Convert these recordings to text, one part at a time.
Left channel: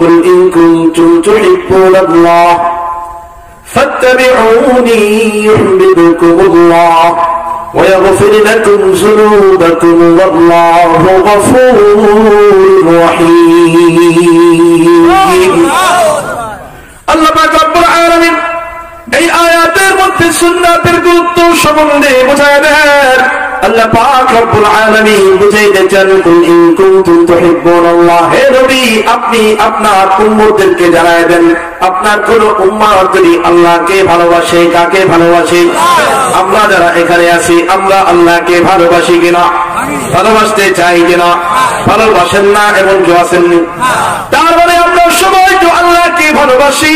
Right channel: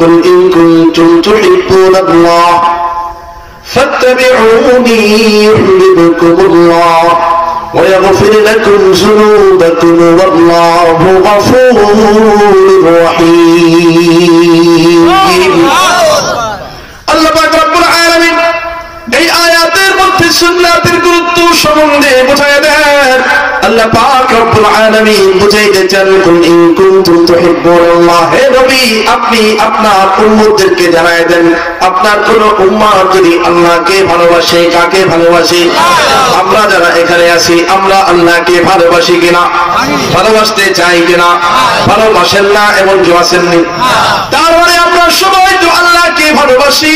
قل إن كنتم تحبون الله فاتبعوني يحببكم الله ويغفر لكم ذنوبكم والله غفور رحيم আল্লাহ পাক রব্বুল আলামিন এই আয়াতের মধ্যে সুন্নাতের গুরুত্ব সম্বন্ধে বোঝায় দেন। আল্লাহ পাক রব্বুল আলামিন বুঝাইতে চান, কুল ইন কুনতুম তুহিব্বুনাল্লাহ, হে নবী আপনি আপনার উম্মতদেরকে জানায় দেন, আপনার কোন উম্মত যদি আল্লাহকে ভালোবাসে, কাকে ভালোবাসে? আমরা যারা এখানে আছি আমরা আল্লাহকে ভালোবাসি কিনা? ভালোবাসতে চাই কিনা? ভালোবাসেন না এমন কেউ আছেননি? তার মানে আমরা সবাই তো আল্লাহকে ভালোবাসি।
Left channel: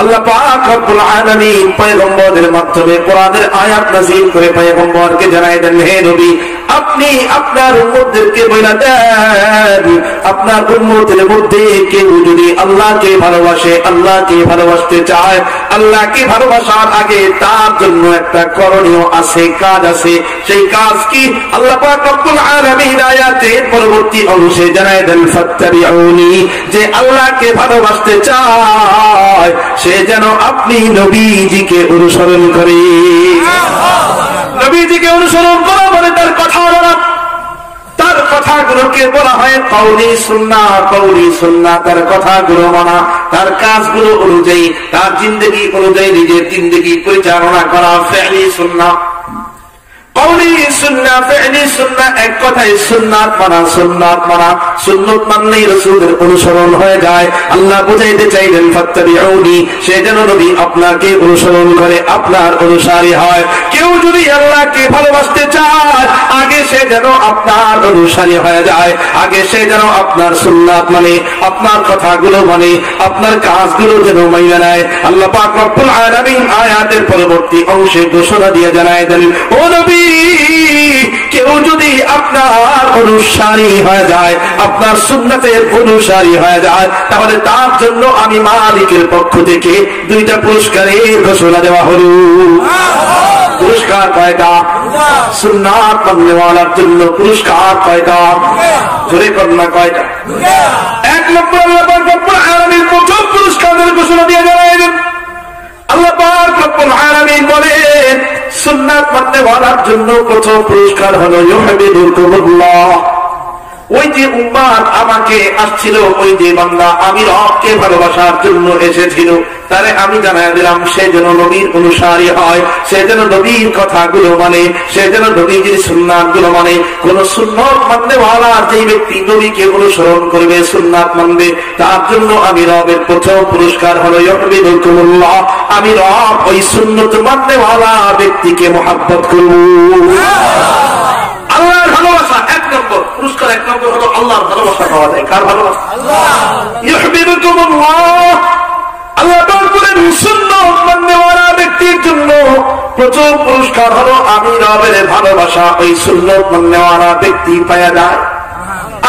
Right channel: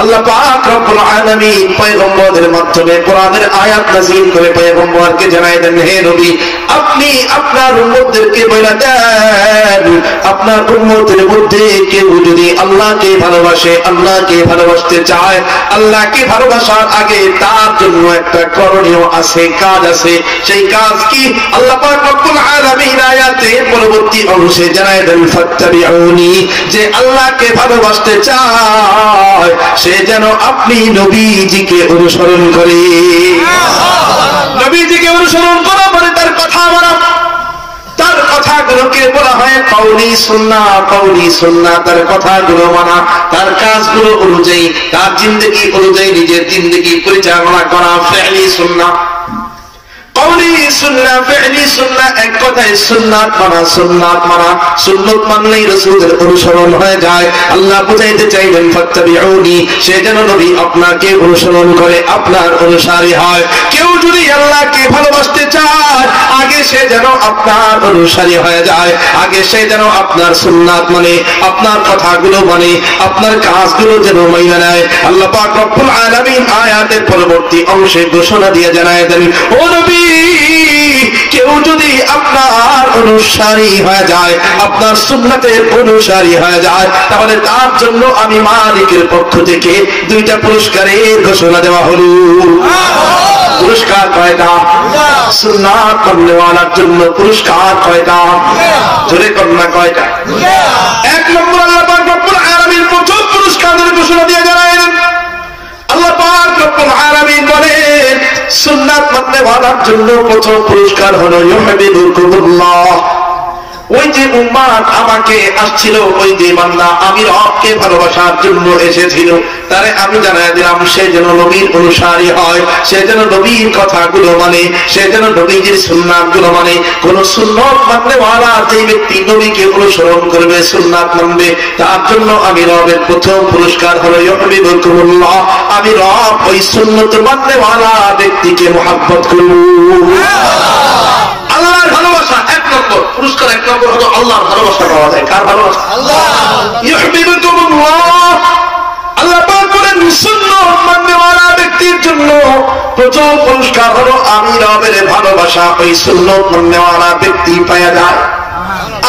আল্লাহ পাক রব্বুল আলামিন পয়গম্বরদের মাধ্যমে কোরআনের আয়াত নাযিল করে পয়গম্বরকে জানায় দেন, হে নবী আপনি আপনার উম্মতদেরকে বলে দেন, আপনার উম্মতের মধ্যে কেউ যদি আল্লাহকে ভালোবাসে, আল্লাহকে ভালোবাসতে চায়, আল্লাহকে ভালোবাসার আগে তার জন্য একটা করণীয় আছে, কাজ আছে। সেই কাজ কি? আল্লাহ পাক রব্বুল আলামিন আয়াতের পরবর্তী অংশে জানায় দেন, ফাত্তাবিউনি, যে আল্লাহকে ভালোবাসতে চায় সে যেন আপনি নবীজিকে অনুসরণ করে। নবীজিকে অনুসরণ করা মানে তার কথা বলা, তার কথাগুলোকে বলা হয় কওলি সুন্নাহ। কওলি সুন্নাহ তার কথাগুলো মানা, তার কাজগুলো অনুযায়ী, তার জিন্দেগি অনুযায়ী নিজের জিন্দেগি পরিচালনা করা ফি'লি সুন্নাহ। কওলি সুন্নাহ, ফি'লি সুন্নাহ, এক কথায় সুন্নাত মানা। সুন্নাত মানা, সুন্নাত মানলেই রাসূলের অনুসরণ হয়ে যায়। আল্লাহ বুঝাইতে চাইলেন ফাত্তাবিউনি, সে যেন নবী আপনাকে অনুসরণ করে, আপনার অনুসারী হয়। কেউ যদি আল্লাহকে ভালোবাসতে চায় আগে সে যেন আপনার অনুসারী হয়ে যায়, আগে সে যেন আপনার সুন্নাত মানে, আপনার কথাগুলো মানে, আপনার কাজগুলো যেন মাইনা নেয়। আল্লাহ পাক রব্বুল আলামিন আয়াতের পরবর্তী অংশে ঘোষণা দিয়ে জানায় দেন, ও নবী কেউ যদি আপনার অনুসারী হয়ে যায়, আপনার সুন্নাতের অনুসারী হয়ে যায়, তাহলে তার জন্য আমি মালিকের পক্ষ থেকে দুইটা পুরস্কারের ঘোষণা দেওয়া হলো। পুরস্কার কয়টা? সুন্নাত মাননেওয়ালার জন্য পুরস্কার কয়টা? জোরে কন্যা কয়টা? এক নম্বর আল্লাহ পাক রব্বুল আলামিন প্রথম পুরস্কারের ঘোষণা দিয়ে জানালেন। আল্লাহ পাক রব্বুল আলামিন বলেন সুন্নাত মাননেওয়ালার জন্য প্রথম পুরস্কার হলো ইউহিব্বুকুমুল্লাহ। ওই যে উম্মাত আমাকে আসছিল, ওই যে বান্দা আমি রবকে ভালোবাসার জন্য এসেছিল, তারে আমি জানাই দিলাম সে যেন নবীর অনুসারী হয়, সে যেন নবীর কথাগুলো মানে, সে যেন নবীজির সুন্নাতগুলো মানে। কোন সুন্নাত মাননেওয়ালা যে ব্যক্তি নবীকে অনুসরণ করবে, সুন্নাত মানবে, তার জন্য আমি রবের প্রথম পুরস্কার হলো ইউহিব্বুকুমুল্লাহ, আমি রব ওই সুন্নাত মাননেওয়ালা ব্যক্তিকে মুহাব্বত করব। আল্লাহর ভালোবাসা এক নম্বর পুরস্কার, এক নম্বর হলো আল্লাহর ভালোবাসা পাওয়া যায়। কার ভালোবাসা? ইউহিব্বুকুমুল্লাহ। আল্লাহ পাক বলেন সুন্নাত মাননেওয়ালা ব্যক্তির জন্য প্রথম পুরস্কার হলো আমি রবের ভালোবাসা ওই সুন্নাত মাননেওয়ালা ব্যক্তি পাওয়া যায়।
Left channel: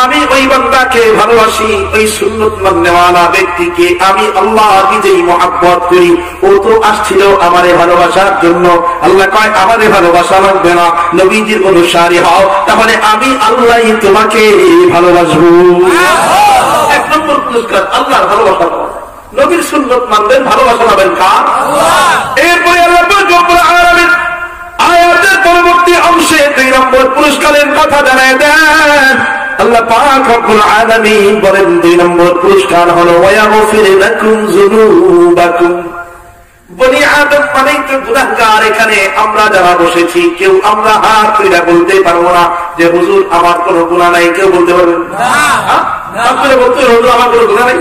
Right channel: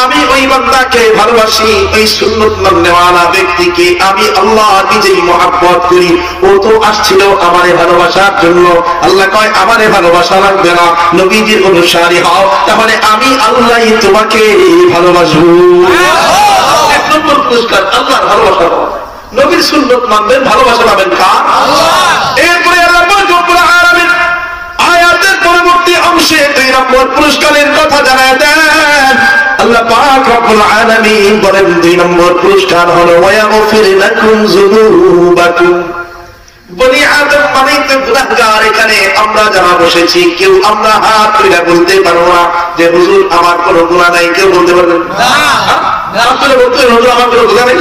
আমি ওই বান্দাকে ভালোবাসি, ওই সুন্নাত মাননেওয়ালা ব্যক্তিকে আমি আল্লাহ নিজেই মহব্বত করি। ও তো আসছিল আমারে ভালোবাসার জন্য। আল্লাহ কয় আমারে ভালোবাসা লাগবে না, নবীজির অনুসারী হও, তাহলে আমি আল্লাহই তোমাকে ভালোবাসবো। এক নম্বর পুরস্কার আল্লাহর ভালোবাসা পাওয়া। নবীর সুন্নাত মানবেন, ভালোবাসা পাবেন কার? এরপরে আল্লাহ রব্বুল আলামিন আয়াতের পরবর্তী অংশে দুই নম্বর পুরস্কারের কথা জানায় দেন। আল্লাহ পাক রব্বুল আলামিন বলেন দুই নম্বর পুরস্কার হলো ওয়ায়াগফির লাকুম যুনুবাকুম। বনি আদম মানেই তো গুনাহগার। এখানে আমরা যারা বসেছি কেউ আমরা হাত তুলে বলতে পারবো না যে হুজুর আমার কোনো গুনাহ নাই। কেউ বলতে পারবেন না? হাত তুলে বলতে হুজুর আমার কোনো গুনাহ নেই।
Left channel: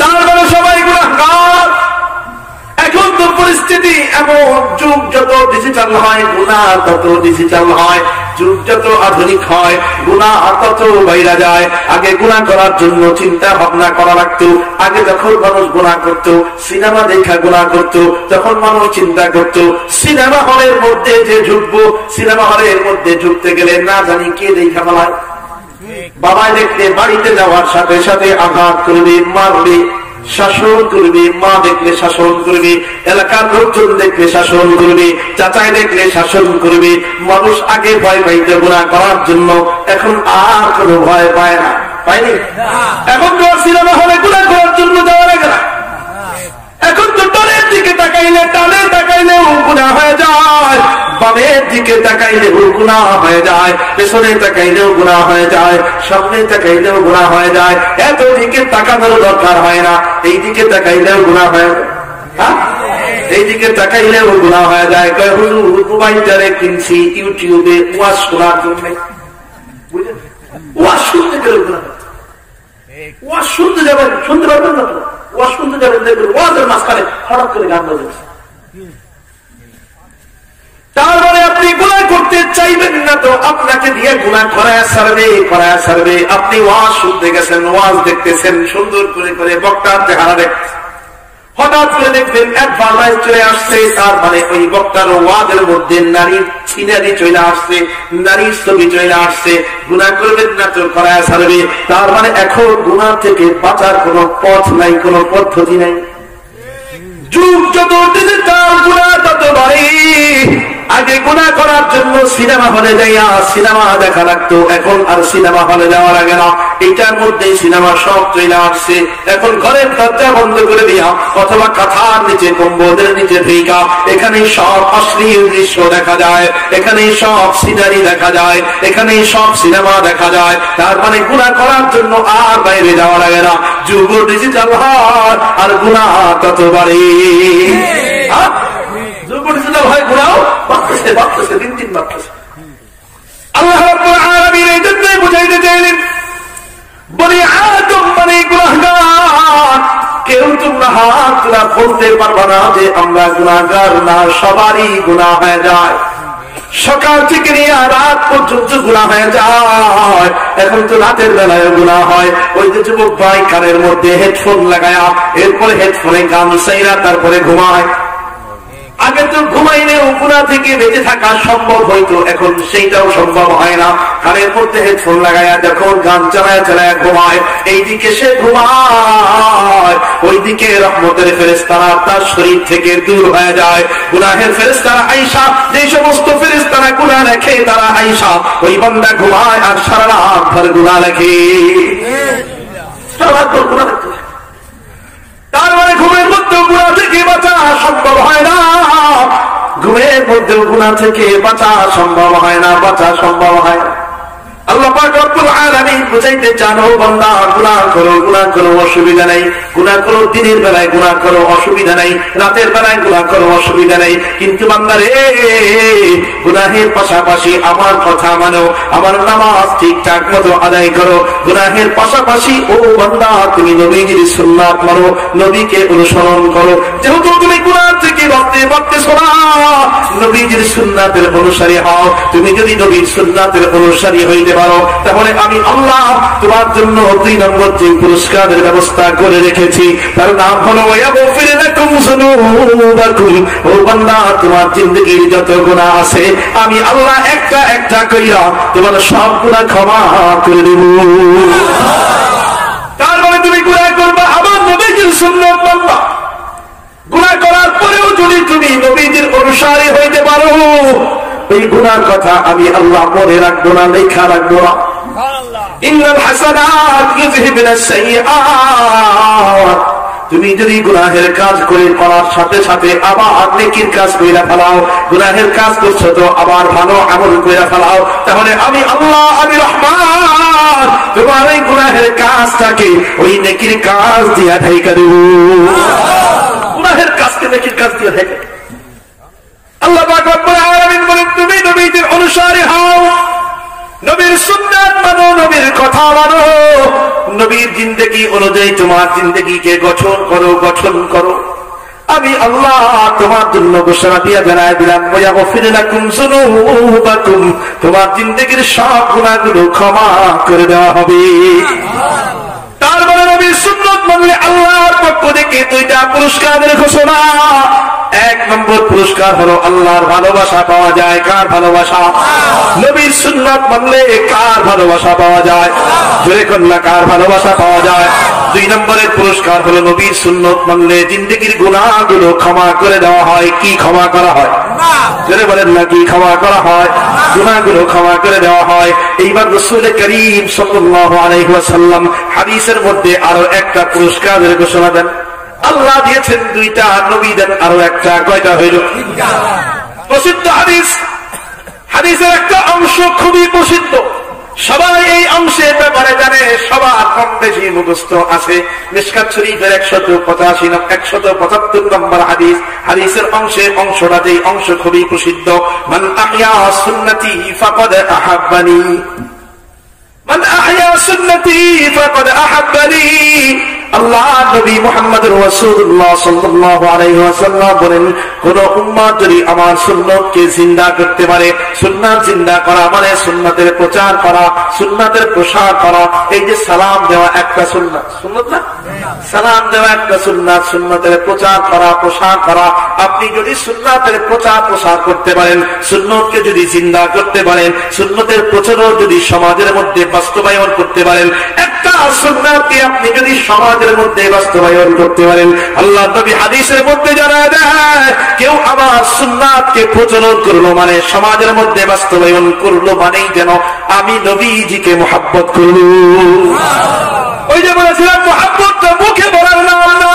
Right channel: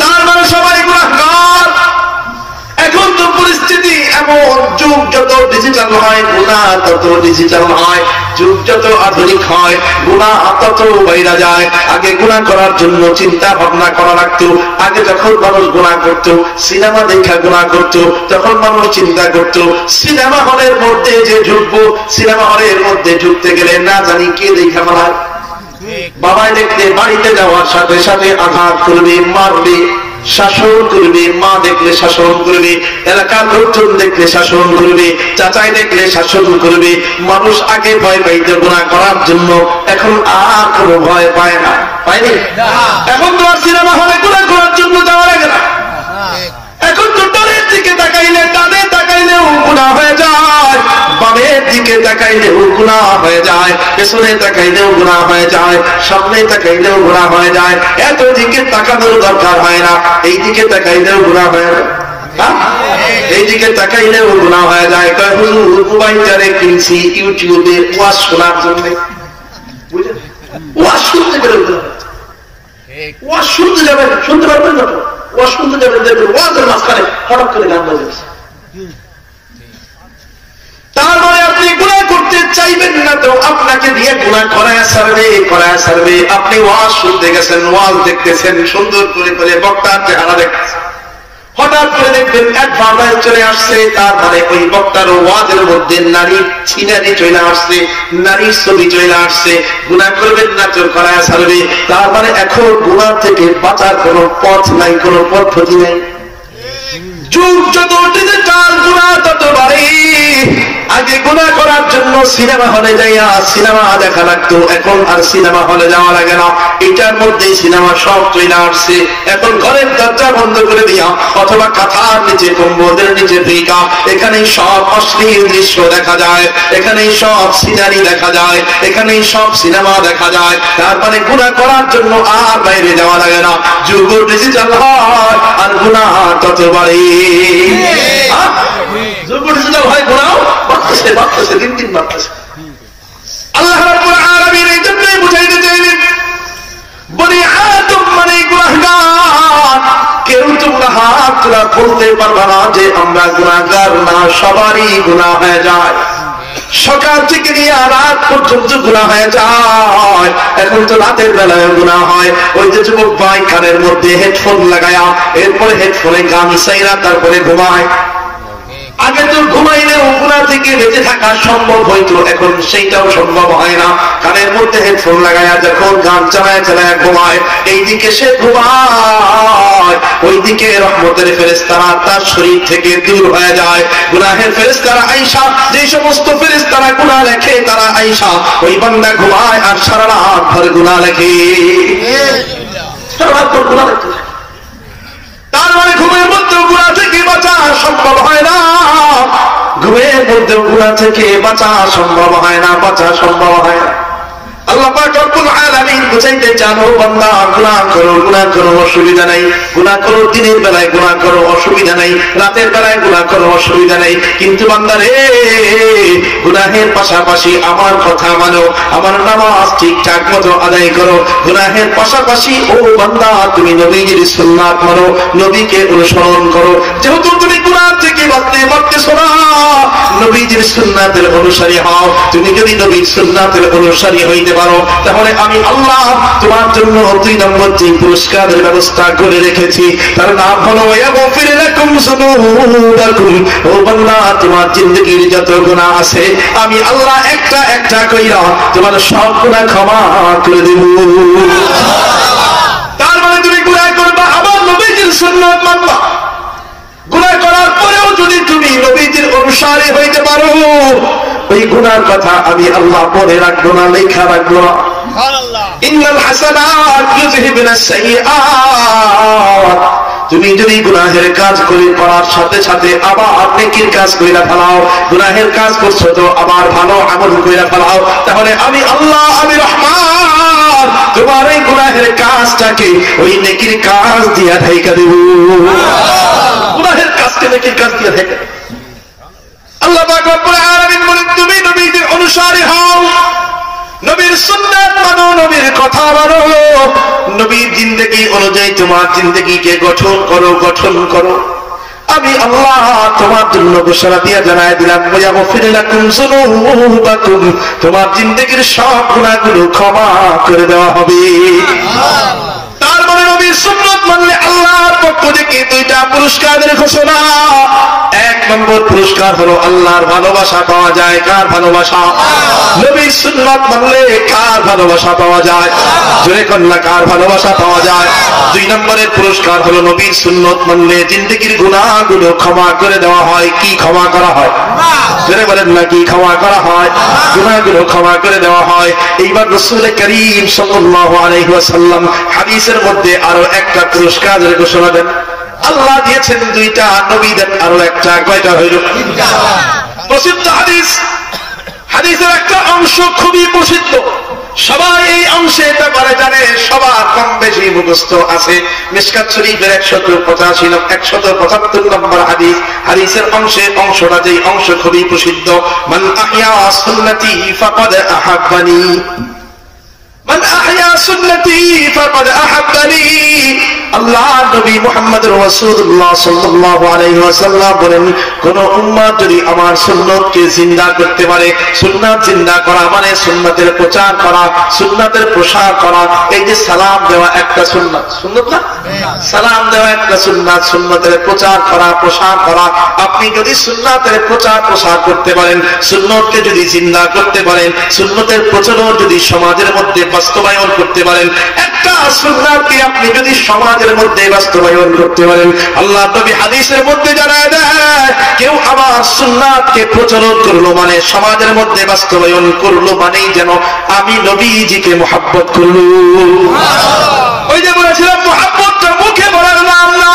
তার মানে সবাই গুনাহগার। এখন তো পরিস্থিতি এমন, যুগ যত ডিজিটাল হয় গুনাহ তত ডিজিটাল হয়, যুগ যত আধুনিক হয় গুনাহ তত বাইরে যায়। আগে গুনাহ করার জন্য চিন্তা ভাবনা করা লাগতো। আগে যখন মানুষ গুনাহ করত, সিনেমা দেখা গুনাহ করত, তখন মানুষ চিন্তা করত সিনেমা হলের মধ্যে যে ঢুকবো, সিনেমা হলের মধ্যে ঢুকতে গেলে না জানি কে দেখা ফেলায়। বাবাই দেখলে বাড়িতে যাওয়ার সাথে সাথে আঘাত করবে, মারবে, শাসন করবে, মা দেখলে শাসন করবে, এলাকার লোকজন দেখলে শাসন করবে, চাচাই দেখলে শাসন করবে। মানুষ আগে ভয় পাইত গুনাহ করার জন্য, এখন আর কোনো ভয় পায় না। পায়নি? এখন তো আর সিনেমা হলে গুনাহ বামের দিকে তাকাইলেও গুনাহ হয়ে যায়, পেছনে তাকাইলেও গুনাহ হয়ে যায়, সামনে তাকাইলেও গুনাহ হয়ে যায়। এত দিকে তাকানোর দরকার হয় না, এই দিকে তাকাইলেও গুনাহ হয়ে যায়। এইদিকে তাকাইলেও গুনাহ হয়ে যায়। কয় হুজুর মোবাইলটারে কিনছি ইউটিউবে ওয়াজ শোনার জন্য, বুঝলেন? ওয়াজ শুনতে গেলে গুনাহ, ওয়াজ শুনতে যাবেন, শুনতে পারবেন না তো, ওয়াজ শুনতে যাবেন, দেখবেন ওয়াজের মাঝখানে হঠাৎ করে গান বাজছে। তার মানে আপনি গুনাহ করতে চাইবেন না তো আপনাকে দিয়ে গুনাহ করায় সারবে। আপনি ওয়াজ শুনতে গেছেন, ওয়াজ দেখতেছেন, সুন্দর করে বক্তার চেহারা দেখতেছেন, হঠাৎ করে দেখবেন অ্যাডভার্টাইজ চলে আসছে, তার মানে ওই বক্তার ওয়াজের মধ্যে নারীর সিনারি চলে আসছে, নারীর ছবি চলে আসছে। গুনাহ করবেন না তো করায় ছাড়বে। তার মানে এখন গুনাহ থেকে বাঁচার কোনো পথ নাই, কোনো পদ্ধতি নাই। যুগ যত ডিজিটাল, গুনাহ তত বাড়ে। আগে গুনাহ করার জন্য সিনেমা হলে যাইয়া সিনেমা দেখা লাগতো, এখন আর সিনেমা হলে যাওয়া লাগে না। এটার মধ্যে সিনেমা সব চলে আসছে। এখন ঘরের দরজা বন্ধ করে দিয়া অথবা কাঁথার নিচে, কম্বলের নিচে ঢুইকা এখানেই সব অশ্লীল দৃশ্য দেখা যায়, এখানেই সব সিনারি দেখা যায়, এখানেই সব সিনেমা দেখা যায়। তার মানে গুনাহ করার জন্য আর বাইরে যাওয়া লাগে না। যুগ ডিজিটাল হয় আর গুনাহ তত বাড়ে। যুগ ডিজিটাল হয়, গুনাহ বাড়তেছে, দিন দিন বাড়তেছে। আল্লাহ রাব্বুল আলামিন এই জন্যই বুঝাইতে চাইলেন, বনি আদম মানে গুনাহগার। কেউ তোমরা হাত তোলা বলতে পারবা না যে আমরা গুনাহগার না, সবারই গুনাহ হয়ে যায়। সকাল থেকে নিয়ে রাত পর্যন্ত গুনাহ হয়ে যায়। এখন তো রাতের বেলায় গুনাহ হয়। ওই যে যুবক ভাই কানের মধ্যে হেডফোন লাগায়া, এরপরে হেডফোনে গান চাইরা তারপরে ঘুমায়। আগে তো ঘুমাইলেও গুনাহ থেকে বেঁচে থাকা সম্ভব হইতো, এখন সেইটাও সম্ভব হয় না। কানের মধ্যে হেডফোন লাগায়া যখন গান চালায়া ঘুমায়, এইদিকে সে ঘুমায়, ওইদিকে রহমতের ফেরেশতারা তার শরীর থেকে দূর হয়ে যায়। গুনাহের ফেরেশতারা আইসা, যে সমস্ত ফেরেশতারা গুনাহ লেখে তারা আইসা ওই বান্দা ঘুমায় আর সারা রাত ভর গুনাহ লেখে, সারা রাত ভর গুনাহ লেখে। তার মানে ঘুমের মধ্যে গুনাহ থেকে বাঁচা সম্ভব হয় না, ঘুমের মধ্যে গুনাহ থেকে বাঁচা সম্ভব হয় না, বাঁচা সম্ভব হয় না। আল্লাহ পাক রব্বুল আলামিন বুঝাইতে চান, ও বান্দা গুনাহ করো অসুবিধা নাই, গুনাহ করো দিনের বেলায়, গুনাহ করো অসুবিধা নাই, রাতের বেলায় গুনাহ করো অসুবিধা নাই। কিন্তু বান্দা রে, গুনাহের পাশাপাশি আমার কথা মানো, আমার নামাজ ঠিকঠাক মতো আদায় করো। গুনাহের পাশাপাশি ও বান্দা তুমি নবীর সুন্নাত মানো, নবীকে অনুসরণ করো। যেহেতু তুমি গুনাহ থেকে বাঁচতে পারতেছো না, নবীর সুন্নাতের অনুসারী হও। তুমি যদি নবীর সুন্নাতের অনুসারী হইতে পারো, তাহলে আমি আল্লাহ তোমার জন্য 2 নম্বর যে পুরস্কারের ব্যবস্থা করে রেখেছি, তার নাম হলো ইয়াগফির লাকুম যুনুবাকুম। ও বান্দা, তোমার জিন্দেগীর যত গুনাহ আছে আমি আল্লাহ একটা একটা কইরা তোমার সব গুনাহ ক্ষমা করে দেব। তার মানে তুমি গুনাহ করবা, আমার নবীর সুন্নাত মানবা। গুনাহ করার পরেও যদি তুমি নবীর অনুসারী হইতে পারো, এই গুনার কথা আমি আল্লাহ মনে রাখবো না, লেখা রাখবো না। ইন্নাল হাসানাত ইউযহিবুনাস সাইয়্যাত। তুমি যদি গুনাহের কাজ করে করার সাথে সাথে আবার নেকির কাজ কইরা ফেলাও, গুনাহের কাজ করছো তো আবার ভালো আমল কইরা ফেলাও, তাহলে আমি আল্লাহ, আমি রহমান তোমার এই গুনাহের কাজটাকে ওই নেকির কাজ দিয়া ঢাইকা দেব। গুনাহের কাজকে নেকির কাজ দিয়া ঢাইকা। আল্লাহ পাক রব্বুল আলামিন বলেন, তুমি নবীর অনুসারী হও, নবীর সুন্নাত মানো, নবীর কথা মানো, নবীর জিন্দেগি অনুযায়ী তোমার জিন্দেগিকে গঠন করো। আমি আল্লাহ তোমার জন্য ঘোষণা দিয়ে জানাই দিলাম, ইয়াগফির লাকুম যুনুবাকুম, তোমার জিন্দেগির সব গুনাহগুলো ক্ষমা করে দেওয়া হবে। তার মানে নবীর সুন্নাত মানলে আল্লাহর পক্ষ থেকে 2টা পুরস্কারের ঘোষণা। 1 নম্বর পুরস্কার হলো আল্লাহর ভালোবাসা পাওয়া যায়। কার ভালোবাসা? নবীর সুন্নাত মানলে কার ভালোবাসা পাওয়া যায়? জোরে কন্যা, কার ভালোবাসা পাওয়া যায়? 2 নম্বরের পুরস্কার হলো নবীর সুন্নাত মানলে জিন্দেগীর গুনাহগুলো ক্ষমা করে দেওয়া হয়। কি ক্ষমা করা হয়? জোরে বলেন না, কি ক্ষমা করা হয়? গুনাহগুলো ক্ষমা করে দেওয়া হয়। এইবার রাসূল করিম সাল্লাল্লাহু আলাইহি ওয়াসাল্লাম হাদিসের মধ্যে আরো একটা পুরস্কারের ঘোষণা দেন। আল্লাহ দিয়েছেন 2টা, নবী দেন আরো একটা। কয়টা হইল? প্রসিদ্ধ হাদিস হাদিসের একটা অংশ খুবই প্রসিদ্ধ, সবাই এই অংশের ব্যাপারে জানে, সবার কম বেশি মুখস্থ আছে। মিশকাত শরীফের 175 নম্বর হাদিস, হাদিসের অংশটা যেই অংশ খুবই প্রসিদ্ধ, মান আহইয়া সুন্নতি ফাকাদ আহাব্বানি, মান আহইয়া সুন্নতি ফাকাদ আহাব্বানি। আল্লাহ নবী মুহাম্মদুর রাসূলুল্লাহ সাল্লাল্লাহু আলাইহি ওয়াসাল্লাম বলেন, কোন উম্মত যদি আমার সুন্নতকে জিন্দা করতে পারে, সুন্নাত জিন্দা করা মানে সুন্নাতের প্রচার করা, সুন্নাতের প্রসার করা। এই যে সালাম দেওয়া একটা সুন্নাত, সুন্নাত না? সালাম দেওয়া একটা সুন্নাত, সুন্নাতের প্রচার করা, প্রসার করা। আপনি যদি সুন্নাতের প্রচার প্রসার করতে পারেন, সুন্নতকে যদি জিন্দা করতে পারেন, সুন্নতের প্রচলন যদি সমাজের মধ্যে বাস্তবায়ন করতে পারেন, একটা সুন্নাতকে আপনি যদি সমাজের মধ্যে বাস্তবায়ন করতে পারেন, আল্লাহ নবী হাদিসের মধ্যে জানায় দেয়, কেউ আমার সুন্নাতকে প্রচলন করলো মানে, সমাজের মধ্যে বাস্তবায়ন করলো মানেই যেন আমি নবীজিকে মুহাব্বত করলো। ওই যে বলেছিলাম, মুহাব্বতটা মুখে বলার নাম না,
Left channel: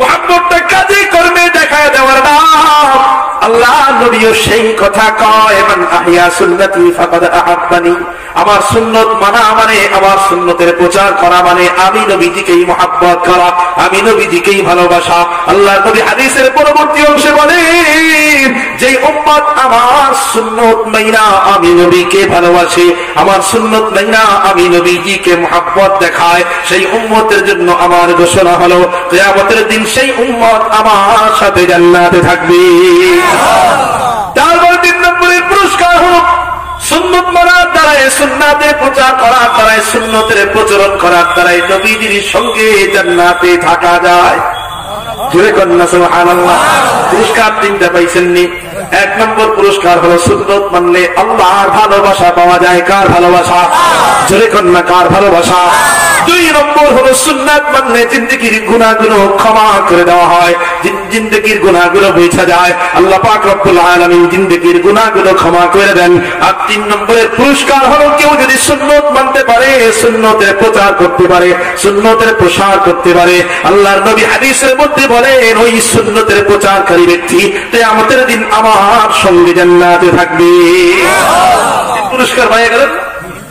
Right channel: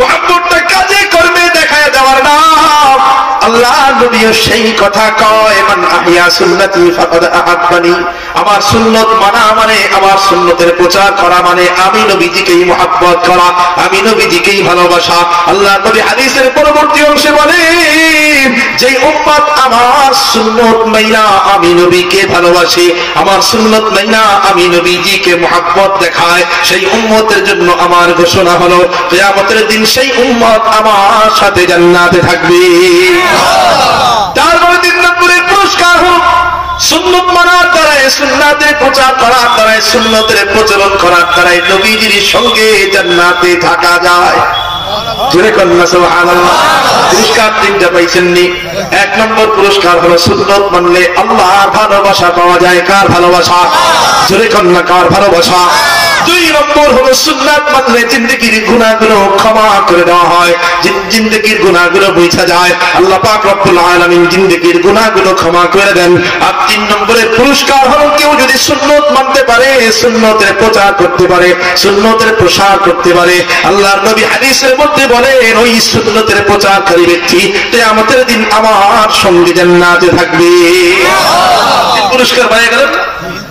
মুহাব্বতটা কাজে কর্মে দেখায় দেওয়ার নাম। আল্লাহ নবীও সেই কথা কয়, মান আহইয়া সুন্নতি ফাকাদ আহাব্বানি। আমার সুন্নত মানা মানে, আমার সুন্নতের প্রচার করা মানে আমি নবীজিকেই মুহাব্বত করা, আমি নবীজিকেই ভালোবাসা। আল্লাহ নবী হাদিসের পরবর্তী অংশে বলেন, যে উম্মত আমার সুন্নত মাইনা আমি নবীকে ভালোবাসি, আমার সুন্নত মাইনা আমি নবীজিকে মুহাব্বত দেখায়, সেই উম্মতের জন্য আমার ঘোষণা হলো, কিয়ামতের দিন সেই উম্মত আমার সাথে জান্নাতে থাকবে। তারপরে 3 নম্বরের পুরস্কার হলো সুন্নত মানার দ্বারাই, সুন্নাতের প্রচার করার দ্বারাই, সুন্নতের প্রচলন করার দ্বারাই নবীজির সঙ্গে জান্নাতে থাকা যায়। জোরে কন্যা সুবহানাল্লাহ। পুরস্কার 3টা পাইছেননি। 1 নম্বর পুরস্কার হলো সুন্নত মানলে আল্লাহর ভালোবাসা পাওয়া যায়। কার ভালোবাসা? জোরে কন্যা, কার ভালোবাসা? 2 নম্বর হলো সুন্নাত মানলে জিন্দেগির গুনাহগুলো ক্ষমা করে দেওয়া হয়, জিন্দেগির গুনাহগুলো মুছা যায়। আল্লাহ পাক রব্বুল আলামিন জিন্দেগির গুনাহগুলো ক্ষমা করে দেন। আর 3 নম্বরের পুরস্কার হলো কেউ যদি সুন্নত মানতে পারে, সুন্নতের প্রচার করতে পারে, সুন্নতের প্রসার করতে পারে, আল্লাহর নবী হাদিসের মধ্যে বলেন, ওই সুন্নতের প্রচারকারী ব্যক্তি কিয়ামতের দিন আমার সঙ্গে জান্নাতে থাকবে। পুরস্কার পাওয়া গেল।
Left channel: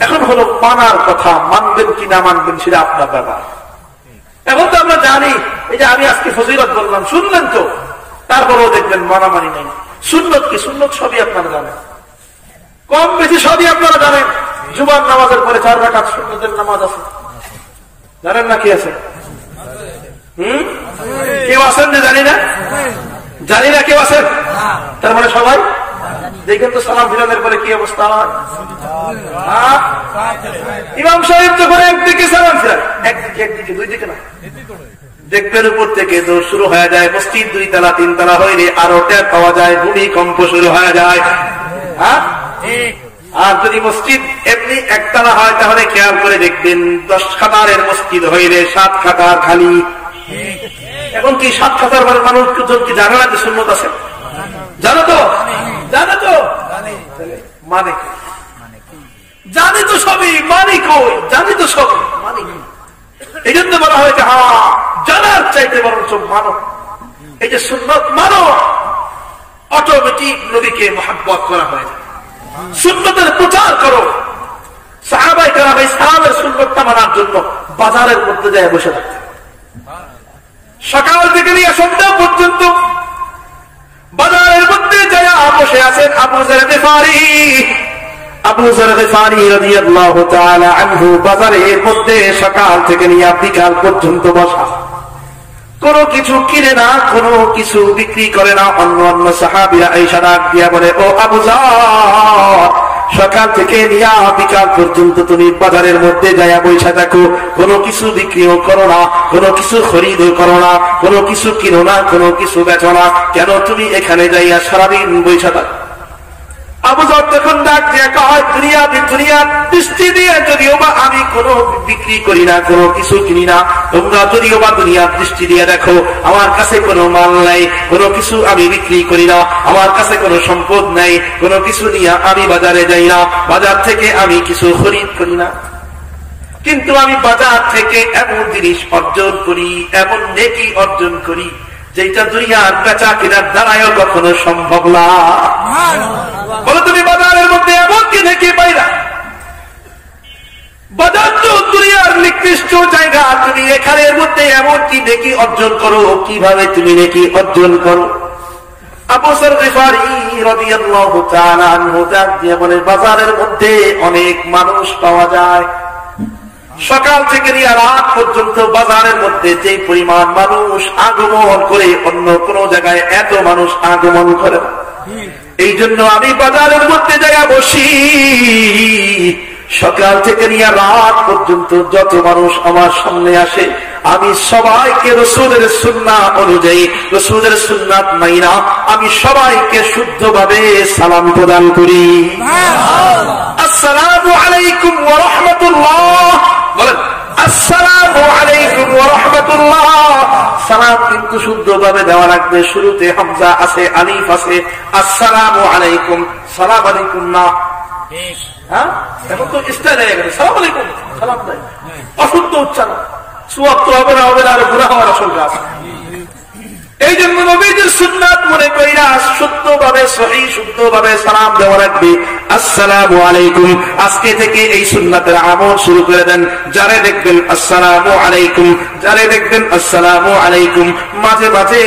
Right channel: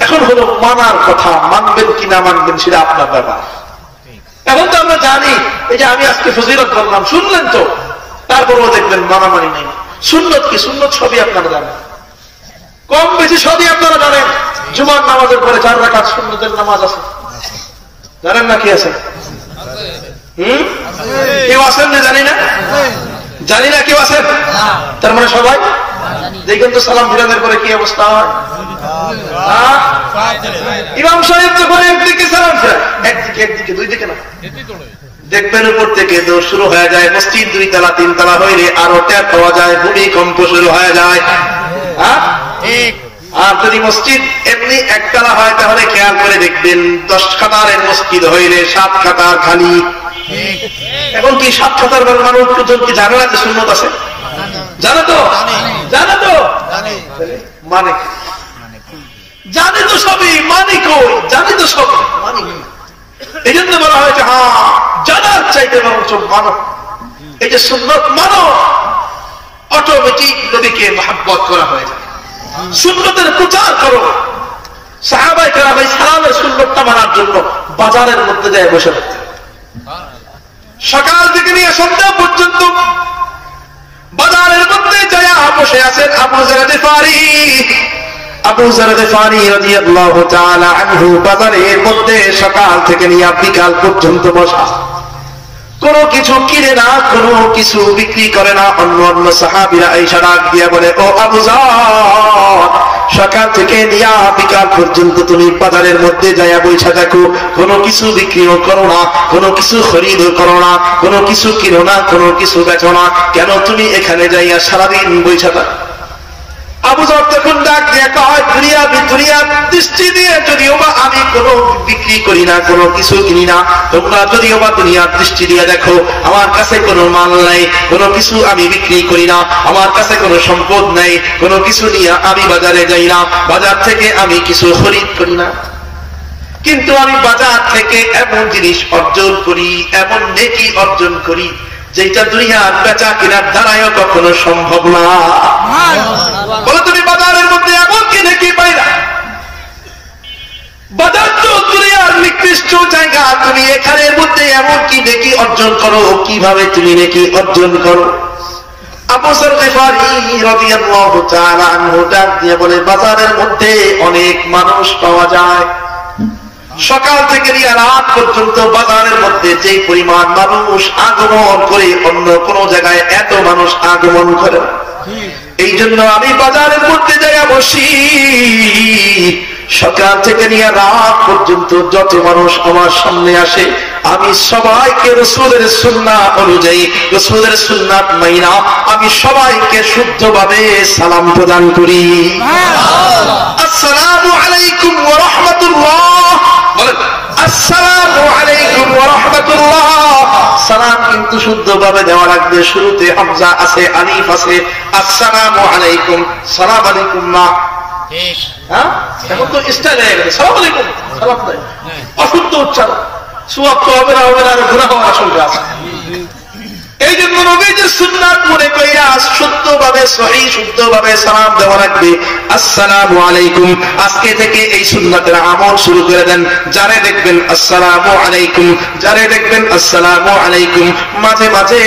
এখন হলো মানার কথা, মানবেন কি না মানবেন সেটা আপনার ব্যাপার। এখন তো আমরা জানি, এই যে আমি আজকে ফজিলত বললাম, শুনলেন তো, তারপরেও দেখবেন মানামানি নেই। সুন্নত কি? সুন্নত সবই আপনারা জানেন, কম বেশি সবই আপনারা জানেন। জুমার নামাজের পরে 4 রাকাত সুন্নতের নামাজ আছে, জানেন না? কি আছে? কেউ আছেন না? জানি না, জানি না কেউ আছেন? তার মানে সবাই দেখেন তো সালাম ফিরানোর পরে কি অবস্থা হয়। ইমাম সাহেব যখন একদিকে সালাম ফেরায়, একদিকে 2 দিকে না, দেখবেন উপর থেকে দৌড় শুরু হয়ে যায়। মসজিদ 2 তলা 3 তলা হইলে আরো টের পাওয়া যায়, ভূমিকম্প শুরু হয়ে যায়। আর যদি মসজিদ এমনি 1 তলা হয় তাহলে খেয়াল করে দেখবেন 10 কাতারের মসজিদ হইলে 7 কাতার খালি। এখন কি 7 কাতার মানুষ কি জানে না যে সুন্নত আছে? জানে তো, জানে তো, মানে জানি তো সবই, মানি কই? জানি তো সবই, মানি। এই জন্য বলা হয়েছে, হ্যাঁ জানার চাইতে বরঞ্চ মানো। এই যে সুন্নত মানো, অটোমেটিক নবীকে মুহাব্বত করা হয়ে যায়। সুন্নতের প্রচার করো। সাহাবায়ে কেরাম এই সালামের সুন্নতটা মানার জন্য বাজারের মধ্যে যায় বসে থাকতেন। সকাল থেকে নিয়ে সন্ধ্যা পর্যন্ত বাজারের মধ্যে যায় বসে আছেন আবু যর গিফারি। আবু যর গিফারি রাদিয়াল্লাহু তাআলা আনহু বাজারের মধ্যে সকাল থেকে নিয়ে বিকাল পর্যন্ত বসা, কোনো কিছু কিনে না, কোনো কিছু বিক্রি করে না। অন্য সাহাবীরা এসে ডাক দিয়া বলে, ও আবু যর, সকাল থেকে নিয়া বিকাল পর্যন্ত তুমি বাজারের মধ্যে যাইয়া বইসা থাকো, কোনো কিছু বিক্রিও করো না, কোনো কিছু খরিদও করো না, কোনো কিছু কিনো না, কোনো কিছু বেচো না, কেন তুমি এখানে যাইয়া সারাদিন বইসা থাকো? আবু যর তখন ডাক দিয়ে কয়, দুনিয়া দৃষ্টি দিয়ে যদিও বা আমি কোনো বিক্রি করি না, কোনো কিছু কিনি না, তোমরা যদিও বা দুনিয়ার দৃষ্টি দিয়ে দেখো, আমার কাছে কোনো মাল নাই, কোনো কিছু আমি বিক্রি করি না, আমার কাছে কোনো সম্পদ নাই, কোনো কিছু নিয়ে আমি বাজারে যাই না, বাজার থেকে আমি কিছু খরিদ করি না, কিন্তু আমি বাজার থেকে এমন জিনিস অর্জন করি, এমন নেকি অর্জন করি যেটা দুনিয়ার বেচা কেনার দ্বারাও কখনো সম্ভব না। বলো তো মধ্যে এমন কি নেকি পাইলা? বাজার তো দুনিয়ার নিকৃষ্ট জায়গা, তুমি এখানের মধ্যে এমন কি নেকি অর্জন করো? কিভাবে তুমি নেকি অর্জন করো? আবু যর গিফারী রাদিয়াল্লাহু তাআলা আনহু ডাক দিয়ে বলে, বাজারের মধ্যে অনেক মানুষ পাওয়া যায়, সকাল থেকে নিয়ে রাত পর্যন্ত বাজারের মধ্যে যে পরিমাণ মানুষ আগমন করে অন্য কোন জায়গায় এত মানুষ আগমন করে না। এই জন্য আমি বাজারের মধ্যে যাই বসি, সকাল থেকে নিয়ে রাত পর্যন্ত যত মানুষ আমার সামনে আসে আমি সবাইকে রাসূলের সুন্নাহ অনুযায়ী, রাসূলের সুন্নাত মাইনা আমি সবাইকে শুদ্ধভাবে সালাম প্রদান করি। আসসালামু আলাইকুম ওয়া রাহমাতুল্লাহ বলেন, আসসালামু আলাইকুম ওয়া রাহমাতুল্লাহ। সালাম কিন্তু শুদ্ধভাবে দেওয়া লাগবে, শুরুতে হামজা আছে, আলিফ আছে। আসসালামু আলাইকুম, সালাম আলাইকুম না, হ্যাঁ এখন তো স্টাইল হয়ে গেছে, সালাম আলাইকুম সালাম দেয়, অশুদ্ধ উচ্চারণ, সুয়াব তো হবে না, হবে না, আর গুনাহ হওয়ার আশঙ্কা আছে। এই জন্য নবীজির সুন্নাত মনে কইরা শুদ্ধভাবে সহিহ শুদ্ধভাবে সালাম দেওয়া রাখবে। আসসালামু আলাইকুম, আজকে থেকে এই সুন্নাতের আমল শুরু করে দেন। যারে দেখবেন আসসালামু আলাইকুম, যারে দেখবেন আসসালামু আলাইকুম। মাঝে মাঝে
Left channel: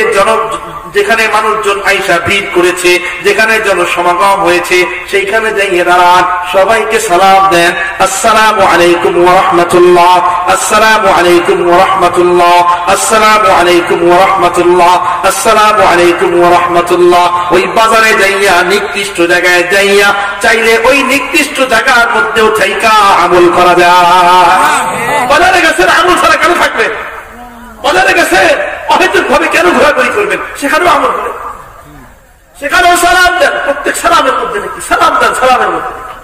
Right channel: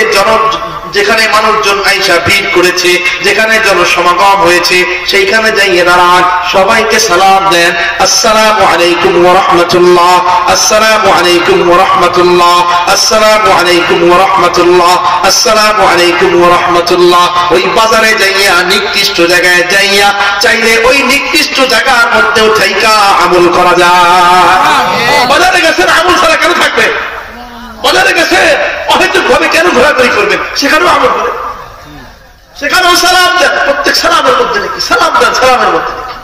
যেখানে মানুষজন আইসা ভিড় করেছে, যেখানে জনসমাগম হয়েছে, সেইখানে যাইয়ে দাঁড়ান, সবাইকে সালাম দেন, আসসালামু আলাইকুম ওয়া রাহমাতুল্লাহ, আসসালামু আলাইকুম ওয়া রাহমাতুল্লাহ, আসসালামু আলাইকুম ওয়া রাহমাতুল্লাহ, আসসালামু আলাইকুম ওয়া রাহমাতুল্লাহ। ওই বাজারে যাইয়া নিকৃষ্ট জায়গায় যাইয়া চাইলে ওই নিকৃষ্ট জায়গার মধ্যেও থাইকা আমল করা যায়। বাজারে গেছেন, আমল ছাড়া কেন থাকবে? বাজারে গেছে অহেতুক ভাবে কেন ঘোরাঘুরি করবেন? সেখানেও আমল করেন, সেখানেও সালাম দেন, প্রত্যেক সালামের মধ্যে নাকি সালাম দেন, সালামের মধ্যে নাকি।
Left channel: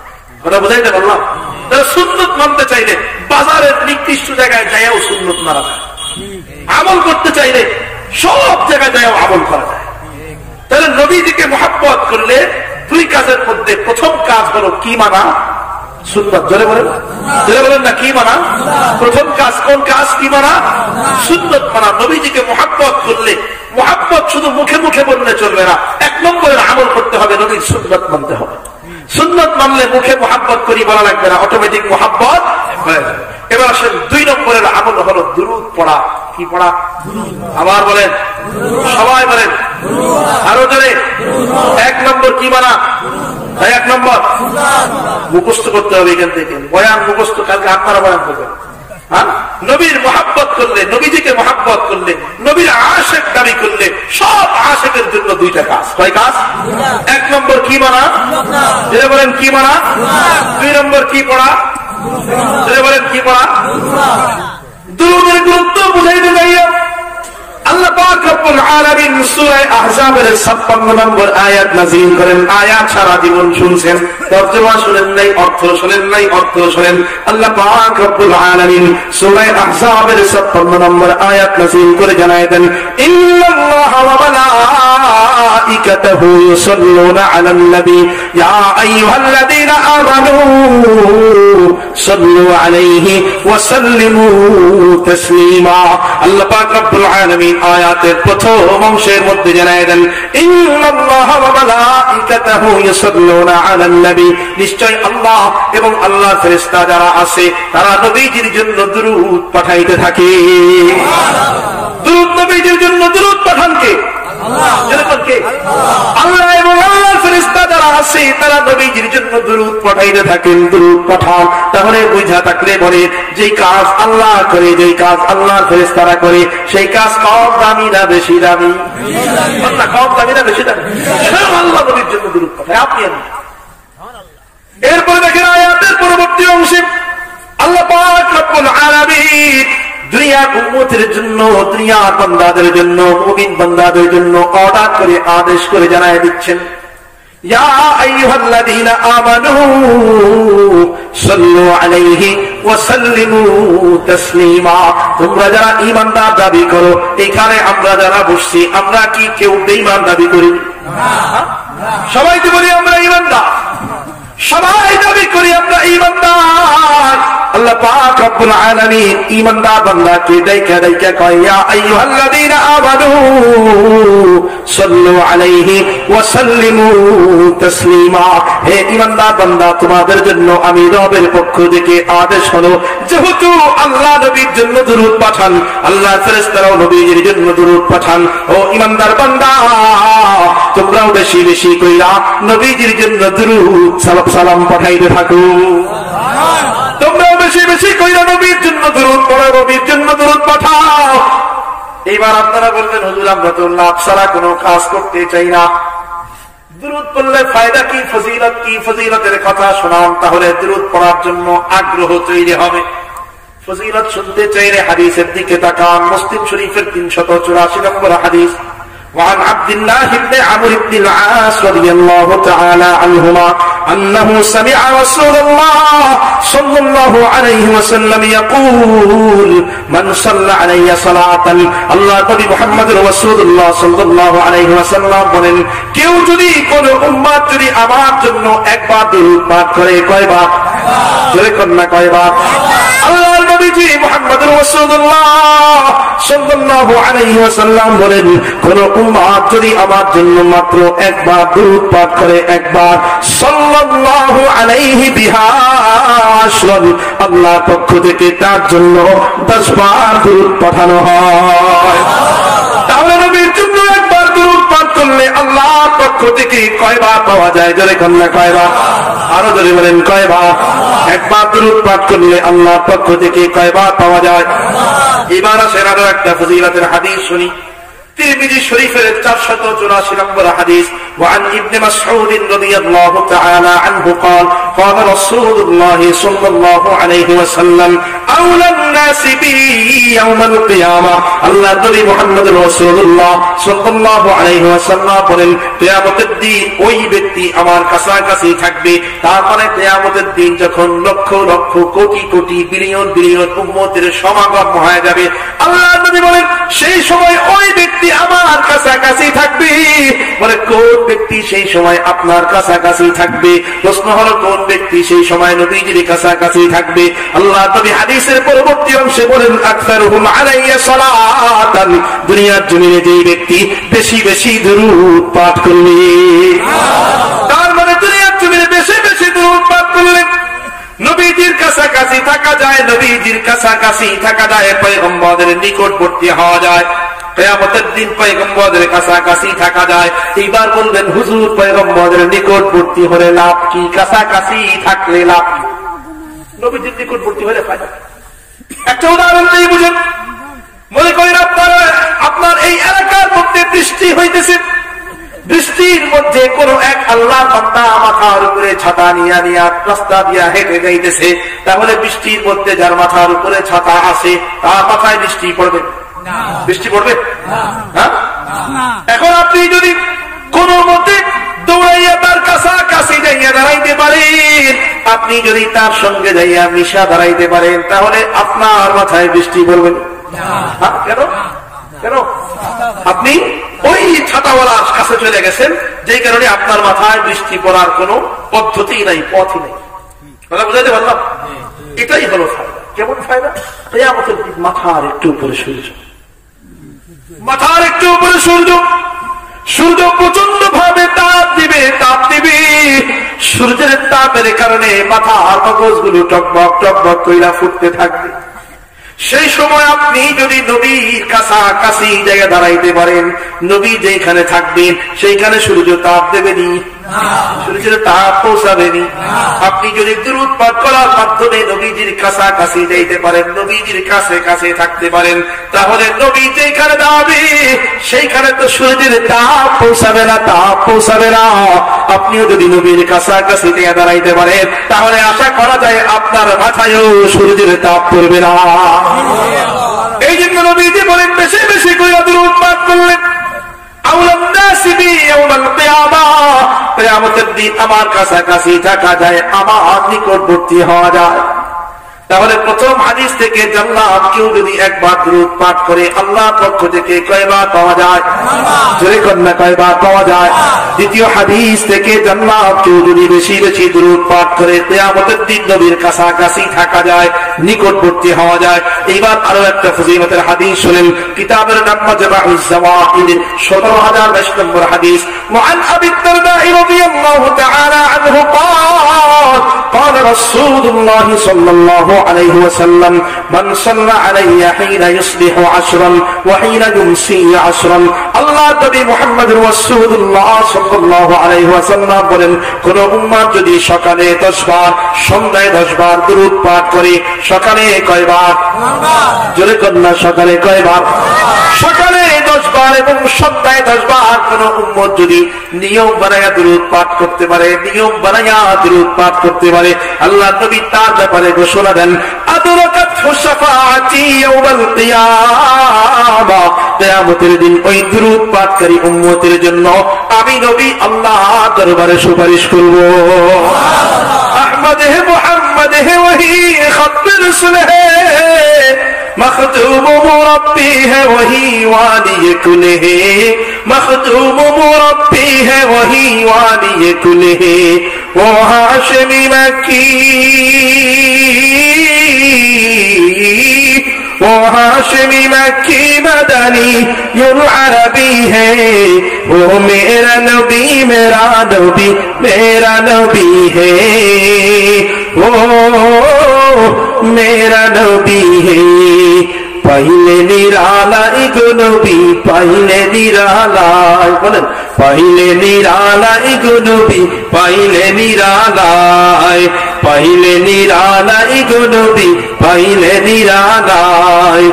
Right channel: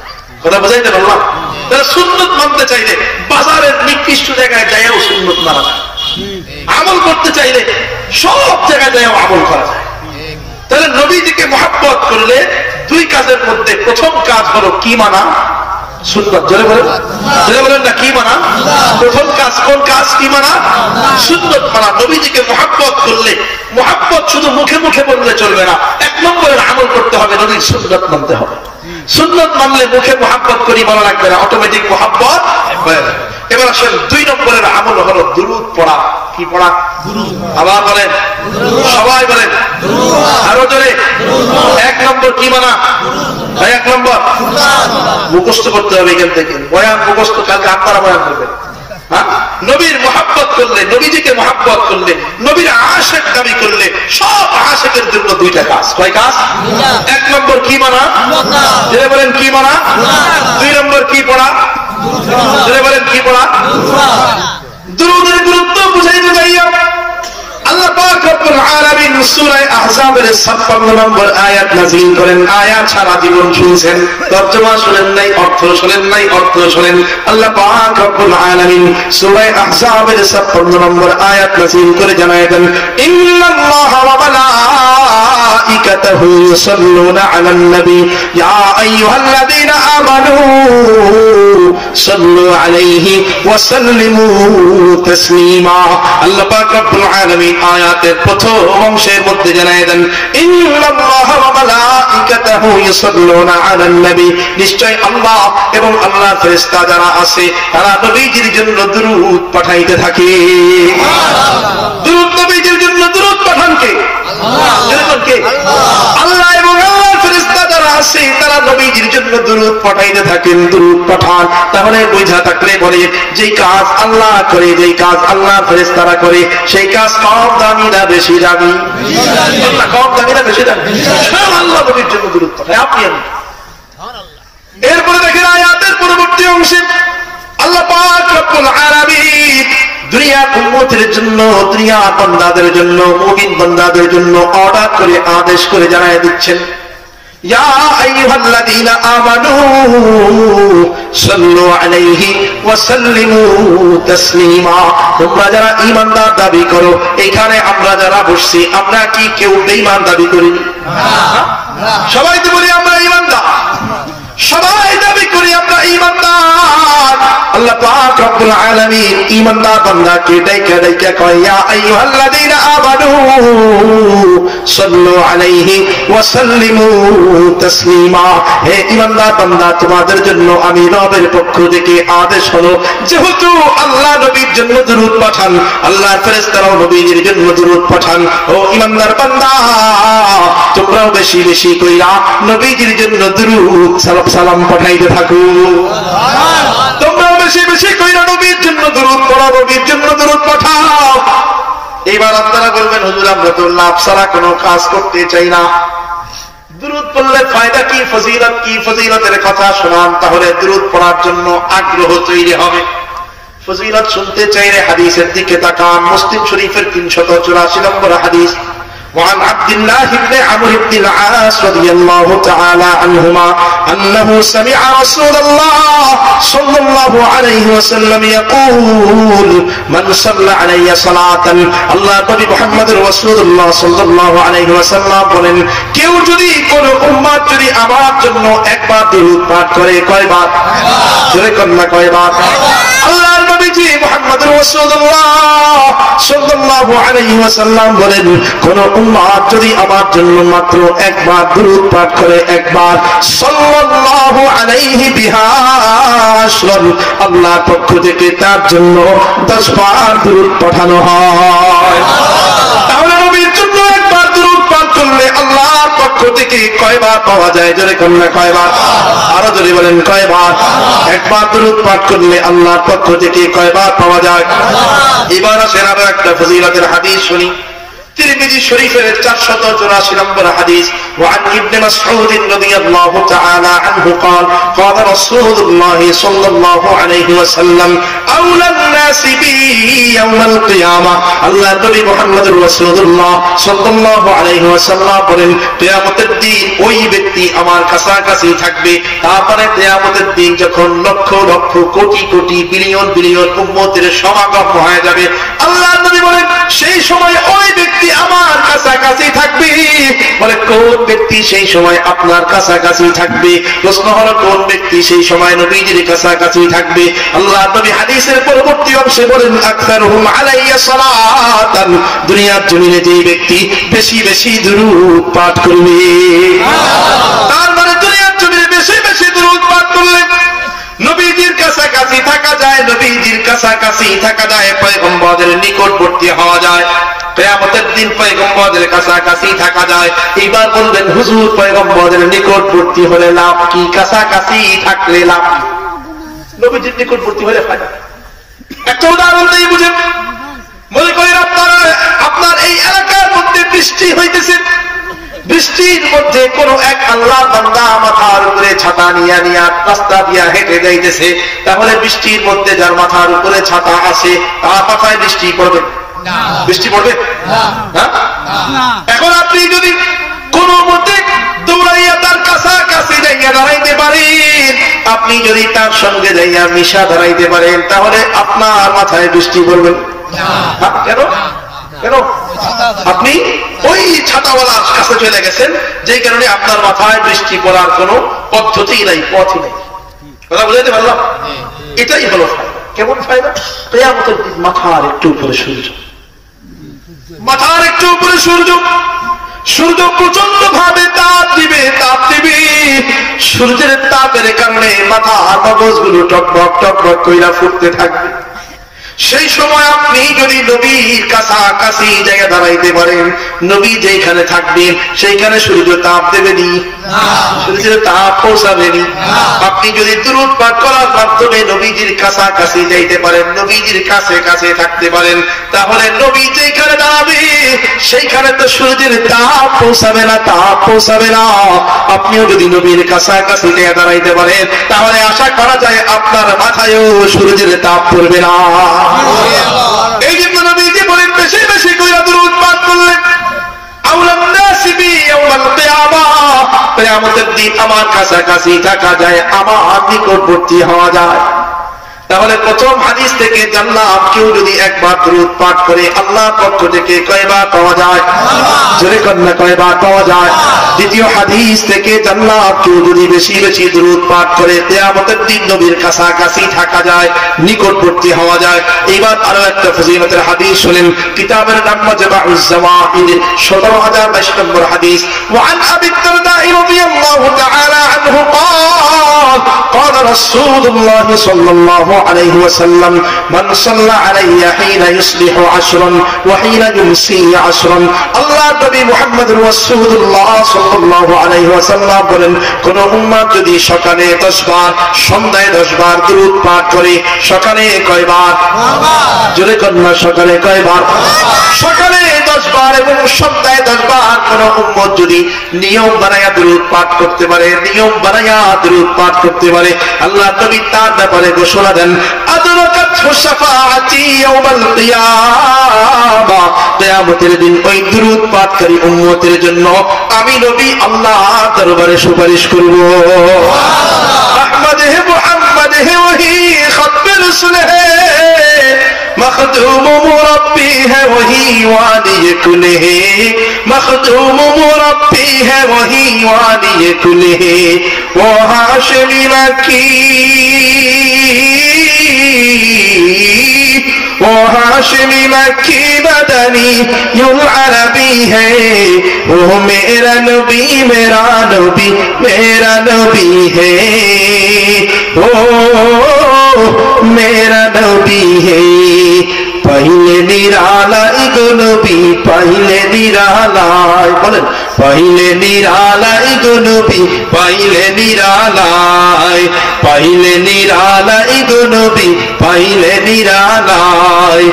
কথা বোঝাইতে পারলাম? তারা সুন্নত মানতে চাইলে বাজারের নিকৃষ্ট জায়গায় যাইও সুন্নত মারা যায়, আমল করতে চাইলে সব জায়গায় যাইও আমল করা যায়। তাহলে নবীজিকে মহব্বত করলে দুই কাজের মধ্যে প্রথম কাজ হলো কি মানা? সুন্নাত। জোরে বলেন, জোরে বলেন না, কি মানা? প্রথম কাজ কোন কাজ? কি মানা? সুন্নাত মানা। নবীজিকে মহব্বত করলে, মহব্বত শুধু মুখে মুখে বললে চলবে না, এক নম্বরের আমল করতে হবে, নবীর সুন্নাত মানতে হবে। সুন্নাত মানলে মুখে মহব্বত করি বলা লাগবে না, অটোমেটিক মহব্বত হয়ে যাবে। এবার আসেন দুই নম্বরের আমল হলো দুরূদ পড়া। কি পড়া? আবার বলেন, সবাই বলেন, আরো জোরে। এক নম্বর কি মানা? এক নম্বর মুখস্থ করতে হবে। এখান থেকে বয়ান মুখস্থ, কালকে আপনারা বয়ান করবেন। নবীর মহব্বত করলে, নবীজিকে মহব্বত করলে, নবীর আশেক দাবি করলে সব আশেকের জন্য দুইটা কাজ। কয় কাজ? এক নম্বর কি মানা? যেটা বলেন কি মানা? দুই নম্বর কি পড়া? যেটা বলেন কি পড়া? দুরূদের গুরুত্ব বুঝাইতে যাইও। আল্লাহ পাক রব্বুল আলামিন সূরা আহজাবের 56 নম্বর আয়াত নাযিল করেন। আয়াত সারা জীবন শুনছেন, তরজমা শুনেন নাই, অর্থ শুনেন নাই, অর্থ শুনেন। আল্লাহ পাক রব্বুল আলামিন সূরা আহজাবের 56 নম্বর আয়াত নাযিল করে জানায় দেন, ইন্নাল্লাহা ওয়া মালাইকাতাহু ইউসাল্লুনা আলান নবী ইয়া আইয়ুহাল্লাযীনা আমানু সাল্লু আলাইহি ওয়া সাল্লিমু তাসলিমা। আল্লাহ পাক রব্বুল আলামিন আয়াতের প্রথম অংশের মধ্যে জানায় দেন, ইন্নাল্লাহা ওয়া মালাইকাতাহু ইউসাল্লুনা আলান নবী, নিশ্চয় আল্লাহ এবং আল্লাহর ফেরেশতা যারা আছে তারা নবীজির জন্য দুরূদ পাঠাইতে থাকে। দুরূদ নবীজির জন্য দুরূদ পাঠান কে? আল্লাহ এবং আল্লাহর ফেরেশতা যারা আছে তারা নবীজির জন্য দুরূদ পাঠাইতে থাকেন, দুরূদ পাঠান। তাহলে বুঝা থাকলে বলে, যে কাজ আল্লাহ করে, যে কাজ আল্লাহর ফেরেশতারা করে, সেই কাজ কম দামি না বেশি দামি? আল্লাহ কম দামি না বেশি দামি? স্বয়ং আল্লাহ নবীর জন্য দুরূদ পাঠায়, আপনি আমি। এরপরে দেখেন আয়াতের পরবর্তী অংশে আল্লাহ পাক রব্বুল আলামিন দুনিয়ার উম্মতের জন্য, দুনিয়ার বান্দাদের জন্য, মুমিন বান্দাদের জন্য অর্ডার করে, আদেশ করে জানায় দিচ্ছেন, ইয়া আইয়ুহাল্লাযীনা আমানু সাল্লু আলাইহি ওয়া সাল্লিমু তাসলিমা। তোমরা যারা ঈমানদার দাবি করো, এখানে আমরা যারা বসছি, আমরা কি কেউ বেঈমান দাবি করি? সবাই তো বলি আমরা ঈমানদার। সবাই দাবি করি আমরা ঈমানদার। আল্লাহ পাক রব্বুল আলামিন ঈমানদার বান্দাকে ডাইকা ডাইকা কয়, ইয়া আইয়ুহাল্লাযীনা আমানু সাল্লু আলাইহি ওয়া সাল্লিমু তাসলিমা। হে ঈমানদার বান্দা, তোমাদের জন্য আমি রবের পক্ষ থেকে আদেশ হলো, যেহেতু আল্লাহ নবীর জন্য দুরূদ পাঠান, আল্লাহর ফেরেশতারাও নবীর জন্য দুরূদ পাঠান। ও ঈমানদার বান্দা, তোমরাও বেশি বেশি কইরা নবীর জন্য দুরূদ সালাম পাঠাইতে থাকো। তোমরাও বেশি বেশি কইরা নবীর জন্য দুরূদ পড়ো, নবীর জন্য দুরূদ পাঠাও। এবার আপনারা বলবেন, হুজুর আমরা তো লাভ ছাড়া কোনো কাজ করতে চাই না, দুরূদ পড়লে ফায়দা কি, ফজিলত কি? ফজিলতের কথা শোনান, তাহলে দুরূদ পড়ার জন্য আগ্রহ তৈরি হবে। ফজিলত শুনতে চাইলে হাদিসের দিকে তাকান। মুসলিম শরীফের 384 নম্বর হাদিস, وعن عبد الله بن عمرو بن العاص رضي الله تعالى عنهما أنه سمع رسول الله صلى الله عليه وسلم يقول من صلى علي صلاة الله نبي محمد رسول الله صلى الله عليه وسلم বলেন, কেউ যদি কোন উম্মত যদি আমার জন্য একবার দরুদ পাঠ করে, কয়বার? জোরে কোন না, কয়বার? আল্লাহর নবীজি মুহাম্মদুর রাসূলুল্লাহ সাল্লাল্লাহু আলাইহি ওয়াসাল্লাম বলেন, কোন উম্মত যদি আমার জন্য মাত্র একবার দরুদ পাঠ করে, একবার, সাল্লাল্লাহু আলাইহি বিহা আশরান, আল্লাহর পক্ষ থেকে তার জন্য 10 বার দরুদ পাঠানো হয়। তাহলে নবীর জন্য একবার দরুদ পাঠ করলে আল্লাহর পক্ষ থেকে কয়বার পাওয়া যায়? জোরে কোন না, কয়বার? আরো জোরে বলেন, কয়বার? একবার দরুদ পাঠ করলে আল্লাহর পক্ষ থেকে কয়বার পাওয়া যায়? এবার আসেন আরো একটা ফজিলতের হাদিস শুনি। তিরমিজি শরীফের 484 নম্বর হাদিস, وعن ابن مسعود رضي الله تعالى عنه قال قال رسول الله صلى الله عليه وسلم أولى الناس بي يوم القيامة الله নবী মুহাম্মদ রাসূলুল্লাহ সাল্লাল্লাহু আলাইহি ওয়াসাল্লাম বলেন, কিয়ামতের দিন ওই ব্যক্তি আমার কাছাকাছি থাকবে। তারপরে কিয়ামতের দিন যখন লক্ষ লক্ষ কোটি কোটি বিলিয়ন বিলিয়ন উম্মতের সমাগম হয়ে যাবে, আল্লাহ নবী বলেন, সেই সময় ওই ব্যক্তি আমার কাছাকাছি থাকবে। বলে, কোন ব্যক্তি সেই সময় আপনার কাছাকাছি থাকবে? প্রশ্ন হলো, কোন ব্যক্তি সেই সময় নবীজির কাছাকাছি থাকবে? আল্লাহ নবী হাদিসের পরবর্তী অংশে বলেন, আকসারুহুম আলাইয়া সালাতান, দুনিয়ার জমিনে যেই ব্যক্তি বেশি বেশি দুরূদ পাঠ করবে। তার মানে দুনিয়ার জমিনে বেশি বেশি দুরূদ পাঠ করলে নবীজির কাছাকাছি থাকা যায়, নবীজির কাছাকাছি থাকা যায়, পয়গম্বরদের নিকটবর্তী হওয়া যায়। কিয়ামতের দিন পয়গম্বরদের কাছাকাছি থাকা যায়। এইবার বলবেন, হুজুর পয়গম্বরদের নিকটবর্তী হলে লাভ কি? কাছাকাছি থাকলে লাভ কি? নবীজির নিকটবর্তী হলে ফায়দা। একটা উদাহরণ দিয়ে বুঝেন। মনে করেন আপনার এই এলাকার মধ্যে বৃষ্টি হইতেছে, বৃষ্টির মধ্যে কোন এক আল্লাহর বান্দা মাথার উপরে ছাতা নিয়ে রাস্তা দিয়া হেঁটে যাইতেছে। তাহলে বৃষ্টির মধ্যে যার মাথার উপরে ছাতা আসে, তার মাথায় বৃষ্টি পড়বে? বৃষ্টি পড়বে না। এখন আপনি যদি কোন মতে দৌড়াইয়া তার কাছাকাছি যাইয়া দাঁড়াইতে পারেন, আপনি যদি তার সঙ্গে যাইয়া মিশা দাঁড়াইতে পারেন, তাহলে আপনার মাথায় বৃষ্টি পড়বে না। কেন? কেন? আপনি ওই ছাতাওয়ালার কাছে চলে গেছেন, যেই কারণে আপনার মাথায় বৃষ্টি পড়ার কোন পদ্ধতি নাই, পথই নাই। কথা বুঝাইতে পারলাম? এটাই হলো ফায়দা। কেমন ফায়দা? কিয়ামতের দিন মাথার একটু উপরে সূর্য, মাথার একটু উপরে সূর্য, সূর্য প্রচন্ড ভাবে তাপ দিবে, তাপ দিবে। সূর্যের তাপের কারণে মাথার মগজগুলো টকবক টকবক কইরা ফুটতে থাকবে। সেই সময় আপনি যদি নবীর কাছাকাছি জায়গা দাঁড়াইতে পারেন, নবী যেখানে থাকবেন সেইখানে সূর্য তাপ দেবেনি, সূর্যের তাপ পৌঁছাবেনি। আপনি যদি দুরূদ পাঠ করার মাধ্যমে নবীজির কাছাকাছি যাইতে পারেন, নবীজির কাছে কাছে থাকতে পারেন, তাহলে নবী যেখানে দাঁড়াবে সেইখানে তো সূর্যের তাপ পৌঁছাবে না, তাপ পৌঁছাবে না। আপনিও যদি নবীর কাছাকাছি জায়গা দাঁড়াইতে পারেন, তাহলে আশা করা যায় আপনার মাথায়ও সূর্যের তাপ পড়বে না। এই জন্য নবীজি বলেন, বেশি বেশি কইরা দুরূদ পাঠ করলেন, আউলান নাসি বি ইয়াউমাল কিয়ামাহ, কিয়ামতের দিন আমার কাছাকাছি থাকা যায়, আমার নিকটবর্তী হওয়া যায়। তাহলে প্রথম হাদিস থেকে জান্নাত কেউ যদি একবার দুরূদ পাঠ করে আল্লাহর পক্ষ থেকে কয়বার পাওয়া যায়? জোরে কন্যা কয়বার পাওয়া যায়? দ্বিতীয় হাদিস থেকে জান্নাত কেউ যদি বেশি বেশি দুরূদ পাঠ করে কিয়ামতের দিন নবীর কাছাকাছি থাকা যায়, নিকটবর্তী হওয়া যায়। এবার আরো একটা ফজিলতের হাদিস শুনেন, কিতাবের নাম মাজমাউজ জাওয়াইদ 17022 নম্বর হাদিস। وعن ابي الدرداء رضي الله تعالى عنه قال قال رسول الله صلى الله عليه وسلم من صلى علي حين يصبح عشرا وحين يمسي عشرا। আল্লাহ নবী মুহাম্মদ রাসূলুল্লাহ সাল্লাল্লাহু আলাইহি ওয়াসাল্লাম বলেন, কোন উম্মত যদি সকালে 10 বার সন্ধ্যায় 10 বার দুরূদ পাঠ করে, সকালে কয়বার? জোরে কন্যা সকালে কয়বার? সকালে 10 বার এবং সন্ধ্যায় 10 বার কোন উম্মত যদি নিয়ম বানায়া দুরূদ পাঠ করতে পারে, নিয়ম বানায়া দুরূদ পাঠ করতে পারে, আল্লাহ নবী তার ব্যাপারে ঘোষণা দেন, আদরাকাতহু শাফাআতি ইয়াউমাল কিয়ামা, কিয়ামতের দিন ওই দুরূদ পাঠকারী উম্মতের জন্য আমি নবী আল্লাহর দরবারে সুপারিশ করব। আহমদ হে মুহাম্মদ হে ওহি খত রসুল হে, मखदूम मुरब्बी है वही वाली कुल है, मखदूम मुरब्बी है वही वाली कुल है, वो हाशमी मक्की वो हाशमी मक्की मदनी युल अरबी है, वो मेरा नबी मेरा नबी मेरा नबी है, वो मेरा नबी है। पहले निरालाई गो नबी पहले निरालाई, बोलेन पहले निरालाई गो नबी पहले निरालाई, पहले निरालाई गो नबी पहले निरालाई।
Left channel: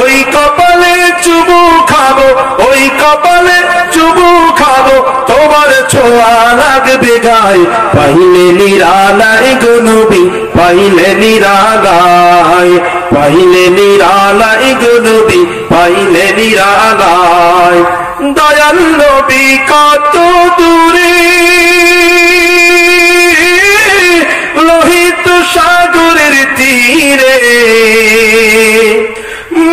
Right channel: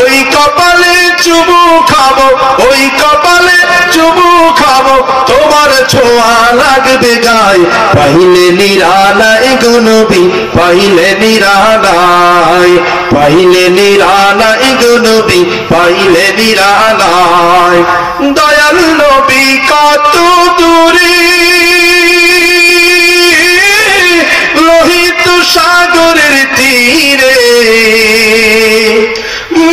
ওই কপালে চুমু খাবো, ওই কপালে চুমু খাবো, তোমার ছোঁয়া লাগবে গায়ে, পহলে নিরালাই গো নবী পহলে নিরালাই, পহলে নিরালাই গো নবী পহলে নিরালাই। দয়াল নবী কত দূরে লোহিত সাগরের তীরে,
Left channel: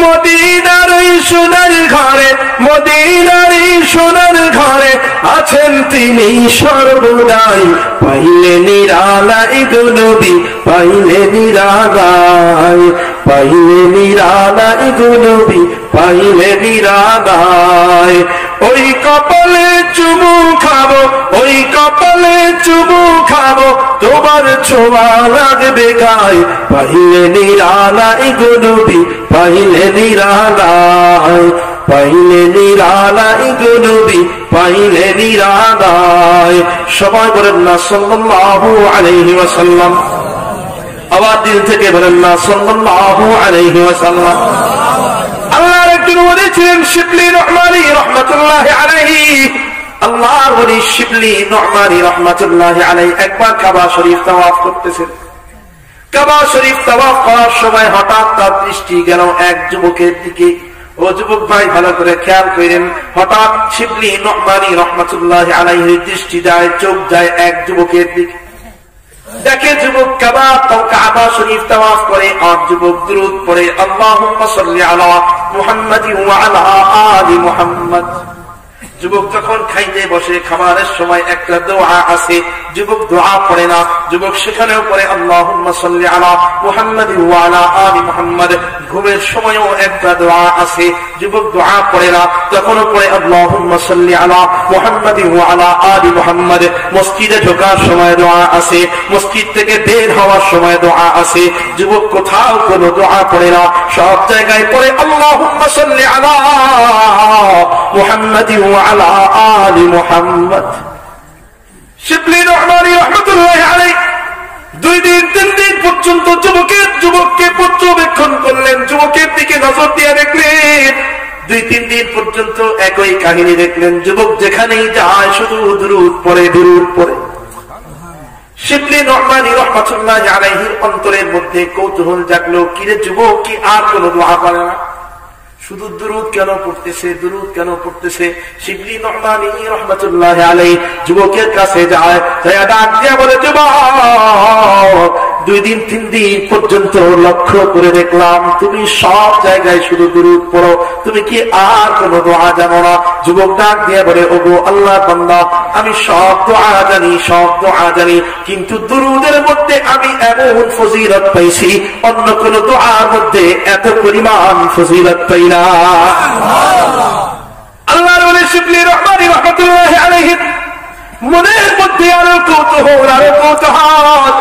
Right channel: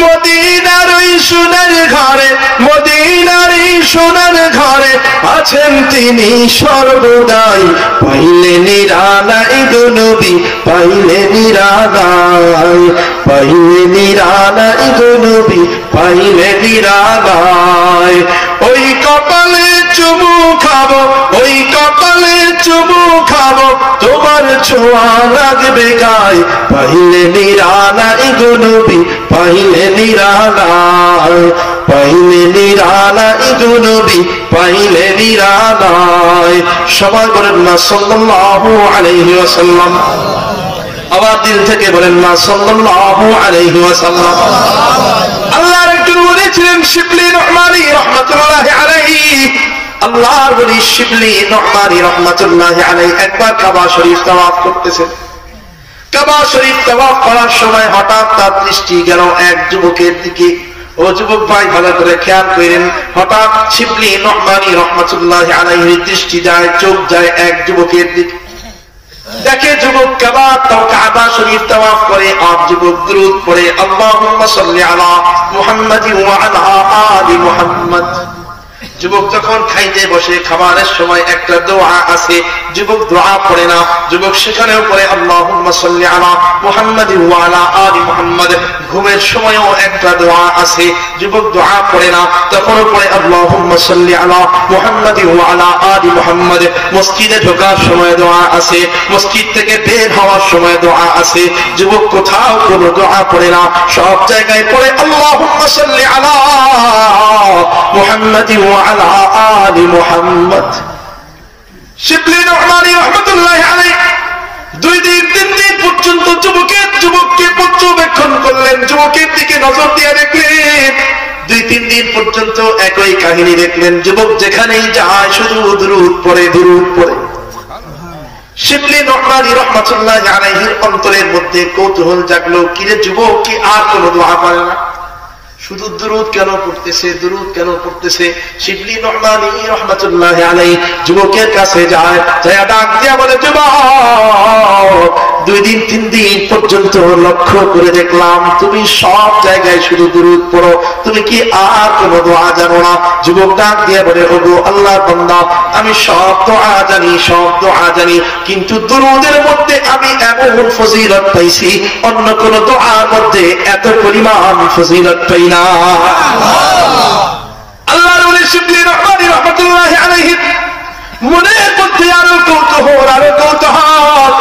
মদিনার ওই সোনার ঘরে, মদিনার এই সোনার ঘরে আছেন তিনি সর্বদাই, পাইলে নিরালাই গো নবী পাইলে নিরালাই, পাইলে নিরালাই গো নবী পাইলে নিরালাই। ওই কপালে চুমু খাবো, ওই কপালে চুমু খাবো, তোমার ছোঁয়া লাগবে গায়ে, পাইলে নিরালাই গো নবী পাইলে নিরালাই, পাইলে নিরালাই গো নবী পাইলে নিরালাই। সবাই বলেন না সাল্লাল্লাহু আলাইহি ওয়াসাল্লাম, আবার দিল থেকে বলেন না সাল্লাল্লাহু আলাইহি ওয়াসাল্লাম। আল্লাহর একজন ওলি ছিলেন শিবলি নু'মানী রাহমাতুল্লাহি আলাইহি, আল্লাহর ওলি শিবলি নু'মানী রাহমাতুল্লাহি আলাইহি একবার কাবা শরীফ তাওয়াফ করতেছেন। কাবা শরীফ তাওয়াফ করার সময় হঠাৎ তার দৃষ্টি গেল এক যুবকের দিকে। ও যুবক ভাই ভালো করে খেয়াল করেন, হঠাৎ শিবলি নু'মানী রাহমাতুল্লাহি আলাইহির দৃষ্টি যায়, চোখ যায় এক যুবকের দিকে। দেখে যুবক কাবা শরীফ তাওয়াফ করে আর যুবক দুরূদ পড়ে, আল্লাহুম্মা সাল্লি আলা মুহাম্মাদিন ওয়া আলা আলি মুহাম্মাদ। যুবক যখন খাইতে বসে খাবারের সময় একটা দোয়া আছে, যুবক দোয়া পড়ে না, যুবক সেখানেও পড়ে আল্লাহুম্মা সাল্লি আলা মুহাম্মাদিন ওয়া আলা আলি মুহাম্মাদ। ঘুমের সময়ও একটা দোয়া আছে, যুবক দোয়া পড়ে না, তখনও পড়ে আল্লাহুম্মা সাল্লি আলা মুহাম্মাদিন ওয়া আলা আলি মুহাম্মাদ। মসজিদে ঢোকার সময় দোয়া আছে, মসজিদ থেকে বের হওয়ার সময় দোয়া আছে, যুবক কোথাও কোনো দোয়া পড়ে না, সব জায়গায় পড়ে আল্লাহুম্মা সাল্লি আলা মুহাম্মাদিন ওয়া আলা আলি মুহাম্মাদ। শিবলি নু'মানী রাহমাতুল্লাহি আলাইহি 2 দিন 3 দিন পর্যন্ত যুবককে পর্যবেক্ষণ করলেন, যুবকের দিকে নজর দিয়ে দেখলেন। 2-3 দিন পর্যন্ত একই কাহিনী দেখলেন, যুবক যেখানেই যায় শুধু দুরূদ পড়ে দুরূদ পড়ে। শিবলি নু'মানী রাহমাতুল্লাহি আলাইহির অন্তরের মধ্যে কৌতূহল জাগলো, কিরে যুবক কি আর কোন দোয়া পড়ে না? শুধু দুরূদ কেন পড়তেছে, দুরূদ কেন পড়তেছে? শিবলি নু'মানী রাহমাতুল্লাহি আলাইহি যুবকের কাছে যায়, ডাক দিয়া বলে, যুবক, 2 দিন 3 দিন পর্যন্ত লক্ষ্য করে দেখলাম তুমি সব জায়গায় শুধু দুরূদ পড়ো, তুমি কি আর কোন দোয়া জানো না? যুবক ডাক দিয়া বলে, ওগো আল্লাহর বান্দা, আমি সব দোয়া জানি, সব দোয়া জানি, কিন্তু দুরূদের মধ্যে আমি এমন ফজিলত পাইছি অন্য কোন দোয়ার মধ্যে এত পরিমাণ ফজিলত পাই না। আল্লাহর ওলি শিবলি নু'মানী রাহমাতুল্লাহি আলাইহি মনের মধ্যে আরো কৌতূহল, আরো কৌতূহল।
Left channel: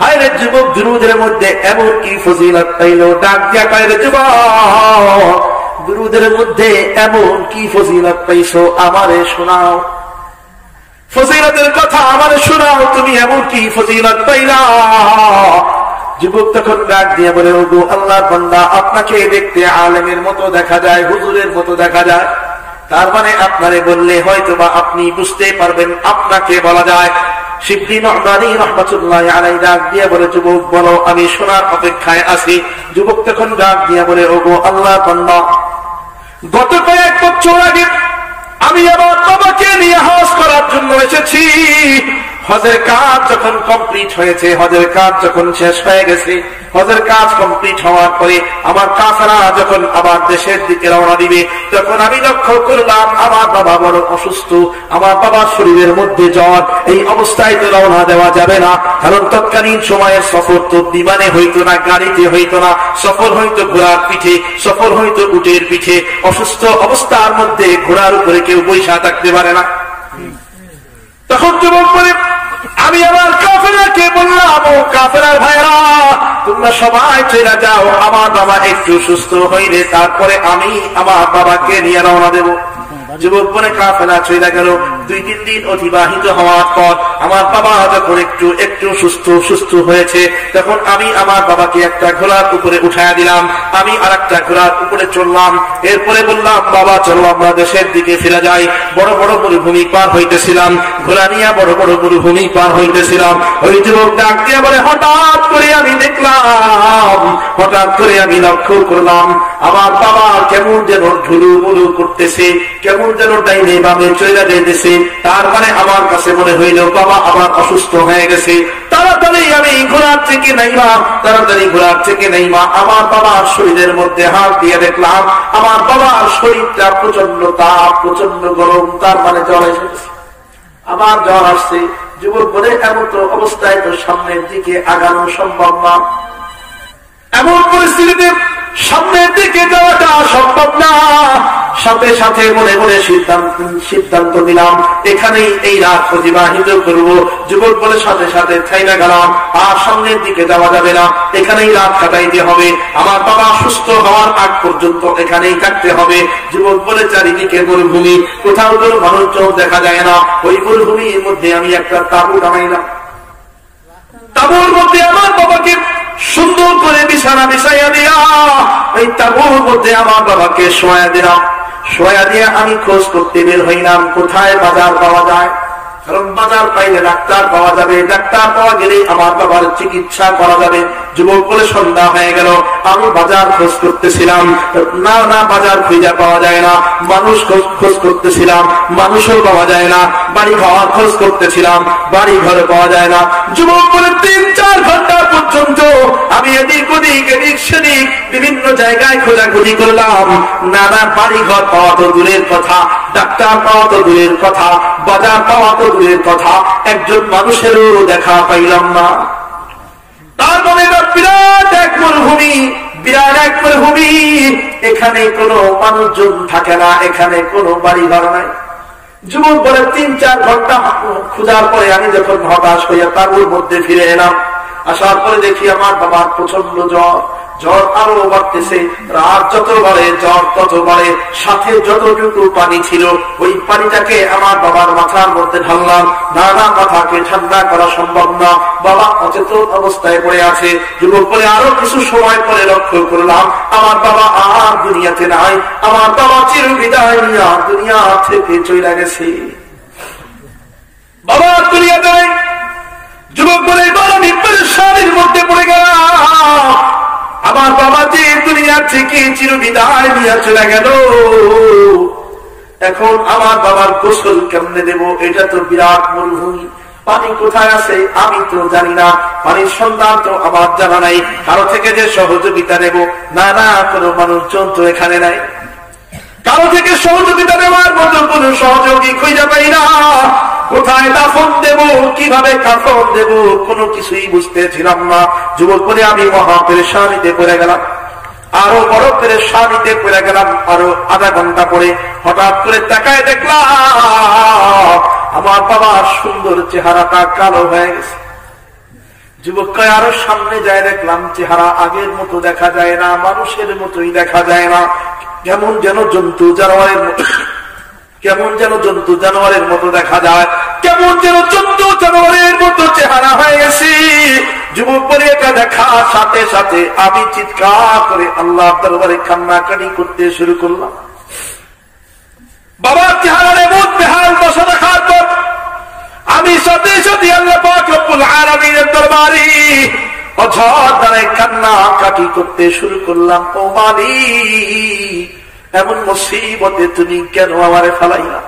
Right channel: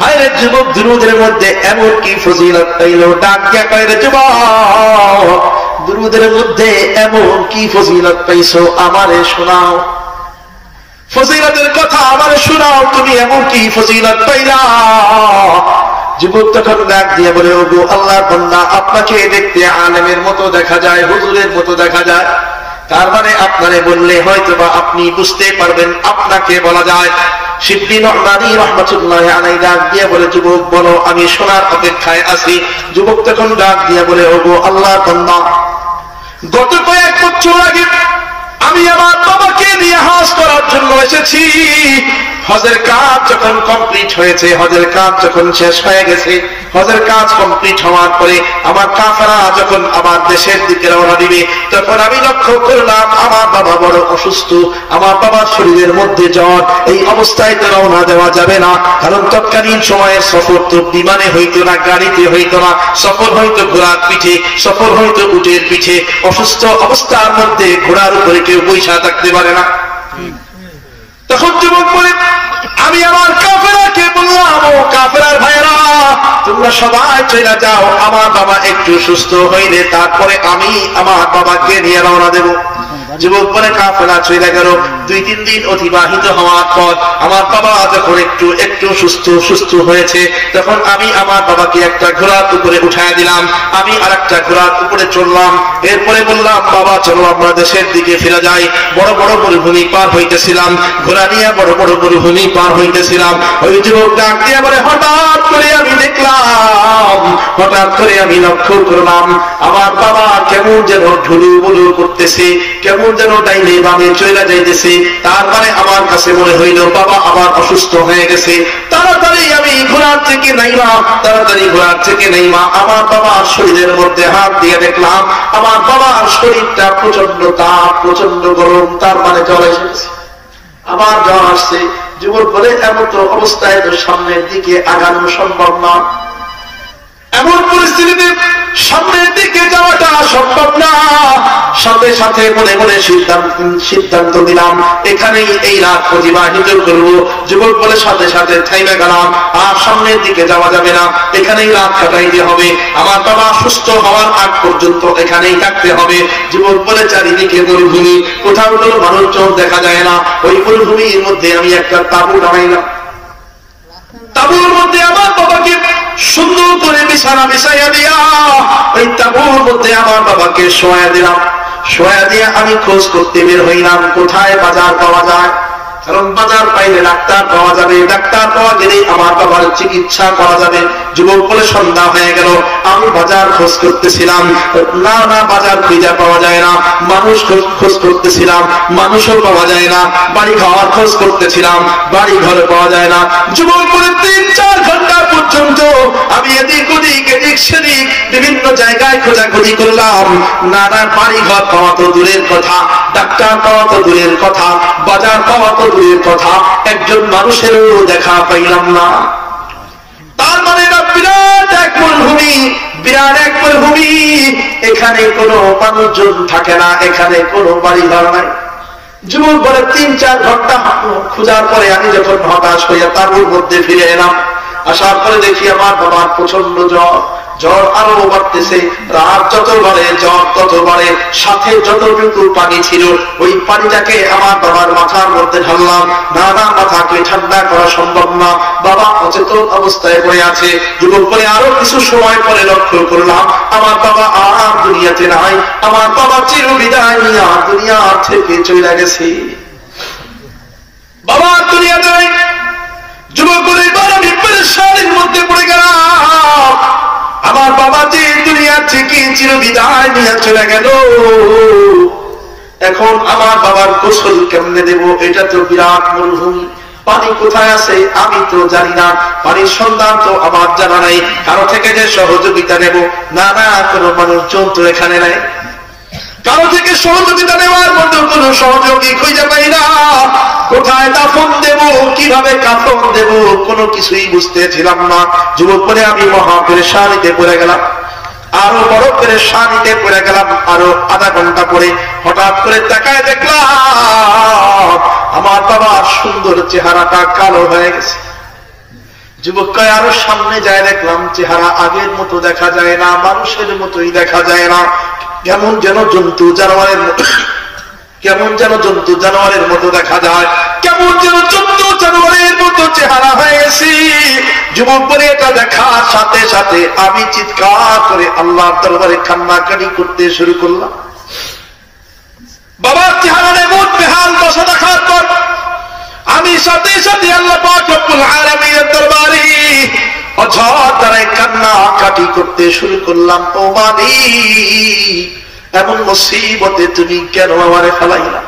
হায়রে যুবক, দুরূদের মধ্যে এমন কি ফজিলত পাইলো? ডাক দিয়া কয়, রে যুবক, দুরূদের মধ্যে এমন কি ফজিলত পাইছো, আমারে শোনাও, ফজিলতের কথা আমারে শোনাও, তুমি এমন কি ফজিলত পাইলা? যুবক তখন ডাক দিয়ে বলে, ওগো আল্লাহর বান্দা, আপনাকে দেখতে আলেমের মতো দেখা যায়, হুজুরের মতো দেখা যায়, তার মানে আপনারে বললে হয়তো বা আপনি বুঝতে পারবেন, আপনাকে বলা যায়। শিবলি নু'মানী রাহমাতুল্লাহি আলাইহি ডাক দিয়ে বলে, যুবক বলো, আমি শোনার অপেক্ষায় আছি। যুবক তখন ডাক দিয়ে বলে, ওগো আল্লাহর বান্দা, গত কয়েক বছর আগে আমি আমার বাবাকে নিয়ে হজ করার জন্য এসেছি। হজের কাজ যখন কমপ্লিট হয়েছে, হজের কাজ যখন শেষ হয়ে গেছে, হজের কাজ কমপ্লিট হওয়ার পরে আমার কাফেলা যখন আবার দেশের দিকে রওনা দিবে, তখন আমি লক্ষ্য করলাম আমার বাবা বড় অসুস্থ, আমার বাবার শরীরের মধ্যে জ্বর। এই অবস্থায় তো রওনা দেওয়া যাবে না, কারণ তৎকালীন সময়ের সফর তো বিমানে হইতো না, গাড়িতে হইতো না, সফর হইতো ঘোড়ার পিঠে, সফর হইতো উটের পিঠে। অসুস্থ অবস্থার মধ্যে ঘোড়ার উপরে কেউ বৈশা থাকতে পারে না। তখন যুবক বলে, আমি আমার কাফেরাকে বললাম, ও কাফেরার ভাইরা, তোমরা সবাই চলে যাও, আমার বাবা একটু সুস্থ হইলে তারপরে আমি আমার বাবাকে নিয়ে রওনা দেব। যুবক বলে, কাফেলা চলে গেল। 2-3 দিন অতিবাহিত হওয়ার পর আমার বাবা যখন একটু সুস্থ হয়েছে, তখন আমি আমার বাবাকে একটা ঘোড়ার উপরে উঠায় দিলাম, আমি আরেকটা ঘোড়ার উপরে চললাম। এরপরে বললাম, বাবা চলো আমরা দেশের দিকে ফিরে যাই। বড় বড় মরুভূমি পার হইতেছিলাম, ঘোড়া নিয়ে বড় বড় মরুভূমি পার হইতেছিলাম। ওই যুবক ডাক দিয়ে বলে, হঠাৎ করে আমি দেখলাম, হঠাৎ করে আমি লক্ষ্য করলাম আমার বাবা কেমন যেন ঢুলু বুলু করতেছে, কেমন যেন ডাইনে বামে চলে যাইতেছে। তার মানে আমার কাছে মনে হইল বাবা আবার অসুস্থ হয়ে গেছে। তাড়াতাড়ি আমি ঘোড়ার থেকে নাইমা আমার বাবার শরীরের মধ্যে হাত দিয়ে দেখলাম আমার বাবার শরীরটা প্রচন্ড তাপ, প্রচন্ড গরম, তার মানে জ্বর এসেছে, আবার জ্বর আসছে। যুবক বলে, এমন তো অবস্থায় তো সামনের দিকে আগানো সম্ভব না, এমন পরিস্থিতিতে সামনের দিকে যাওয়াটা সম্ভব না। সাথে সাথে মনে মনে সিদ্ধান্ত নিলাম এখানেই এই রাত অতিবাহিত করব। যুবক বলে, সাথে সাথে থাইমে গেলাম, আর সামনের দিকে যাওয়া যাবে না, এখানেই রাত কাটাইতে হবে, আমার বাবা সুস্থ হওয়ার আগ পর্যন্ত এখানেই থাকতে হবে। যুবক বলে, চারিদিকে মরুভূমি, কোথাও কোনো মানুষজন দেখা যায় না। ওই মরুভূমির মধ্যে আমি একটা তাঁবু টানাইলাম, তাঁবুর মধ্যে আমার বাবাকে সুন্দর করে বিছানা বিছাইয়া দিয়া ওই তাঁবুর মধ্যে আমার বাবাকে শোয়া দিলাম। শোয়া দিয়া আমি খোঁজ করতে বের হইলাম কোথায় বাজার পাওয়া যায়, কারণ বাজার পাইলে ডাক্তার পাওয়া যাবে, ডাক্তার পাওয়া গেলে আমার বাবার চিকিৎসা করা যাবে। যুবক বলে, সন্ধ্যা হয়ে গেল, আমি বাজার খোঁজ করতেছিলাম, না বাজার খুঁজে পাওয়া যায় না। মানুষ খোঁজ করতেছিলাম, মানুষও পাওয়া যায় না। বাড়ি খাওয়ার খোঁজ করতেছিলাম, বাড়ি ঘরে পাওয়া যায় না। যুবক বলে, 3-4 ঘন্টা পর্যন্ত আমি এদিক ওদিক এদিক সেদিক বিভিন্ন জায়গায় খোঁজাখুঁজি করলাম। নানা বাড়ি ঘর পাওয়া তো দূরের কথা, ডাক্তার পাওয়া তো দূরের কথা, বাজার পাওয়া তো দূরের কথা, একজন মানুষেরও দেখা পাইলাম না। তার মানে বিরাট এক মরুভূমি, বিরাট এক মরুভূমি, এখানে কোনো মানুষজন থাকে না, এখানে কোনো বাড়ি ঘর নাই। যুবক বলে, 3-4 ঘন্টা খোঁজার পরে আমি যখন হতাশ হইয়া তাঁবুর মধ্যে ফিরে এলাম, আসার পরে দেখি আমার বাবার প্রচন্ড জ্বর, জ্বর আরো বাড়তেছে, রাত যত বাড়ে জ্বর তত বাড়ে। সাথে যতটুকু পানি ছিল ওই পানিটাকে আমার বাবার মাথার মধ্যে ঢাললাম। না মাথাকে ঠান্ডা করা সম্ভব না, বাবা অচেতন অবস্থায় পড়ে আছে। যুবক বলে, আরো কিছু সময় পরে লক্ষ্য করলাম আমার বাবা আর দুনিয়াতে নাই, আমার বাবা চির বিদায় আর দুনিয়া থেকে চলে গেছে, বাবা দুনিয়াতে নাই। যুবক বলে, এবার আমি পেরেশানির মধ্যে পড়ে গেলাম, আমার বাবা যে দুনিয়া থেকে চিরবিদায় নিয়ে চলে গেল, এখন আমার বাবার গোসল কেমনে দেব? এটা তো বিরাট মরুভূমি, পানি কোথায় আছে আমি তো জানি না, পানির সন্ধান তো আমার জানা নাই, কারো থেকে যে সহযোগিতা নেব, না না কোনো মানুষজন তো এখানে নাই, কারো থেকে সহযোগিতা নেওয়ার মতো কোন সহযোগী খুঁজে পাই না, কোথায় দাফন দেব, কিভাবে কাফন দেব, কোনো কিছুই বুঝতেছিলাম না। যুবক বলে আমি মহা পেরেশানিতে পড়ে গেলাম, আরো বড় পেরেশানিতে পড়ে গেলাম। আরো আধা ঘন্টা পরে হঠাৎ করে তাকায় দেখলাম আমার বাবার সুন্দর চেহারাটা কালো হয়ে গেছে। যুবক আরো সামনে যায়, দেখলাম চেহারা আগের মতো দেখা যায় না, মানুষের মতোই দেখা যায় না, কেমন যেন জন্তু জানোয়ারের মতো, কেমন যেন জন্তু জানোয়ারের মতো দেখা যায়, কেমন যেন জন্তু জানোয়ারের মতো চেহারা হয়ে গেছে। যুবক বলে এটা দেখার সাথে সাথে আমি চিৎকার করে আল্লাহর দরবারে কান্নাকাটি করতে শুরু করলাম। বাবার চেহারার এমন বেহাল দশা দেখার পর আমি সাথে সাথে আল্লাহ পাক রব্বুল আলামিনের দরবারে অঝর দ্বারাই কান্নাকাটি করতে শুরু করলাম। ও মালিক, এমন মুসিবতে তুমি কেন আমারে ফেলাইলা?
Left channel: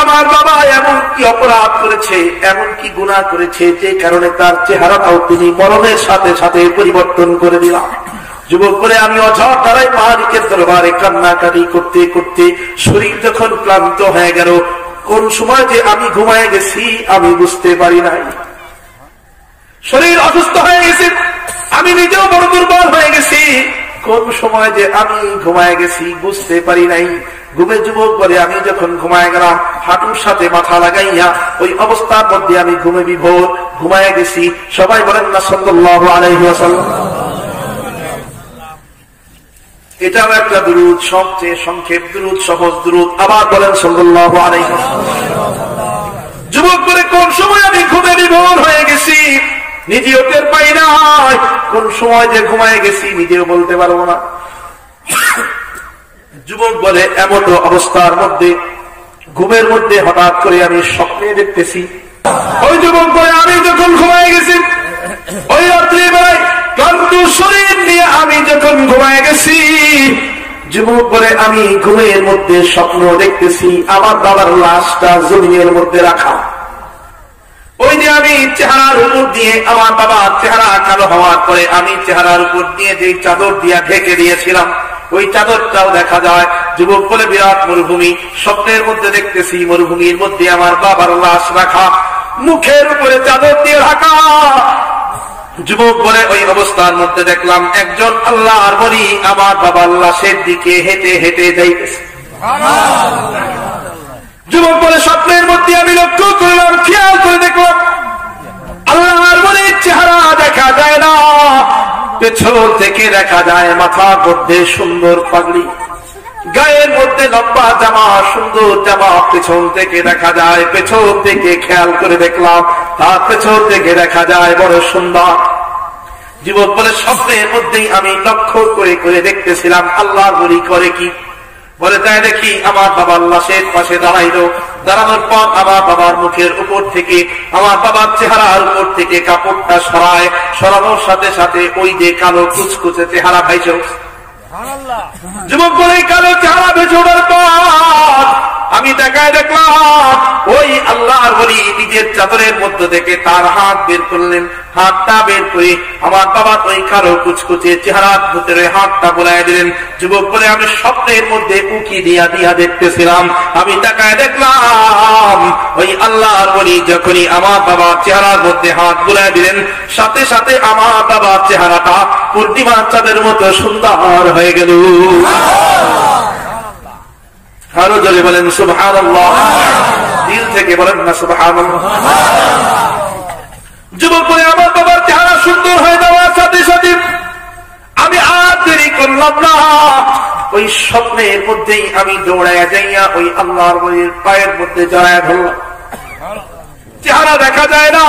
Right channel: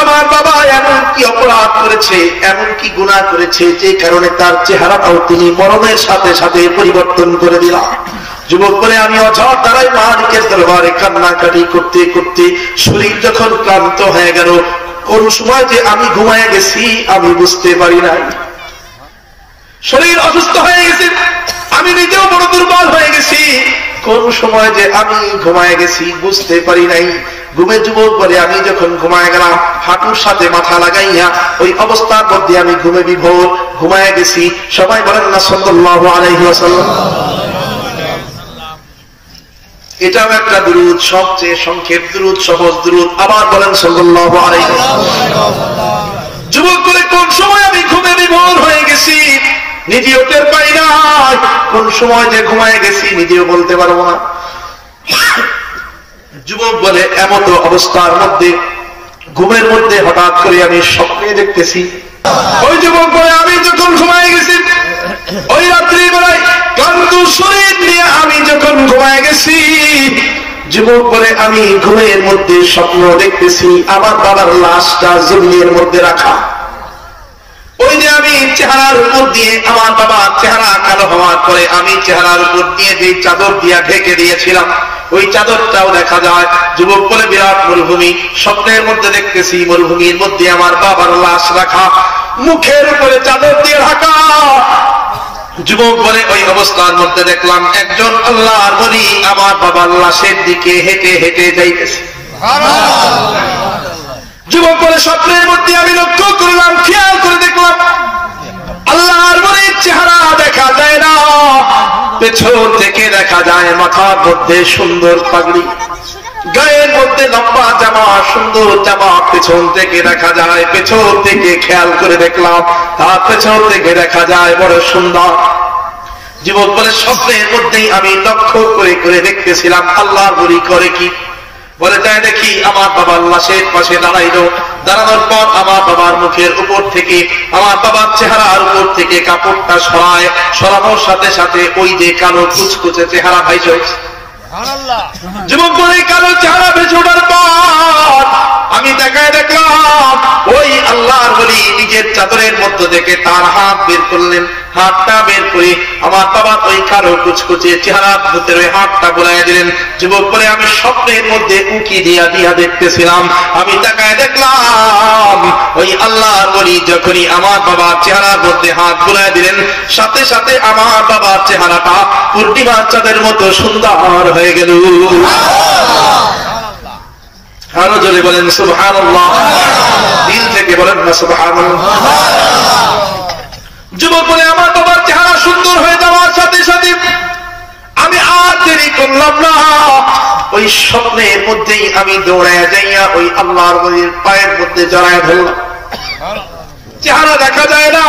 আমার বাবা এমন কি অপরাধ করেছে, এমন কি গুনাহ করেছে যে কারণে তার চেহারাটাও তুমি মরণের সাথে সাথে পরিবর্তন করে দিলা? যুবক বলে আমি অঝর দ্বারাই মালিকের দরবারে কান্নাকাটি করতে করতে শরীর যখন ক্লান্ত হয়ে গেল, কোন সময় যে আমি ঘুমায় গেছি আমি বুঝতে পারি নাই। শরীর অসুস্থ হয়ে গেছে, আমি নিজেও বড় দুর্বল হয়ে গেছি, কোন সময় যে আমি ঘুমায় গেছি বুঝতে পারি নাই। ঘুমে যুবক বলে আমি যখন ঘুমায় গেলাম, হাঁটুর সাথে মাথা লাগাইয়া ওই অবস্থার মধ্যে আমি ঘুমে বিভোর ঘুমায় গেছি। সবাই বলেন না সাল্লাল্লাহু আলাইহি ওয়াসাল্লাম। এটাও একটা দুরূদ, সবচেয়ে সংক্ষেপ দুরূদ, সহজ দুরূদ। আবার বলেন সাল্লাল্লাহু আলাইহি ওয়াসাল্লাম। যুবক বলে কোন সময় আমি ঘুমে বিভোর হয়ে গেছি নিজেও টের পাই নাই, কোন সময় যে ঘুমায় গেছি নিজেও বলতে পারবো না। যুবক বলে এমন অবস্থার মধ্যে ঘুমের মধ্যে হঠাৎ করে আমি স্বপ্নে দেখতেছি। ওই যুবক বলে আমি যখন ঘুমায় গেছি, ওই রাত্রি বেলায় ক্লান্ত শরীর নিয়ে আমি যখন ঘুমায় গেছি, যুবক বলে আমি ঘুমের মধ্যে স্বপ্ন দেখতেছি আমার বাবার লাশটা জমিনের মধ্যে রাখা। ওই যে আমি চেহারার উপর দিয়ে আমার বাবার চেহারা কালো হওয়ার পরে আমি চেহারার উপর দিয়ে যে চাদর দিয়া ঢেকে দিয়েছিলাম ওই চাদরটাও দেখা যায়। যুবক বলে বিরাট মরুভূমি, স্বপ্নের মধ্যে দেখতেছি মরুভূমির মধ্যে আমার বাবার লাশ রাখা, মুখের উপরে চাদর দিয়ে ঢাকা। যুবক বলে ওই অবস্থার মধ্যে দেখলাম একজন আল্লাহর ওলি আমার বাবার লাশের দিকে হেঁটে হেঁটে যাইতেছে। যুবক বলে স্বপ্নের মধ্যে আমি লক্ষ্য করলাম, খেয়াল করে দেখলাম আল্লাহর ওলির চেহারা দেখা যায় না, পেছন থেকে দেখা যায় মাথার মধ্যে সুন্দর পাগড়ি, গায়ের মধ্যে লম্বা জামা, সুন্দর জামা, পেছন থেকে দেখা যায়, পেছন থেকে খেয়াল করে দেখলাম তার পেছন থেকে দেখা যায় বড় সুন্দর। যুবক বলে স্বপ্নের মধ্যেই আমি লক্ষ্য করে করে দেখতেছিলাম আল্লাহর ওলি করে কি। বলে তাই দেখি আমার বাবার লাশের পাশে দাঁড়াইলো, দাঁড়ানোর পর আমার বাবার মুখের উপর থেকে আমার বাবার চেহারার উপর থেকে কাপড়টা সরানোর সাথে সাথে ওই যে কালো কুচকুচে চেহারা ভাইছে। যুবক বলে কালো চেহারা ভেসে ওঠার পর আমি দেখায় দেখলাম ওই আল্লাহর ওলি নিজের চাদরের মধ্যে থেকে তার হাত বের করলেন, হাতটা বের করে আমার বাবার ওই কালো কুচকুচে চেহারার ভিতরে হাতটা বোলায় দিলেন। যুবক বলে আমি স্বপ্নের মধ্যে উকি দিয়া দিয়া দেখতেছিলাম, আমি তাকায় দেখলাম ওই আল্লাহর ওলি যখনই আমার বাবার চেহারার মধ্যে হাত বোলায় দিলেন সাথে সাথে আমার বাবার চেহারাটা পূর্ণিমার চাঁদের মতো সুন্দর হয়ে গেল। আরো জোরে বলেন সুবহানাল্লাহ, দিল থেকে বলেন না সুবহানাল্লাহ। যুবক বলে আমার বাবার চেহারা সুন্দর হয়ে যাওয়ার সাথে সাথে আমি আর দেরি করলাম না, ওই স্বপ্নের মধ্যেই আমি দৌড়ায় যাইয়া ওই আল্লাহর ওলির পায়ের মধ্যে জড়ায় ধরলাম। চেহারা দেখা যায় না,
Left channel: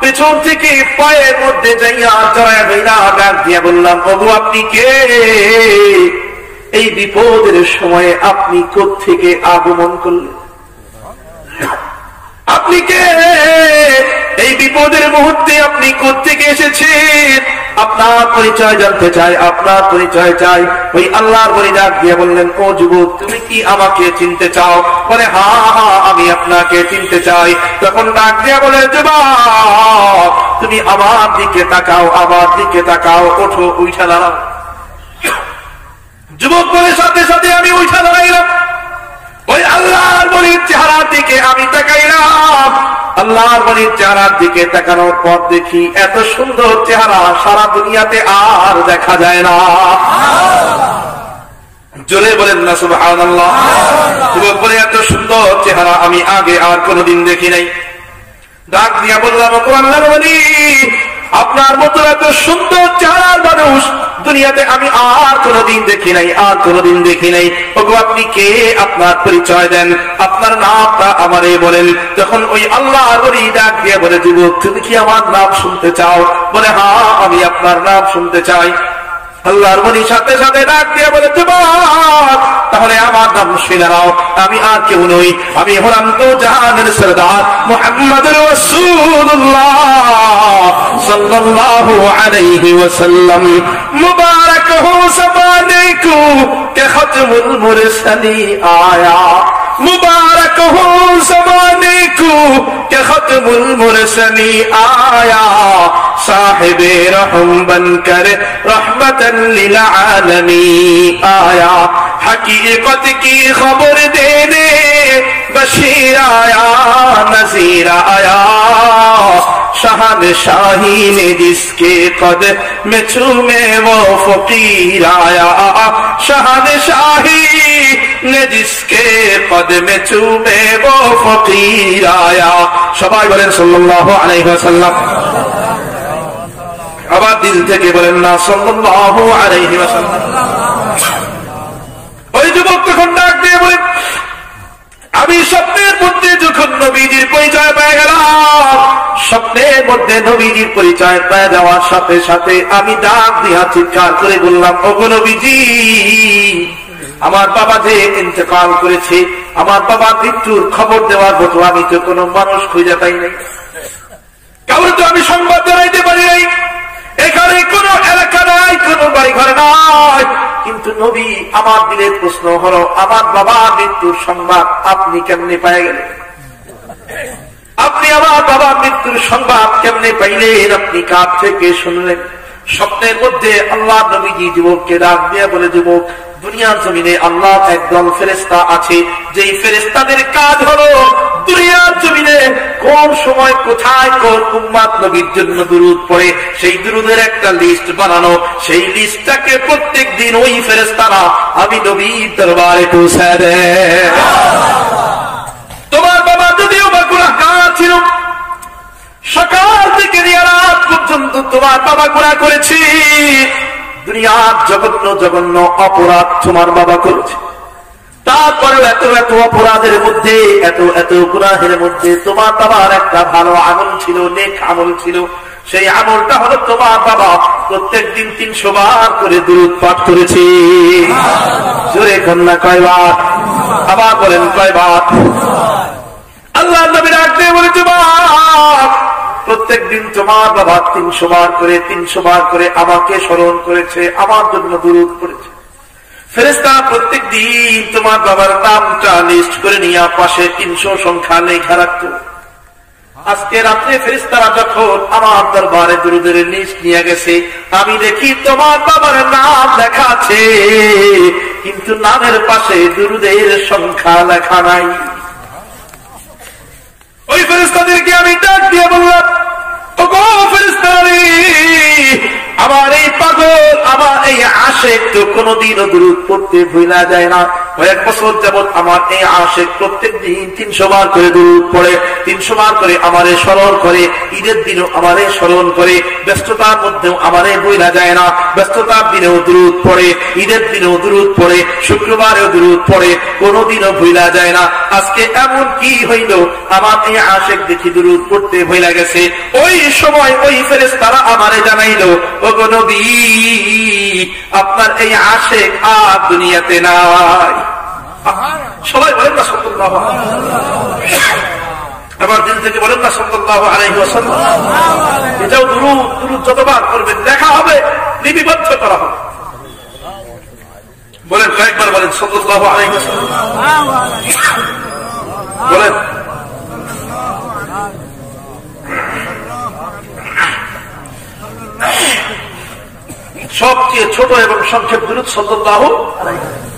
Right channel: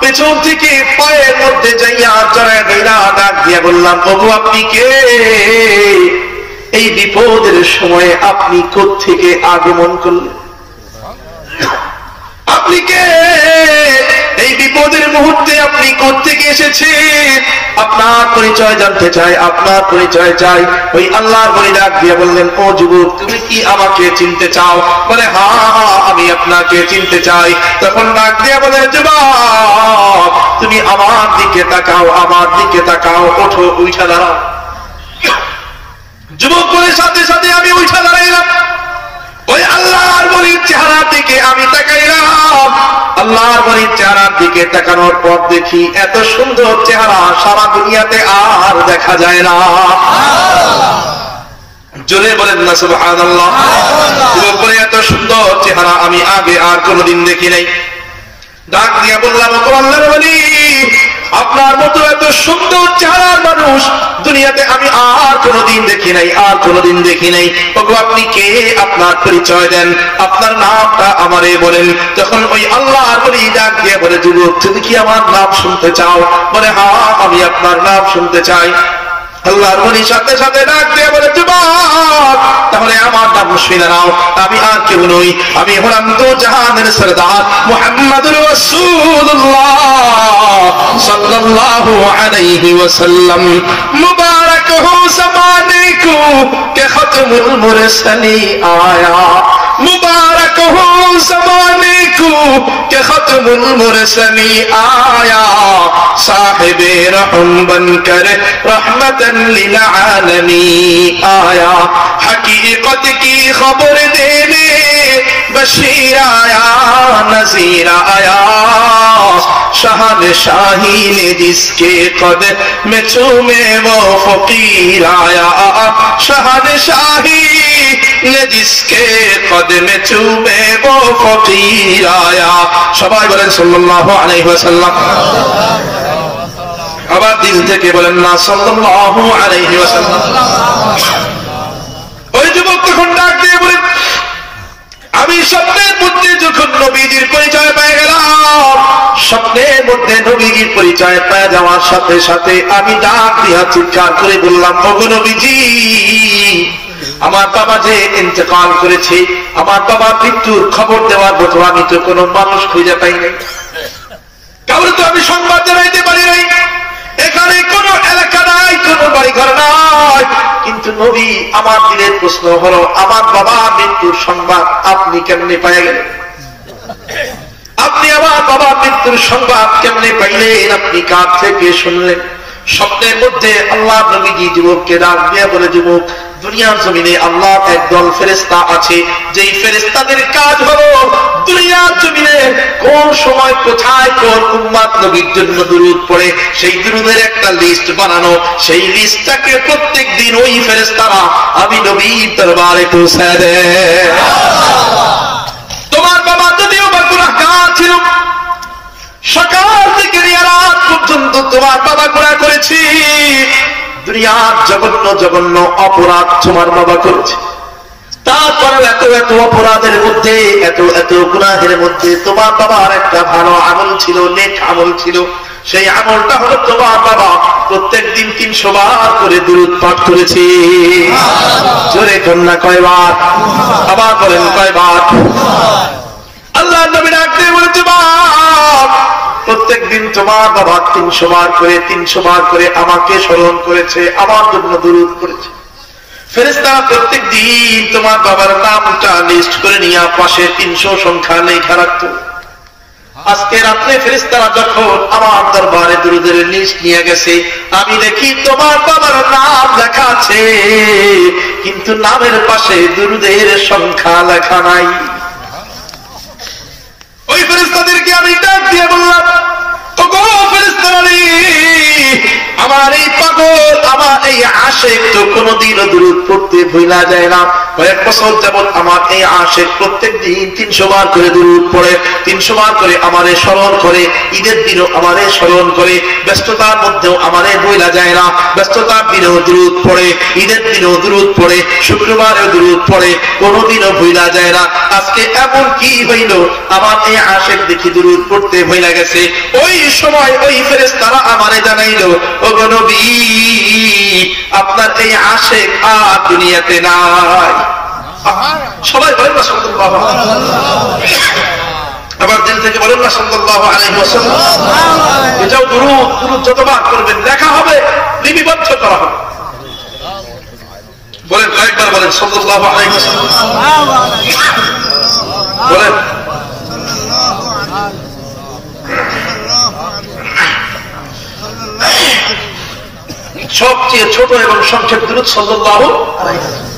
পেছন থেকে পায়ের মধ্যে যাইয়া জড়ায় ধইরা ডাক দিয়া বললাম ওগো আপনি কে? এই বিপদের সময়ে আপনি কোত্থেকে আগমন করলেন? আপনি কে? এই বিপদের মুহূর্তে আপনি কোত্থেকে এসেছেন? আপনার পরিচয় জানতে চাই, আপনার পরিচয় চাই। ওই আল্লাহর বলি ডাক দিয়ে বললেন, ও যুবক, তুমি কি আমাকে চিনতে চাও? বলে, হ্যাঁ হ্যাঁ, আমি আপনাকে চিনতে চাই। তখন ডাক দিয়ে বলে, যুবক, তুমি আমার দিকে তাকাও, আমার দিকে তাকাও, ওঠো, উঠা দাঁড়াও। যুবক বলে, সাথে সাথে আমি উঠা দাঁড়াইলাম। ওই আল্লাহর বলির চেহারার দিকে আমি তাকাইলাম। আল্লাহর বলির চেহারার দিকে তাকানোর পর দেখি এত সুন্দর চেহারা সারা দুনিয়াতে আর দেখা যায় না। জোরে বলেন না সুবহানাল্লাহ। যুবক বলে, এত সুন্দর চেহারা আমি আগে আর কোনোদিন দেখি নাই। ডাক দিয়া বললাম, ও আল্লাহর বলি, আপনার মতো এত সুন্দর চেহারার মানুষ দুনিয়াতে আমি আর কোনোদিন দেখি নাই, আর কোনোদিন দেখি নাই। ওগো, আপনি কে? আপনার পরিচয় দেন, আপনার নামটা আমারে বলেন। তখন ওই আল্লাহর ওলি ডাক দিয়ে বলে, যুবক, তুমি কি আমার নাম শুনতে চাও? বলে, হ্যাঁ, আমি আপনার নাম শুনতে চাই। আল্লাহর ওলি সাথে সাথে ডাক দিয়ে বলে, যুবক, তাহলে আমার নাম শুনে নাও। আমি আর কেউ নই, আমি হলাম তো জাহানের সরদার মুহাম্মদুর রাসূলুল্লাহ সাল্লাল্লাহু আলাইহি ওয়াসাল্লাম। মুবারক হো ज़माने को के खत्मुल मुरसली आया, मुबारक हो ज़माने को के खत्मुल मुरसली आया, साहिबे रहम बनकर रहमतन लिल आलमीन आया, हकीकत की खबर देने बशीर आया, नज़ीर आया, शहनशाही ने जिसके कद में चूमे वो फकीर आया, शहनशाही ने जिसके कद में चूमे वो फकीर आया। सबाई बोलें सल्लल्लाहु अलैहि वसल्लम। আবার দিল থেকে বলেন না সাল্লাল্লাহু আলাইহি ওয়াসাল্লাম। ওই যুবক তখন ডাক দিয়ে বলেন, আমি স্বপ্নের মধ্যে যখন নবীজির পরিচয় পেয়ে গেলাম, স্বপ্নের মধ্যে নবীজির পরিচয় পেয়ে যাওয়ার সাথে সাথে আমি ডাক দিয়া চিৎকার করে বললাম, ওগো নবীজি, আমার বাবা যে ইন্তেকাল করেছে, আমার বাবার মৃত্যুর খবর দেওয়ার মতো আমি তো কোনো মানুষ খুঁজে পাই নাই, কাউকে তো আমি সংবাদ জানাইতে পারি নাই। এখানে কোন এলাকা নাই, কোন বাড়ি ঘর নাই, কিন্তু নবী, আমার দিলের প্রশ্ন হলো, আমার বাবার মৃত্যুর সংবাদ আপনি কেমনে পেয়ে গেলেন? আপনি আমার বাবার মৃত্যুর সংবাদ কেমনে পাইলেন? আপনি কার থেকে শুনলেন? স্বপ্নের মধ্যে আল্লাহ নবীজি যুবককে ডাক দিয়া বলে, যুবক, দুনিয়ার জমিনে আল্লাহ একদল ফেরেশতা আছে, যেই ফেরেশতাদের কাজ হলো দুনিয়ার জমিনে কোন সময় কোথায় কোন উম্মত নবীর জন্য দুরূদ পড়ে সেই দুরূদের একটা লিস্ট বানানো। সেই লিস্টটাকে প্রত্যেক দিন ওই ফেরেশতারা আমি নবীর দরবারে পৌঁছায় দেয়। তোমার বাবা যদিও বা গুনাহগার ছিল, সকাল থেকে রাত পর্যন্ত তোমার বাবা গুনাহ করেছে, দুনিয়ার জঘন্য জঘন্য অপরাধ তোমার বাবা করেছে, তারপরে এত এত অপরাধের মধ্যে, এত এত গুনাহের মধ্যে তোমার বাবার একটা ভালো আমল ছিল, নেক আমল ছিল। সেই আমলটা হলো তোমার বাবা প্রত্যেক দিন 300 বার করে দুরূদ পাঠ করেছে। জোরে কন্যা কয়বার? আবার বলেন কয়বার? আল্লাহর নবী ডাক দিয়ে বলেছে, বাবা, প্রত্যেক দিন তোমার বাবা 300 বার করে আমাকে স্মরণ করেছে, আমার জন্য দুরূদ পড়েছে। ফেরেশতা প্রত্যেক দিন তোমার বাবার নামটা লিস্ট করে নিয়ে পাশে 300 সংখ্যা লেখা রাখতো। আজকে রাত্রে ফেরেশতারা যখন আমার দরবারে দুরূদের লিস্ট নিয়ে গেছে, আমি দেখি তোমার বাবার নাম লেখা আছে, কিন্তু নামের পাশে দুরূদের সংখ্যা লেখা নাই। ওই ফেরেশতাদেরকে আমি ডাক দিয়ে বললাম, ওগো ফেরেশতারা, আমার এই পাগল, আমার এই আশেক তো কোনদিনও দুরূদ পড়তে ভুলা যায় না। কয়েক বছর যাবত আমার এই আশেক প্রত্যেক দিন 300 বার করে দুরূদ পড়ে, 300 বার করে আমারে স্মরণ করে, ঈদের দিনও আমারে স্মরণ করে, ব্যস্ততার মধ্যেও আমারে ভুলা যায় না, ব্যস্ততার দিনেও দুরূদ পড়ে, ঈদের দিনেও দুরূদ পড়ে, শুক্রবারেও দুরূদ পড়ে, কোনদিনও ভুলা যায় না। আজকে এমন কি হইল, আমার এই আশেক দেখি দুরূদ পড়তে ভুলা গেছে। ওই সময় ওই ফেরেশতারা আমারে জানাইলো, ওগো নবী, আপনার এই আশেক আর দুনিয়াতে নাই। সবাই বলেন না সাল্লাল্লাহু আলাইহি ওয়াসাল্লাম। আবার দিল থেকে বলেন না সাল্লাল্লাহু আলাইহি ওয়াসাল্লাম। এটাও দুরূদ যতবার করবেন লেখা হবে, লিপিবদ্ধ করা হবে। বলেন কয়েকবার বলেন সাল্লাল্লাহু আলাইহি ওয়াসাল্লাম বলেন। সবচেয়ে ছোট এবং সংক্ষেপ দুরূদ সাল্লাল্লাহু আলাইহি ওয়াসাল্লাম।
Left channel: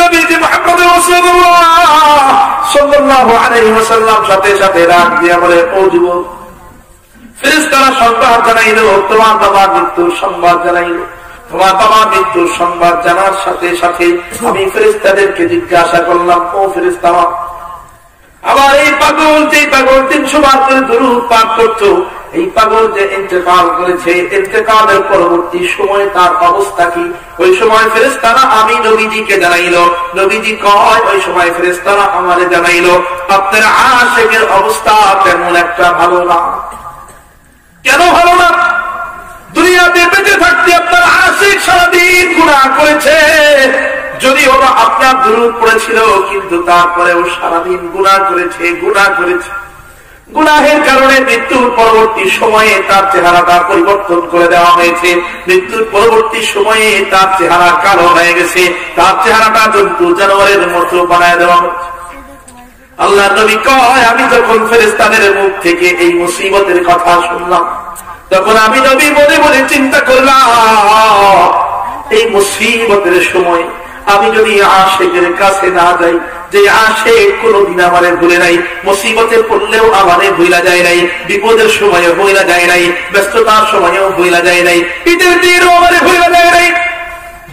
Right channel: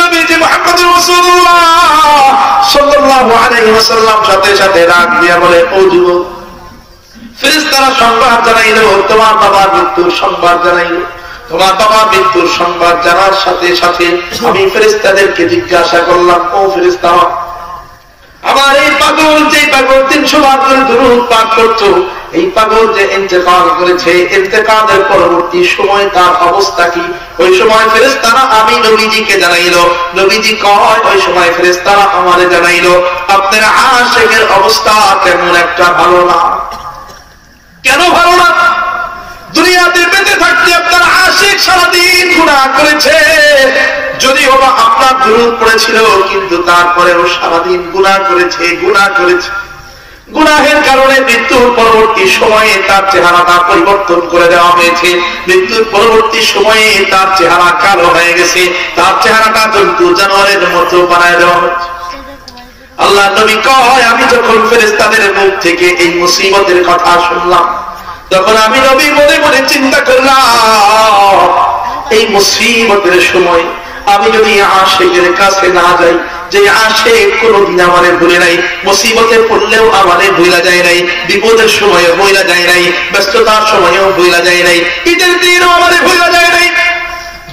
নবীজি মুহাম্মদুর রাসূলুল্লাহ সাল্লাল্লাহু আলাইহি ওয়াসাল্লাম সাথে সাথে ডাক দিয়া বলে, ও যুবক, ফেরেশতারা সংবাদ জানাইলো তোমার বাবার মৃত্যুর সংবাদ জানাইলো। তোমার বাবার মৃত্যুর সংবাদ জানার সাথে সাথে আমি ফেরেশতাদেরকে জিজ্ঞাসা করলাম, ও ফেরেশতারা, আবার এই পাগল, যে পাগল 300 বার করে দুরূদ পাঠ করতো, এই পাগল যে ইন্তেকাল করেছে, ইন্তেকালের পরবর্তী সময় তার অবস্থা কি? ওই সময় ফেরেশতারা আমি নবীজিকে জানাইলো। নবীজি কয়, ওই সময় ফেরেশতারা আমারে জানাইলো আপনার আশিকের অবস্থা তেমন একটা ভালো না। কেন ভালো না? দুনিয়াতে বেঁচে থাকতে আপনার আশিক সারাদিন গুনাহ করেছে, যদিও বা আপনার দুরূদ পড়েছিল, কিন্তু তারপরেও সারাদিন গুনাহ করেছে। গুনাহের কারণে মৃত্যুর পরবর্তী সময়ে তার চেহারাটা পরিবর্তন করে দেওয়া হয়েছে। মৃত্যুর পরবর্তী সময়ে তার চেহারা কালো হয়ে গেছে, তার চেহারাটা জন্তু জানোয়ারের মতো বানায় দেওয়া হয়েছে। আল্লাহ নবী কয়, আমি যখন ফেরেশতাদের মুখ থেকে এই মুসিবতের কথা শুনলাম, তখন আমি নবী মনে মনে চিন্তা করলাম, এই মুসিবতের সময় আমি যদি আশিকের কাছে না যাই, যে আশিক কোনদিন আমারে ভুলে নাই, মুসিবতে পড়লেও আমারে ভুলা যায় নাই, বিপদের সময়ও ভুলা যায় নাই, ব্যস্ততার সময়ও ভুলা যায় নাই, ঈদের দিনও আমারে ভুলা যায় নাই।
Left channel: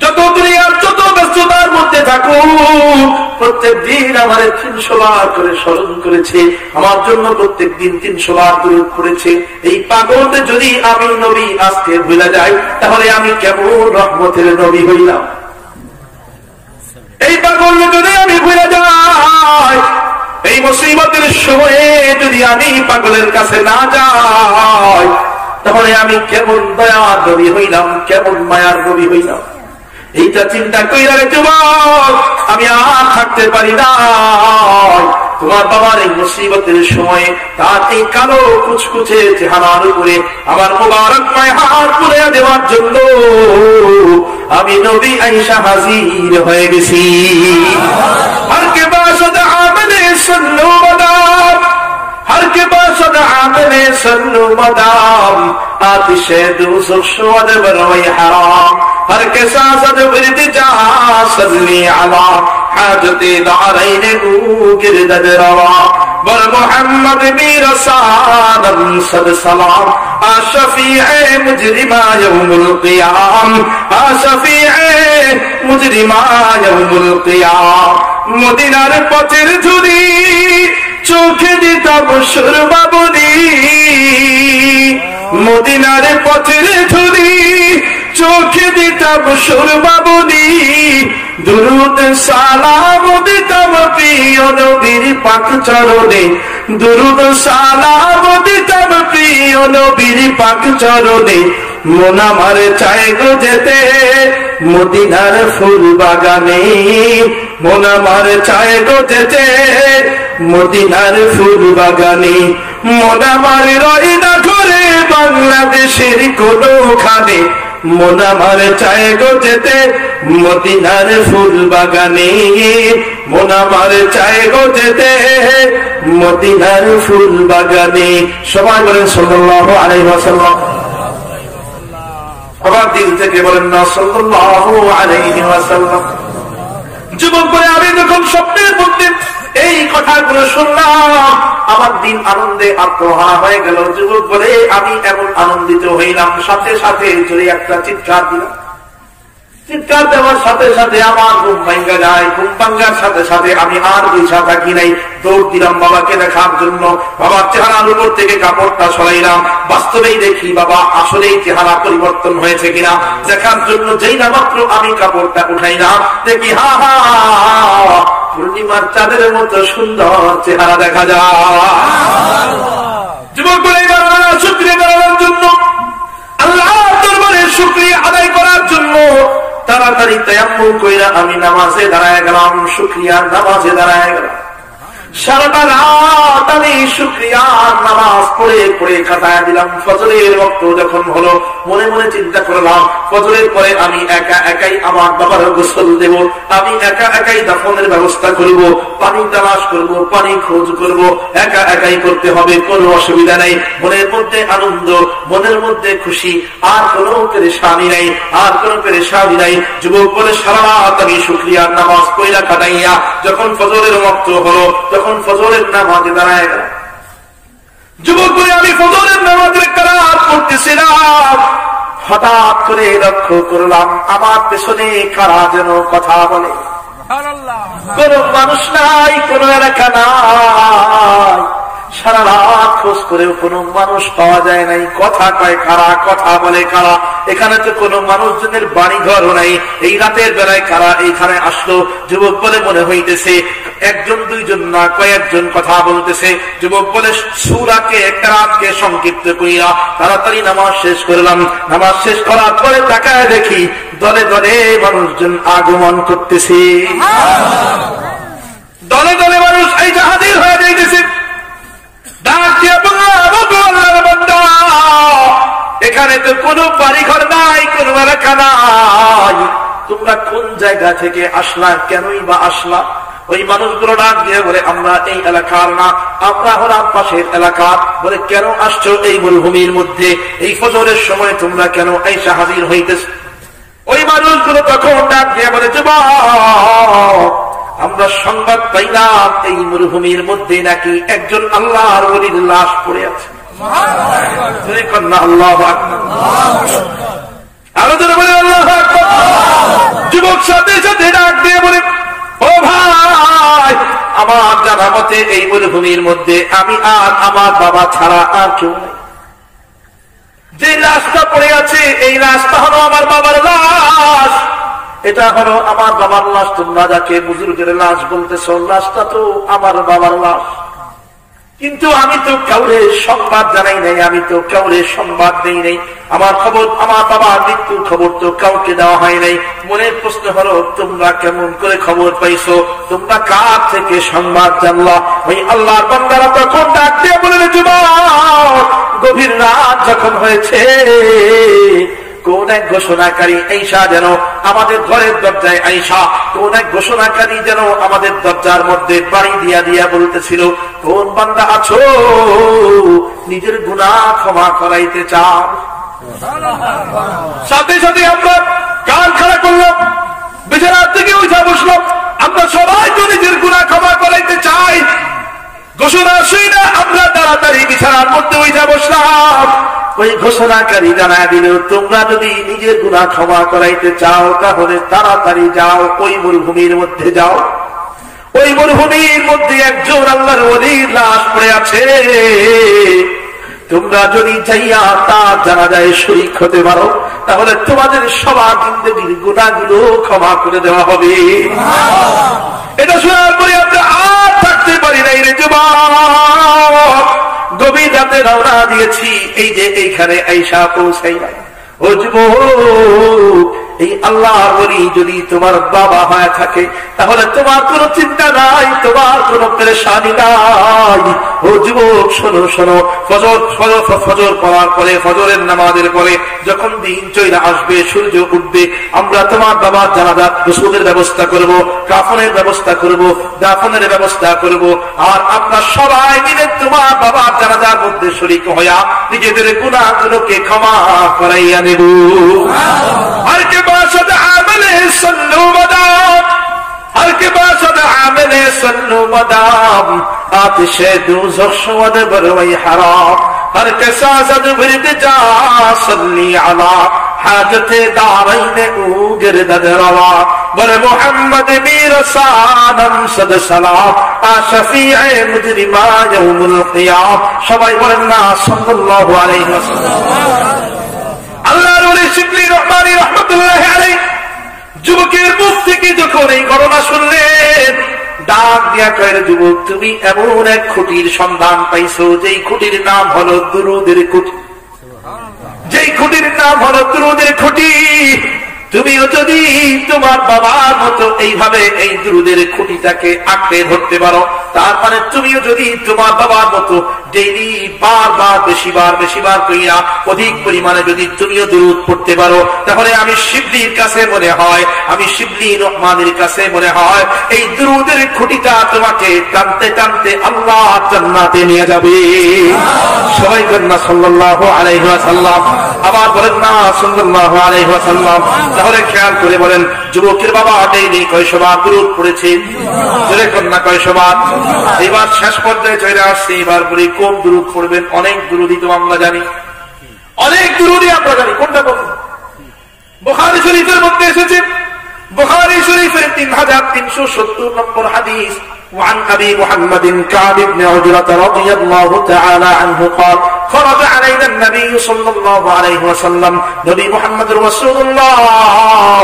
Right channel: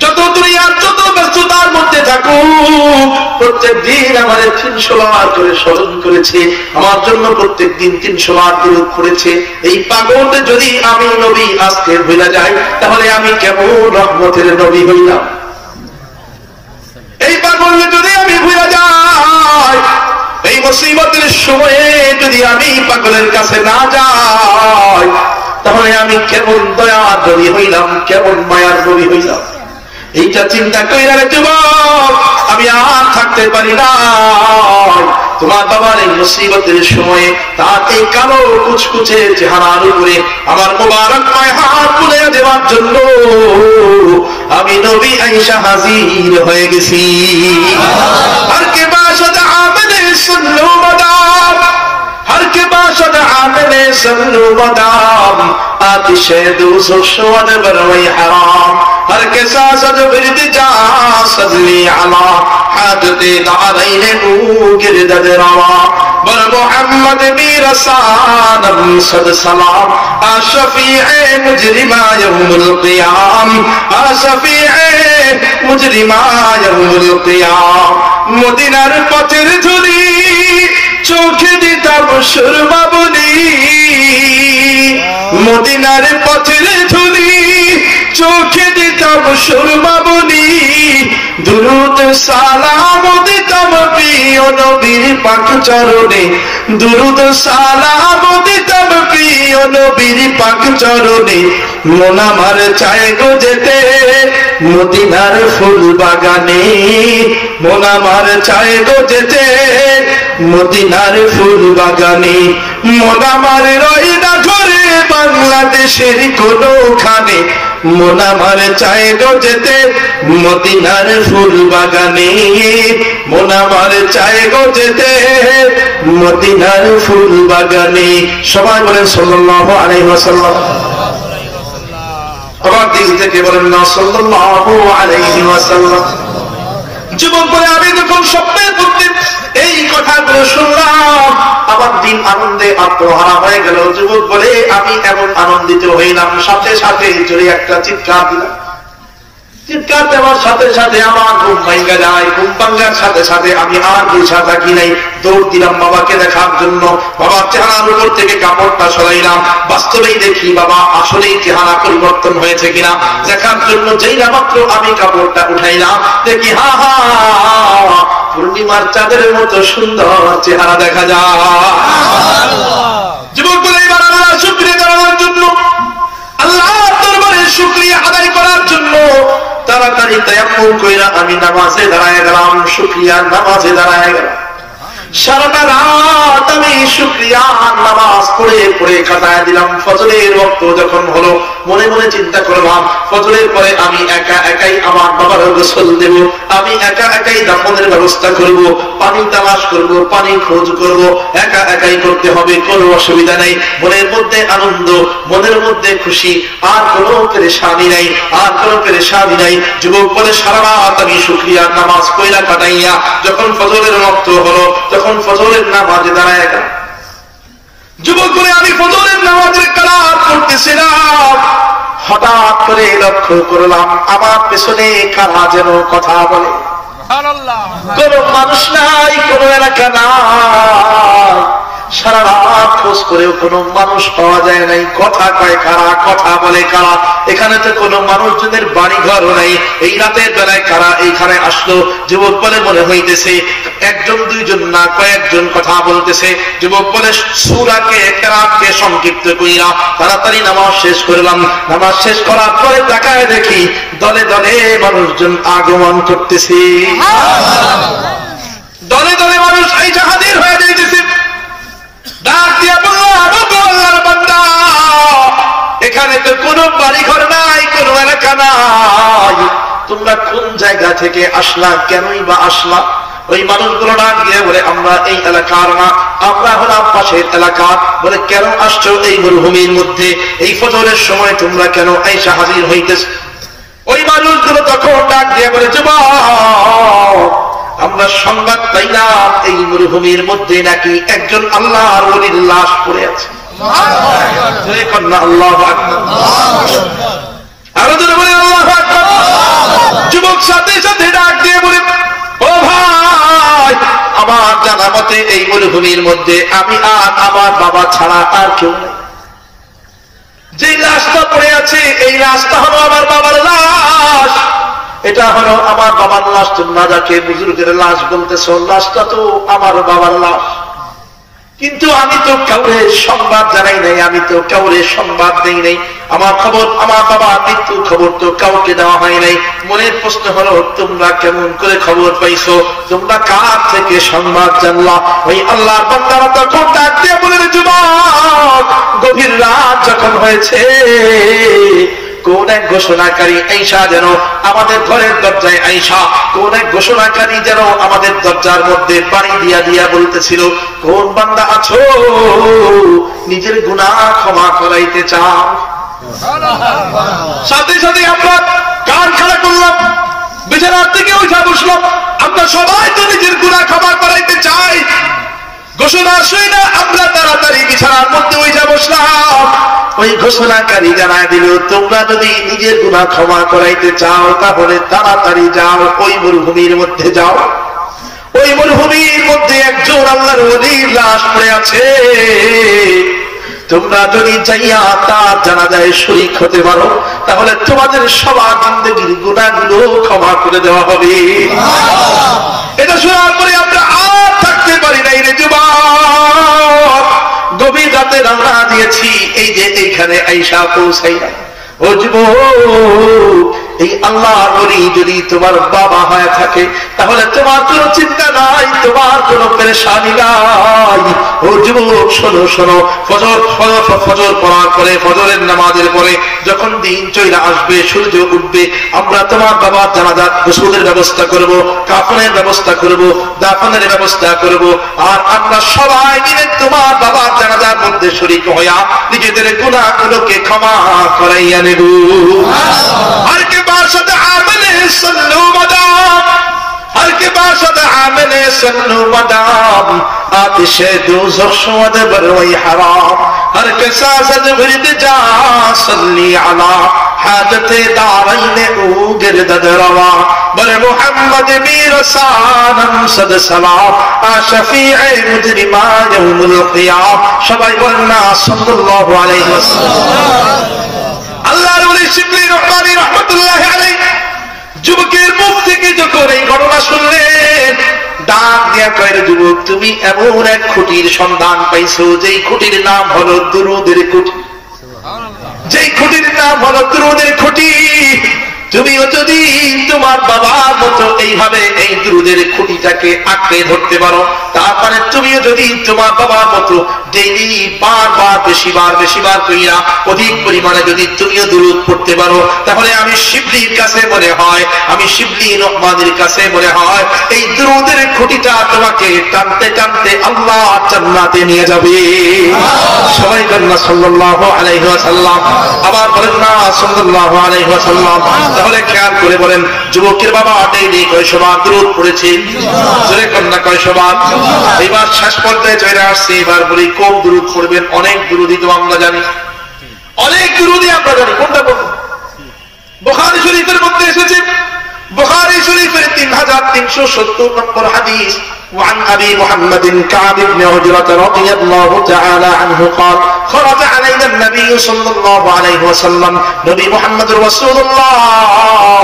যত দুনিয়ার যত ব্যস্ততার মধ্যে থাকুক, প্রত্যেক দিন আমারে 300 বার করে স্মরণ করেছে, আমার জন্য প্রত্যেক দিন 300 বার দুরূদ পড়েছে। এই পাগলকে যদি আমি নবী আজকে ভুলা যাই, তাহলে আমি কেমন রহমতের নবী হইলাম? এই পাগলকে যদি আমি ভুলা যাই, এই মুসিবতের সময়ে যদি আমি পাগলের কাছে না যাই, তাহলে আমি কেমন দয়ার নবী হইলাম, কেমন মায়ার নবী হইলাম? এইটা চিন্তা কইরা রে যুবক, আমি আর থাকতে পারি না। তোমার বাবার এই মুসিবতের সময়ে তার এই কালো কুচকুচে চেহারার উপরে আমার মোবারক মায় হাত তুলে দেওয়ার জন্য আমি নবী আয়েশা হাজির হয়ে গেছি। হর কে বাশদ আমলে সুন্নু মাদাম, হর কে বাশদ আমলে সুন্নু মাদাম, আতিশে দুসুখ শওয়াদ বরওই হারাম, हर के सासद विरद जा सल्ली अला हाजते दारैन गिरदद रवा बर मोहम्मद मेरा सानम सद सलाम आ शफीए मुजरिमा यौमुल क़ियाम, आ शफीए मुजरिमा यौमुल क़ियाम। मदीनार पथेर धुली चोखे दिताम सुरमा बली, मदीनार पथेर धुली চোখে দিতাম সুরমা বলি, দুরূদ সালাম দিতাম প্রিয় নবীর পাক চরণে, দুরূদ সালাম দিতাম প্রিয় নবীর পাক চরণে। মন আমার চায় গো যেতে মদিনার ফুল বাগানে, মন আমার চায় গো যেতে মদিনার ফুল বাগানে। মন আমার রয় না ঘরে বাংলাদেশের কোনোখানে, মন আমার চায় গো যেতে মদিনার ফুল বাগানে, মন আমার চায় গো যেতে মদিনার ফুল বাগানে। সবাই বলেন সাল্লাল্লাহু আলাইহি ওয়াসাল্লাম। আবার দিল থেকে বলেন না সাল্লাল্লাহু আলাইহি ওয়াসাল্লাম। যুবক বলে, আমি যখন স্বপ্নের মধ্যে এই কথাগুলো শুনলাম, আমার দিন আনন্দে আত্মহারা হয়ে গেল। যুবক বলে, আমি এমন আনন্দিত হইলাম, সাথে সাথে জোরে একটা চিৎকার দিলাম। চিৎকার দেওয়ার সাথে সাথে আমার ঘুম ভাঙ্গা যায়। ঘুম ভাঙ্গার সাথে সাথে আমি আর বুঝা থাকি নাই, দৌড় দিলাম বাবাকে দেখার জন্য। বাবার চেহারার উপর থেকে কাপড়টা সরাইলাম, বাস্তবেই দেখি বাবা আসলেই চেহারা পরিবর্তন হয়েছে কিনা দেখার জন্য যেই না মাত্র আমি কাপড়টা উঠাইলাম, দেখি হা হা পূর্ণিমার চাঁদের মতো সুন্দর চেহারা দেখা যায়। যুবক বলে, এবার আল্লাহ শুকরিয়া করার জন্য, আল্লাহর দরবারে শুকরিয়া আদায় করার জন্য তাড়াতাড়ি তায়াম্মুম কইরা আমি নামাজে দাঁড়ায় গেলাম, শুকরিয়ার নামাজে দাঁড়ায় গেলাম। সারাটা রাত আমি শুকরিয়ার নামাজ পড়ে পড়ে কাটায় দিলাম। ফজরের ওয়াক্ত যখন হলো মনে মনে চিন্তা করলাম ফজরের পরে আমি একা একাই আমার বাবার গোসল দেব, আমি একা একাই দাফনের ব্যবস্থা করব, পানি তালাশ করব, পানি খোঁজ করব, একা একাই করতে হবে, কোনো অসুবিধা নাই। মনের মধ্যে আনন্দ, মনের মধ্যে খুশি, আর কোনো পেরেশানি নাই, আর কোনো পেরেশানি নাই। যুবক বলে সারা রাত আমি শুকরিয়ার নামাজ পয়লা কাটাইয়া যখন ফজরের ওয়াক্ত হলো তখন ফজরের নামাজে দাঁড়ায় গেলাম। যুবক বলে আমি ফজরের নামাজের কারাত পড়তেছিলাম, হঠাৎ করে লক্ষ্য করলাম আমার পেছনে কারা যেন কথা বলে। কোন মানুষ নাই, কোন এলাকা নাই, সারা রাত খোঁজ করেও কোন মানুষ পাওয়া যায় নাই। কথা কয় কারা, কথা বলে কারা, এখানে তো কোন মানুষজনের বাড়ি ঘর নাই। এই রাতের বেলায় কারা এইখানে আসলো? যুবক বলে মনে হইতেছে একজন দুইজন না কয়েকজন কথা বলতেছে। যুবক বলে সূরাকে কেরাতকে সংক্ষিপ্ত কইরা তাড়াতাড়ি নামাজ শেষ করলাম। নামাজ শেষ করার পরে তাকায় দেখি দলে দলে মানুষজন আগমন করতেছে, দলে দলে মানুষ এই হাজির হয়ে যাইতেছে। ডাক দিয়া বললাম আল্লাহর বান্দা, এখানে তো কোনো বাড়ি ঘর নাই, কোনো এলাকা নাই, তোমরা কোন জায়গা থেকে আসলা, কেনই বা আসলা? ওই মানুষগুলো ডাক দিয়ে বলে আমরা এই এলাকার না, আমরা হলাম পাশের এলাকার। বলে কেন আসছো এই মরুভূমির মধ্যে? এই ফজরের সময় তোমরা কেন আইসা হাজির হইতেছ? ওই মানুষগুলো তখন ডাক দিয়ে বলে যুবক, আমরা সংবাদ পাইলাম এই মরুভূমির মধ্যে নাকি একজন আল্লাহর ওলির লাশ পড়ে আছে। আল্লাহু আকবার, আরো জোরে বলে আল্লাহু আকবার। যুবক সাথে সাথে ডাক দিয়ে বলে ও ভাই, আমার জানা মতে এই মরুভূমির মধ্যে আমি আর আমার বাবা ছাড়া আর কেউ নেই। যে লাশটা পড়ে আছে এই লাশটা হলো আমার বাবার লাশ, এটা হলো আমার বাবার লাশ। তোমরা যাকে বুজুর্গের লাশ বলতেছ, লাশটা তো আমার বাবার লাশ। কিন্তু আমি তো কাউরে সংবাদ জানাই নাই, আমি তো কাউরে সংবাদ দেই নাই। আমার খবর, আমার বাবার মৃত্যুর খবর তো কাউকে দেওয়া হয় নাই। মনের প্রশ্ন হলো তোমরা কেমন করে খবর পাইছো, তোমরা কার থেকে সংবাদ জানলা? ওই আল্লাহর বান্দারা তখন ডাক দিয়ে বলে যুবক, গভীর রাত যখন হয়েছে কোন এক ঘোষণাকারী আইসা যেন আমাদের ঘরের দরজায় আইসা, কোন এক ঘোষণাকারী যেন আমাদের দরজার মধ্যে বাড়ি দিয়া দিয়া বলতেছিল কোন বান্দা আছো নিজের গুনাহ ক্ষমা করাইতে চাও? সাথে সাথে আমরা কান খাড়া করলাম, বিছানার থেকে উঠা বসলাম। আমরা সবাই তো নিজের গুনাহ ক্ষমা করাইতে চাই। ঘোষণা শুই না আমরা তাড়াতাড়ি বিছানার মধ্যে উঠা বসলাম। ওই ঘোষণাকারী জানায় দিল তোমরা যদি নিজের গুনাহ ক্ষমা করাইতে চাও তাহলে তাড়াতাড়ি যাও, ওই মরুভূমির মধ্যে যাও। ওই মরুভূমির মধ্যে একজন আল্লাহর ওলির লাশ পড়ে আছে। তোমরা যদি যাইয়া তার জানাজায় শরীক হতে পারো তাহলে তোমাদের সবার জিন্দেগীর গুনাহগুলো ক্ষমা করে দেওয়া হবে। এটা শোনার পরে আমরা আর থাকতে পারি নাই রে যুবক, গভীর রাতে রওনা দিয়েছি, এই যে এইখানে আইসা পৌঁছাই নাই। ও যুবক, এই আল্লাহর ওলি যদি তোমার বাবা হয়ে থাকে তাহলে তোমার কোনো চিন্তা নাই, তোমার কোনো পেরেশানি নাই। ও যুবক শোনো শোনো, ফজর পড়ার পরে, ফজরের নামাজের পরে যখন দিন চলে আসবে, সূর্য উঠবে, আমরা তোমার বাবার জানাজার গোসলের ব্যবস্থা করব, কাফনের ব্যবস্থা করব, দাফনের ব্যবস্থা করব, আর আমরা সবাই মিলে তোমার বাবার জানাজার মধ্যে শরীক হইয়া নিজেদের গুনাহগুলোকে ক্ষমা করাইয়া নেব। আর কে বাসাদ আমলে সন্নু মাদাম, আর কে বাসাদ আমলে সন্নু মাদাম, আতিশে দুজখ শুদ বরওই হারাম, हर के सासद विरद जा सल्ली अला हाजत दारैन ऊ गिरदद रवा बर मोहम्मद मीर सानम सद सलाम आ शफीए मुजरिमा यौमुल क़ियाम। সবাই বলেন না সাল্লাল্লাহু আলাইহি ওয়াসাল্লাম। আল্লাহর ওলি শিবলি রহমানী রাহমাতুল্লাহি আলাইহি যুবকের মুখ থেকে যখন এই ঘটনা শুনলেন ডাক দিয়া কয় যুবক, তুমি এমন এক খুঁটির সন্ধান পাইছো যেই খুঁটির নাম হলো দুরুদের খুঁটি, যেই খুঁটির নাম হলো দুরুদের খুঁটি। তুমিও যদি তোমার বাবার মতো এইভাবে এই দুরুদের খুঁটিটাকে আঁকড়ে ধরতে পারো তারপরে তুমিও যদি তোমার বাবার মতো ডেইলি বারবার বেশিবার কইরা অধিক পরিমাণে যদি তুমিও দুরূদ পড়তে পারো, তাহলে আমি শিবলির কাছে মনে হয়, আমি শিবলি রহমানের কাছে মনে হয় এই দুরূদের খুঁটিটা তোমাকে টানতে টানতে আল্লাহ জান্নাতে নিয়ে যাবে। সবাই বলেন না সাল্লাল্লাহু আলাইহি ওয়াসাল্লাম, আবার বলেন না সাল্লাল্লাহু আলাইহি ওয়াসাল্লাম। তাহলে খেয়াল করে বলেন, যুবকের বাবা ডেইলি কয়শবার দুরূদ পড়েছে? জোরে কোন না কয়শবার? এবার শেষ পর্যায়ে চলে আসছে, এবার বলি কোন দুরূদ পড়বেন। অনেক দুরূদই তো আমরা জানি, অনেক দুরূদই আমরা জানি, কোনটা পড়ব? বুখারী শরীফের মধ্যে এসেছে, বুখারী শরীফের 3370 নম্বর হাদিস, وعن أبي محمد كعب بن عجرة رضي الله تعالى عنه قال خرج علينا النبي صلى الله عليه وسلم نبي محمد رسول الله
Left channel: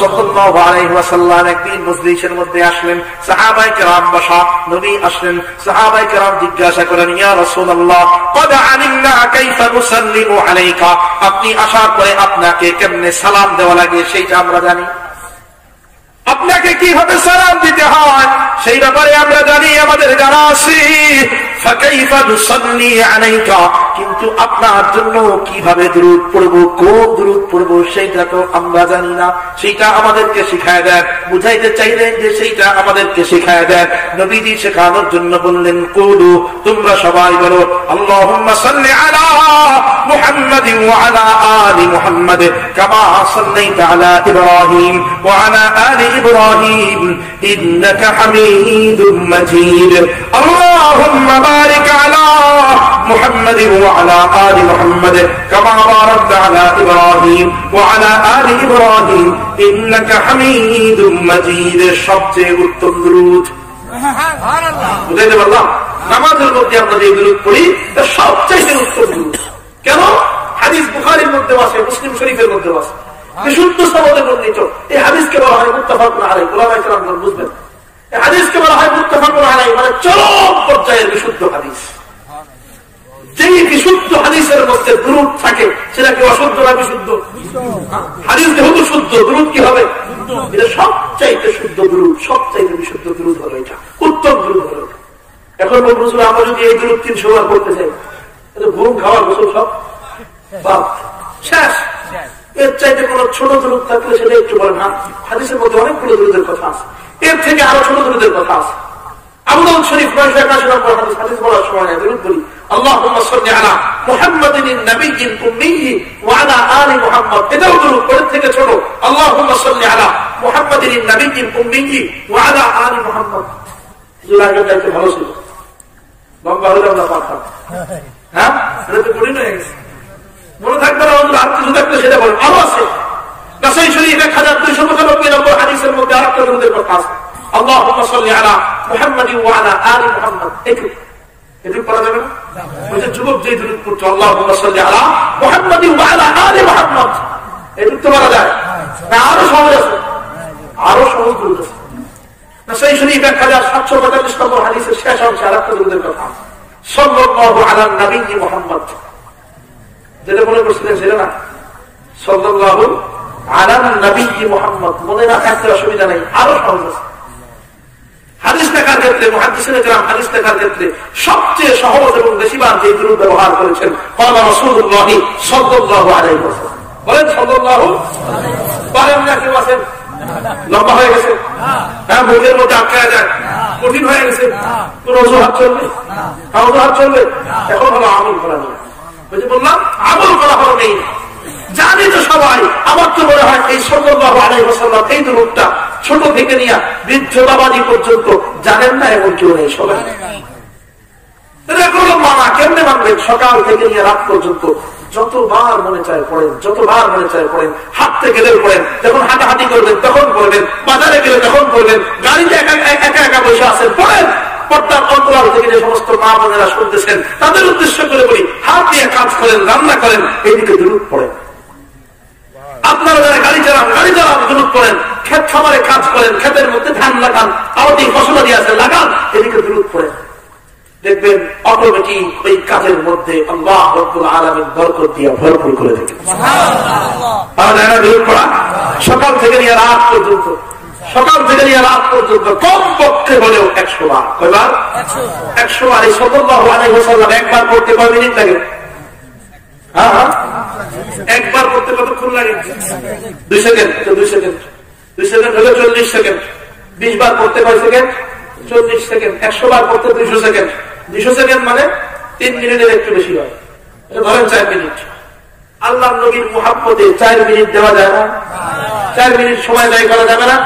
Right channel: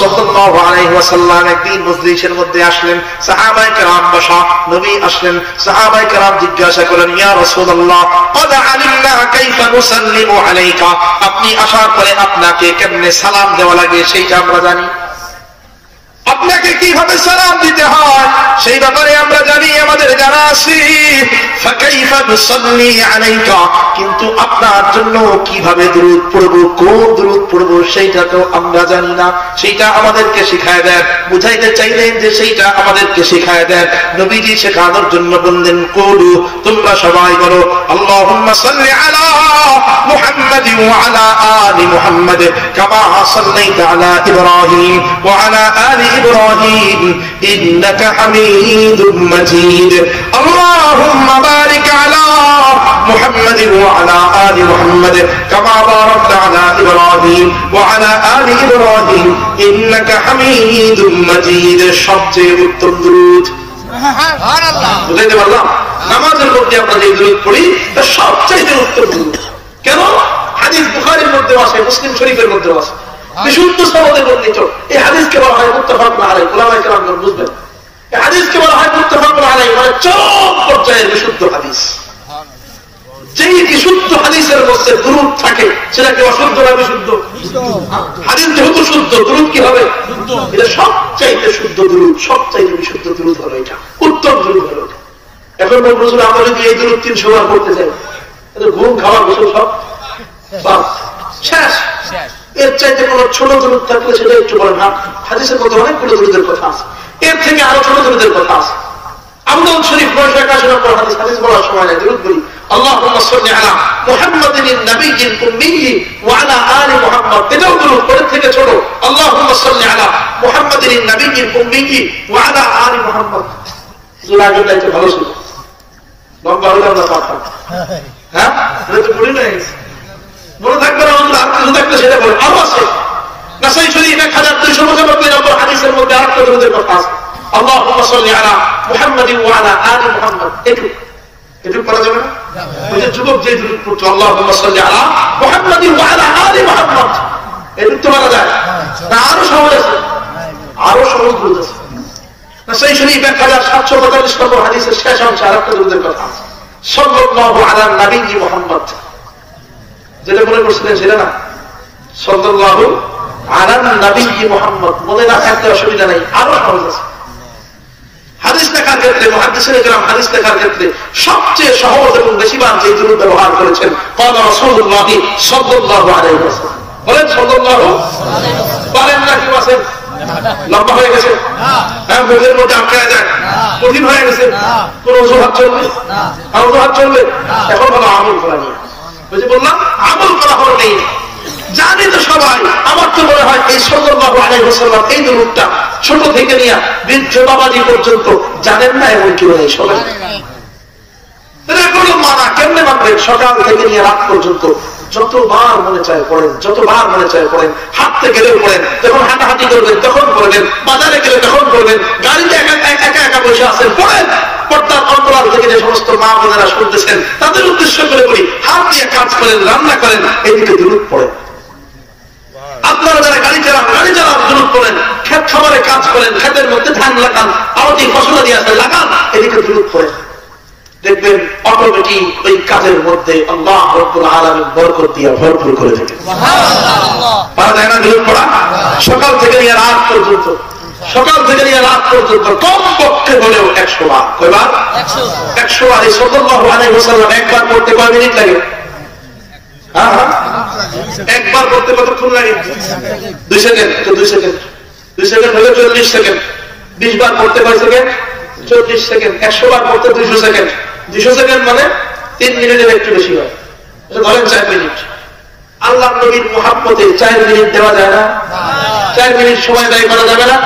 صلى الله عليه وسلم একদিন মজলিসের মধ্যে আসলেন, সাহাবায়ে কেরাম বসা, নবী আসলেন, সাহাবায়ে কেরাম জিজ্ঞাসা করেন, ইয়া রাসূলুল্লাহ قد علمنا كيف نسلم عليك, আপনি আসার পরে আপনাকে কেমনে সালাম দেওয়া লাগে সেইটা আমরা জানি, আপনাকে কিভাবে সালাম দিতে হয় সেই ব্যাপারে আমরা জানি, আমাদের জানা আছে। ফাকাইফা নুসাল্লি আলাইকা, কিন্তু আপনার জন্য কিভাবে দুরূদ পড়ব, কোন দুরূদ পড়ব সেইটা তো আমরা জানি না, সেইটা আমাদেরকে শিখায় দেন। বুঝাইতে চাইলেন যে সেইটা আমাদেরকে শিখায় দেন। নবীজি শেখানোর জন্য বললেন, কুলু, তোমরা সবাই বলো, আল্লাহুম্মা সাল্লি আলা মুহাম্মাদিন ওয়া আলা আলি মুহাম্মাদ কামা সাল্লাইতা আলা ইব্রাহিম ওয়া আলা আলি إبراهيم إنك حميد مجيد اللهم بارك على محمد وعلى آل محمد كما باركت على إبراهيم وعلى آل إبراهيم إنك حميد مجيد সবচেয়ে উত্তম দুরূদ। সুবহানাল্লাহ। বুঝাইতে পারলাম? নামাজের মধ্যে আমরা যে দুরূদ পড়ি তা সবচেয়ে উত্তম দুরূদ। কেন? হাদিস বুখারীর মধ্যে আছে, মুসলিম শরীফের মধ্যে আছে, বিশুদ্ধ সনদে বর্ণিত। এই হাদিসকে বলা হয় মুত্তাফাকুন আলাইহি, উলামায়ে কেরামগণ বুঝবেন, এই হাদিসকে বলা হয় মুত্তাফাকুন আলাইহি, মানে চরম পর্যায়ের বিশুদ্ধ হাদিস। যেই বিশুদ্ধ হাদিসের মধ্যে দুরূদ থাকে সেটা কি অশুদ্ধ না বিশুদ্ধ? হাদিস যেহেতু শুদ্ধ, দুরূদ কি হবে? এটা সবচাইতে শুদ্ধ দুরূদ, সবচাইতে বিশুদ্ধ দুরূদ হলো এটা, উত্তম দুরূদ হলো এটা। এখন বলছিল আমরা যদি এই দুরূদ 300 বার পড়তে চাই, ঘুম খাওয়া গোসল সব বাদ, শেষ। এর চাইতে কোন ছোট দুরূদ থাকলে সেটা একটু বলেন। হাদিসের মধ্যে অনেকগুলো দুরূদের কথা আছে, এর থেকে আরো ছোট দুরূদের কথা আছে। আবু দাউদ শরীফ 981 নম্বর হাদিস, হাদিস বলার সময় নাই, দুরূদ বলি। আল্লাহুম্মা সাল্লি আলা মুহাম্মাদিন নাবিয়্যিল উম্মিয়্যি ওয়া আলা আলি মুহাম্মাদ, এটাও দুরূদ, এর থেকে ছোট। আল্লাহুম্মা সাল্লি আলা মুহাম্মাদিন নাবিয়্যিল উম্মিয়্যি ওয়া আলা আলি মুহাম্মাদ। লাগা দাইতে ভালো ছিল, লম্বা হলো না পাঠা, হ্যাঁ এটা তো পড়ি না গেছে, মনে থাকবে না। আর কিছু থাকলে সেটা বলো, আরো আছে। নাসাই শরীফ 1295 নম্বর হাদিসের মধ্যে আরেকটা দুরূদের কথা আছে, আল্লাহুম্মা সাল্লি আলা মুহাম্মাদিন ওয়া আলা আলি মুহাম্মাদ। একটু করা যাবে না? ওই যে যুবক যে দুরূদ পড়তো, আল্লাহুম্মা সাল্লি আলা মুহাম্মাদিন ওয়া আলা আলি মুহাম্মাদ, একটু তো করা যায় না? আরো সহজ আছে, আরো সহজ দুরূদ আছে। নাসাই শরীফ 1745 নম্বর হাদিসের শেষ অংশে আরেকটা দুরূদের কথা আছে, সাল্লাল্লাহু আলা নবিয়্যি মুহাম্মাদ। যেটা মনে করছিলেন সেটা না, সাল্লাল্লাহু আলা নবিয়্যি মুহাম্মাদ মনে না থাকতে অসুবিধা নেই, আরো সহজ আছে। হাদিস লেখার ক্ষেত্রে, মুহাদ্দিসিনে কেরাম হাদিস লেখার ক্ষেত্রে সবচেয়ে সহজ এবং বেশিবার যে দুরূদ ব্যবহার করেছেন, ক্বালা রাসূলুল্লাহ সাল্লাল্লাহু আলাইহি ওয়াসাল্লাম। বলেন সাল্লাল্লাহু, পারেন না কি বলেন? লম্বা হয়ে গেছে, হ্যাঁ, মুখের মধ্যে আটকায় যায়, কঠিন হয়ে গেছে, কোন অজুহাত চলবে? আর অজুহাত চলবে? এখন হলো আমল করা নিয়ে, বুঝে বললাম, আমল করা হলো নেই। জানি তো সবাই, আমার তো মনে হয় এই সাল্লাল্লাহু আলাইহি ওয়াসাল্লাম এই দুরূদটা ছোট থেকে নিয়ে বৃদ্ধ বাবাজি পর্যন্ত জানেন না, এমন কেউ নেই। সবাই মানা কেমনে মানবেন? সকাল থেকে নিয়ে রাত পর্যন্ত যতবার মনে চায় পড়েন, যতবার মনে চায় পড়েন, হাঁটতে গেলেও পড়েন, যখন হাঁটাহাঁটি করবেন তখন পড়বেন, বাজারে গেলে তখন পড়বেন, গাড়িতে একা একা বসে আছেন পড়েন। পর্দার অন্তরাল থেকে যে সমস্ত মা বোনেরা শুনতেছেন তাদের উদ্দেশ্য করে বলি, হাত দিয়ে কাজ করেন, রান্না করেন, এইদিকে দুরূদ পড়েন। আপনারা যারা গাড়ি চালান, গাড়ি চালান, দুরূদ পড়েন। ক্ষেত খামারে কাজ করেন, ক্ষেতের মধ্যে ধান লাগান, আরতি ফসলা দিয়ে আছেন, লাগান, এদিকে দুরূদ পড়েন। দেখবেন অটোমেটিক ওই কাজের মধ্যে আল্লাহ রাব্বুল আলামিন বরকত দিয়ে ভরপুর করে দেবেন। সুবহানাল্লাহ। পারা যায় না দুরূদ পড়া? সকাল থেকে নিয়ে রাত পর্যন্ত সকাল থেকে নিয়ে রাত পর্যন্ত কমপক্ষে হলেও 100 বার। কয়বার? 100 বার। এই সাল্লাল্লাহু আলাইহি ওয়াসাল্লাম একবার পড়তে কয় মিনিট লাগে? একবার পড়তে কতক্ষণ লাগে? 2 সেকেন্ড। তো 2 সেকেন্ড 2 সেকেন্ড হলে 40 সেকেন্ড। 20 বার পড়তে কয় সেকেন্ড? 40 সেকেন্ড। 100 বার পড়তে 200 সেকেন্ড। 200 সেকেন্ড মানে 3 মিনিটের একটু বেশি হয়। ধরেন 4 মিনিট। আল্লাহ নবীর মুহাব্বতে 4 মিনিট দেওয়া যায় না? 4 মিনিট সময় ব্যয় করা যাবে না?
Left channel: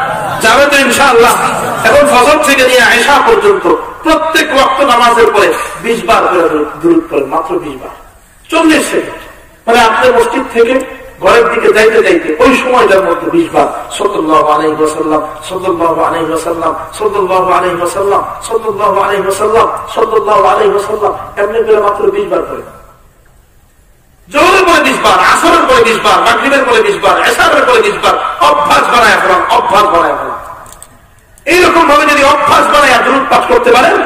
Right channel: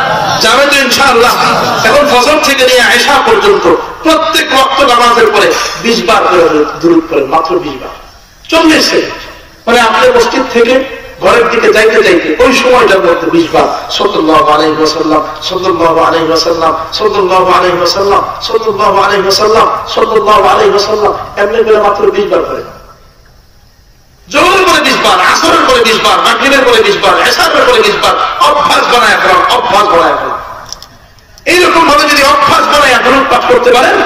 যাবে তো ইনশাআল্লাহ। এখন ফজর থেকে নিয়ে ইশা পর্যন্ত প্রত্যেক ওয়াক্ত নামাজের পরে 20 বার করে দুরূদ করেন, মাত্র 20 বার। 40 সেকেন্ড মানে আপনার মসজিদ থেকে ঘরের দিকে যাইতে যাইতে ওই সময়টার মধ্যে 20 বার সাল্লাল্লাহু আলাইহি ওয়াসাল্লাম, সাল্লাল্লাহু আলাইহি ওয়াসাল্লাম, সাল্লাল্লাহু আলাইহি ওয়াসাল্লাম, সাল্লাল্লাহু আলাইহি ওয়াসাল্লাম, সাল্লাল্লাহু আলাইহি ওয়াসাল্লাম এমনি করে মাত্র 20 বার করেন। জোহরের পরে 20 বার, আসরের পরে 20 বার, মাগরিবের পরে 20 বার, ইশারের পরে 20 বার। অভ্যাস বানায় ফেলান, অভ্যাস বানায় ফেলান। এইরকম ভাবে যদি অভ্যাস বানায় দুরূদ পাঠ করতে পারেন,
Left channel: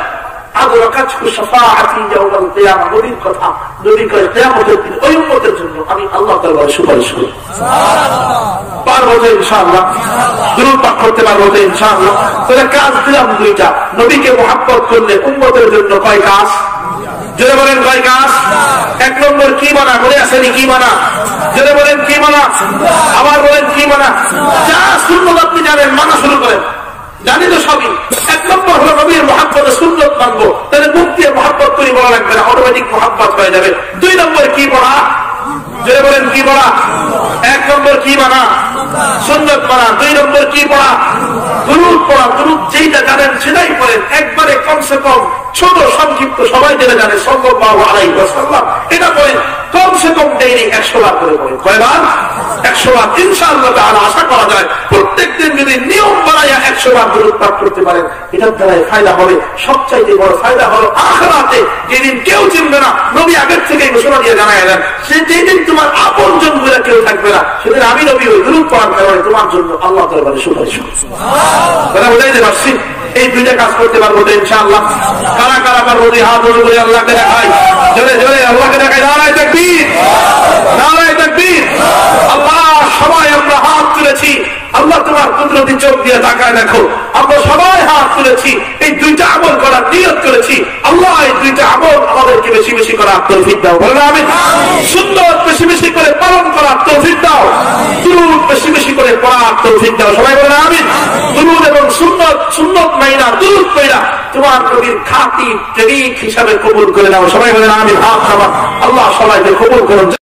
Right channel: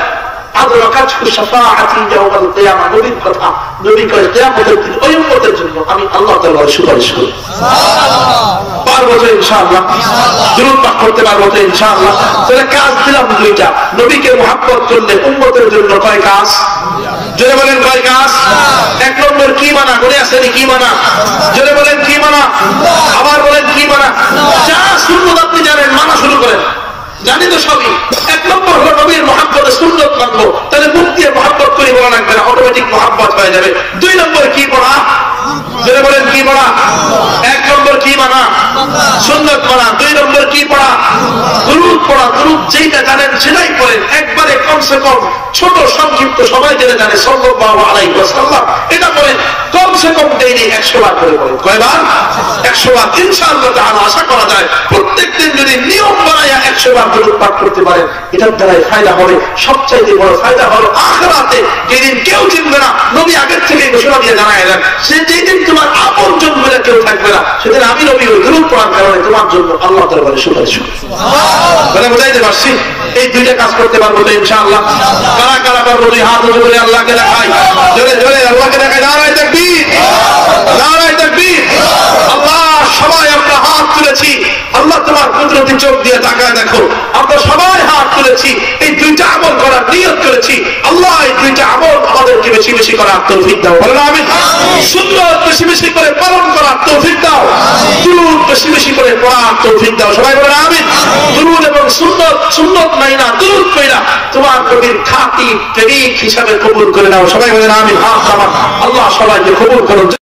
আদরাকাতহু শাফাআতি ইয়াউমাল কিয়ামা, নবীর কথা, নবী কয় কিয়ামতের দিন ওই উম্মতের জন্য আমি আল্লাহ তাআলার সুপারিশ করি। সুবহানাল্লাহ। পারবো তো ইনশাআল্লাহ? দুরূদ পাঠ করতে পারবো তো ইনশাআল্লাহ? তাহলে কাজ দিলাম দুইটা। নবীকে মুহাব্বত করলে উম্মতের জন্য কয় কাজ? জোরে বলেন কয় কাজ? 1 নম্বর কি মানা? বলে আসেনি কি মানা? জোরে বলেন কি মানা? আবার বলেন কি মানা? যা সুন্নাত আপনি জানেন মানা শুরু করেন। জানি তো সবই। 1 নম্বর হলো নবীর মুহাব্বতে সুন্নাত মানবো, তাহলে মুখ দিয়ে মুহাব্বত করি বলা লাগবে না, অটোমেটিক মুহাব্বত হয়ে যাবে। 2 নম্বর কি পড়া? জোরে বলেন কি পড়া? 1 নম্বর কি মানা? সুন্নাত মানা। 2 নম্বর কি পড়া? দুরূদ পড়া। দুরূদ যেটা জানেন সেটাই পড়েন, একবারে কমসে কম ছোট সংক্ষিপ্ত সবাই যেটা জানে সাল্লাল্লাহু আলাইহি ওয়াসাল্লাম এটা পড়েন। কমসে কম ডেইলি 100 বার করে পড়েন। কয়বার? 100 বার। ইনশাআল্লাহ তাআলা আশা করা যায় প্রত্যেকদিন যদি নিয়ম বানায়া 100 বার দুরূদ পাঠ করতে পারেন, এটার দ্বারাই ফায়দা হবে। সবচাইতে বড় ফায়দা হলো আখিরাতে, যেদিন কেউ চিনবে না, নবী আগের থেকে ঘোষণা দিয়ে জানায় দেন, সে যেদিন তোমার আপনজন বলে কেউ থাকবে না, সেদিন আমি নবী ওই দুরূদ পড়ার কারণে তোমার জন্য আল্লাহ দরবারে সুপারিশ করব। সুবহানাল্লাহ। বুঝাইতে পারছি? এই দুইটা কাজ করতে পারবো তো ইনশাআল্লাহ? কারা কারা পারবো? দুই হাত উঁচু করে আল্লাহকে দেখাই, জোরে জোরে আল্লাহকে দেখাই। নারায়ে তাকবীর, নারায়ে তাকবীর। আল্লাহ সবাই আমরা হাত তুলেছি, আল্লাহ তোমার কুদরতি চোখ দিয়ে তাকায় দেখো, আমরা সবাই হাত তুলেছি, এই দুইটা আমল করার নিয়ত করেছি। আল্লাহ এই দুইটা আমল আমাদেরকে বেশি বেশি করার তৌফিক দাও। বলেন আমিন। সুন্নাত বেশি বেশি করে পালন করার তৌফিক দাও, দুরূদ বেশি বেশি করে পড়ার তৌফিক দাও। সবাই বলেন আমিন। দুরূদ এবং সুন্নাত, সুন্নাত মাইনা দুরূদ কইরা তোমার নবীর খাঁটি প্রেমিক হিসাবে কবুল করে নাও। সবাই বলেন আমিন। হাত নামান। আল্লাহ সবাইকে কবুল করুন।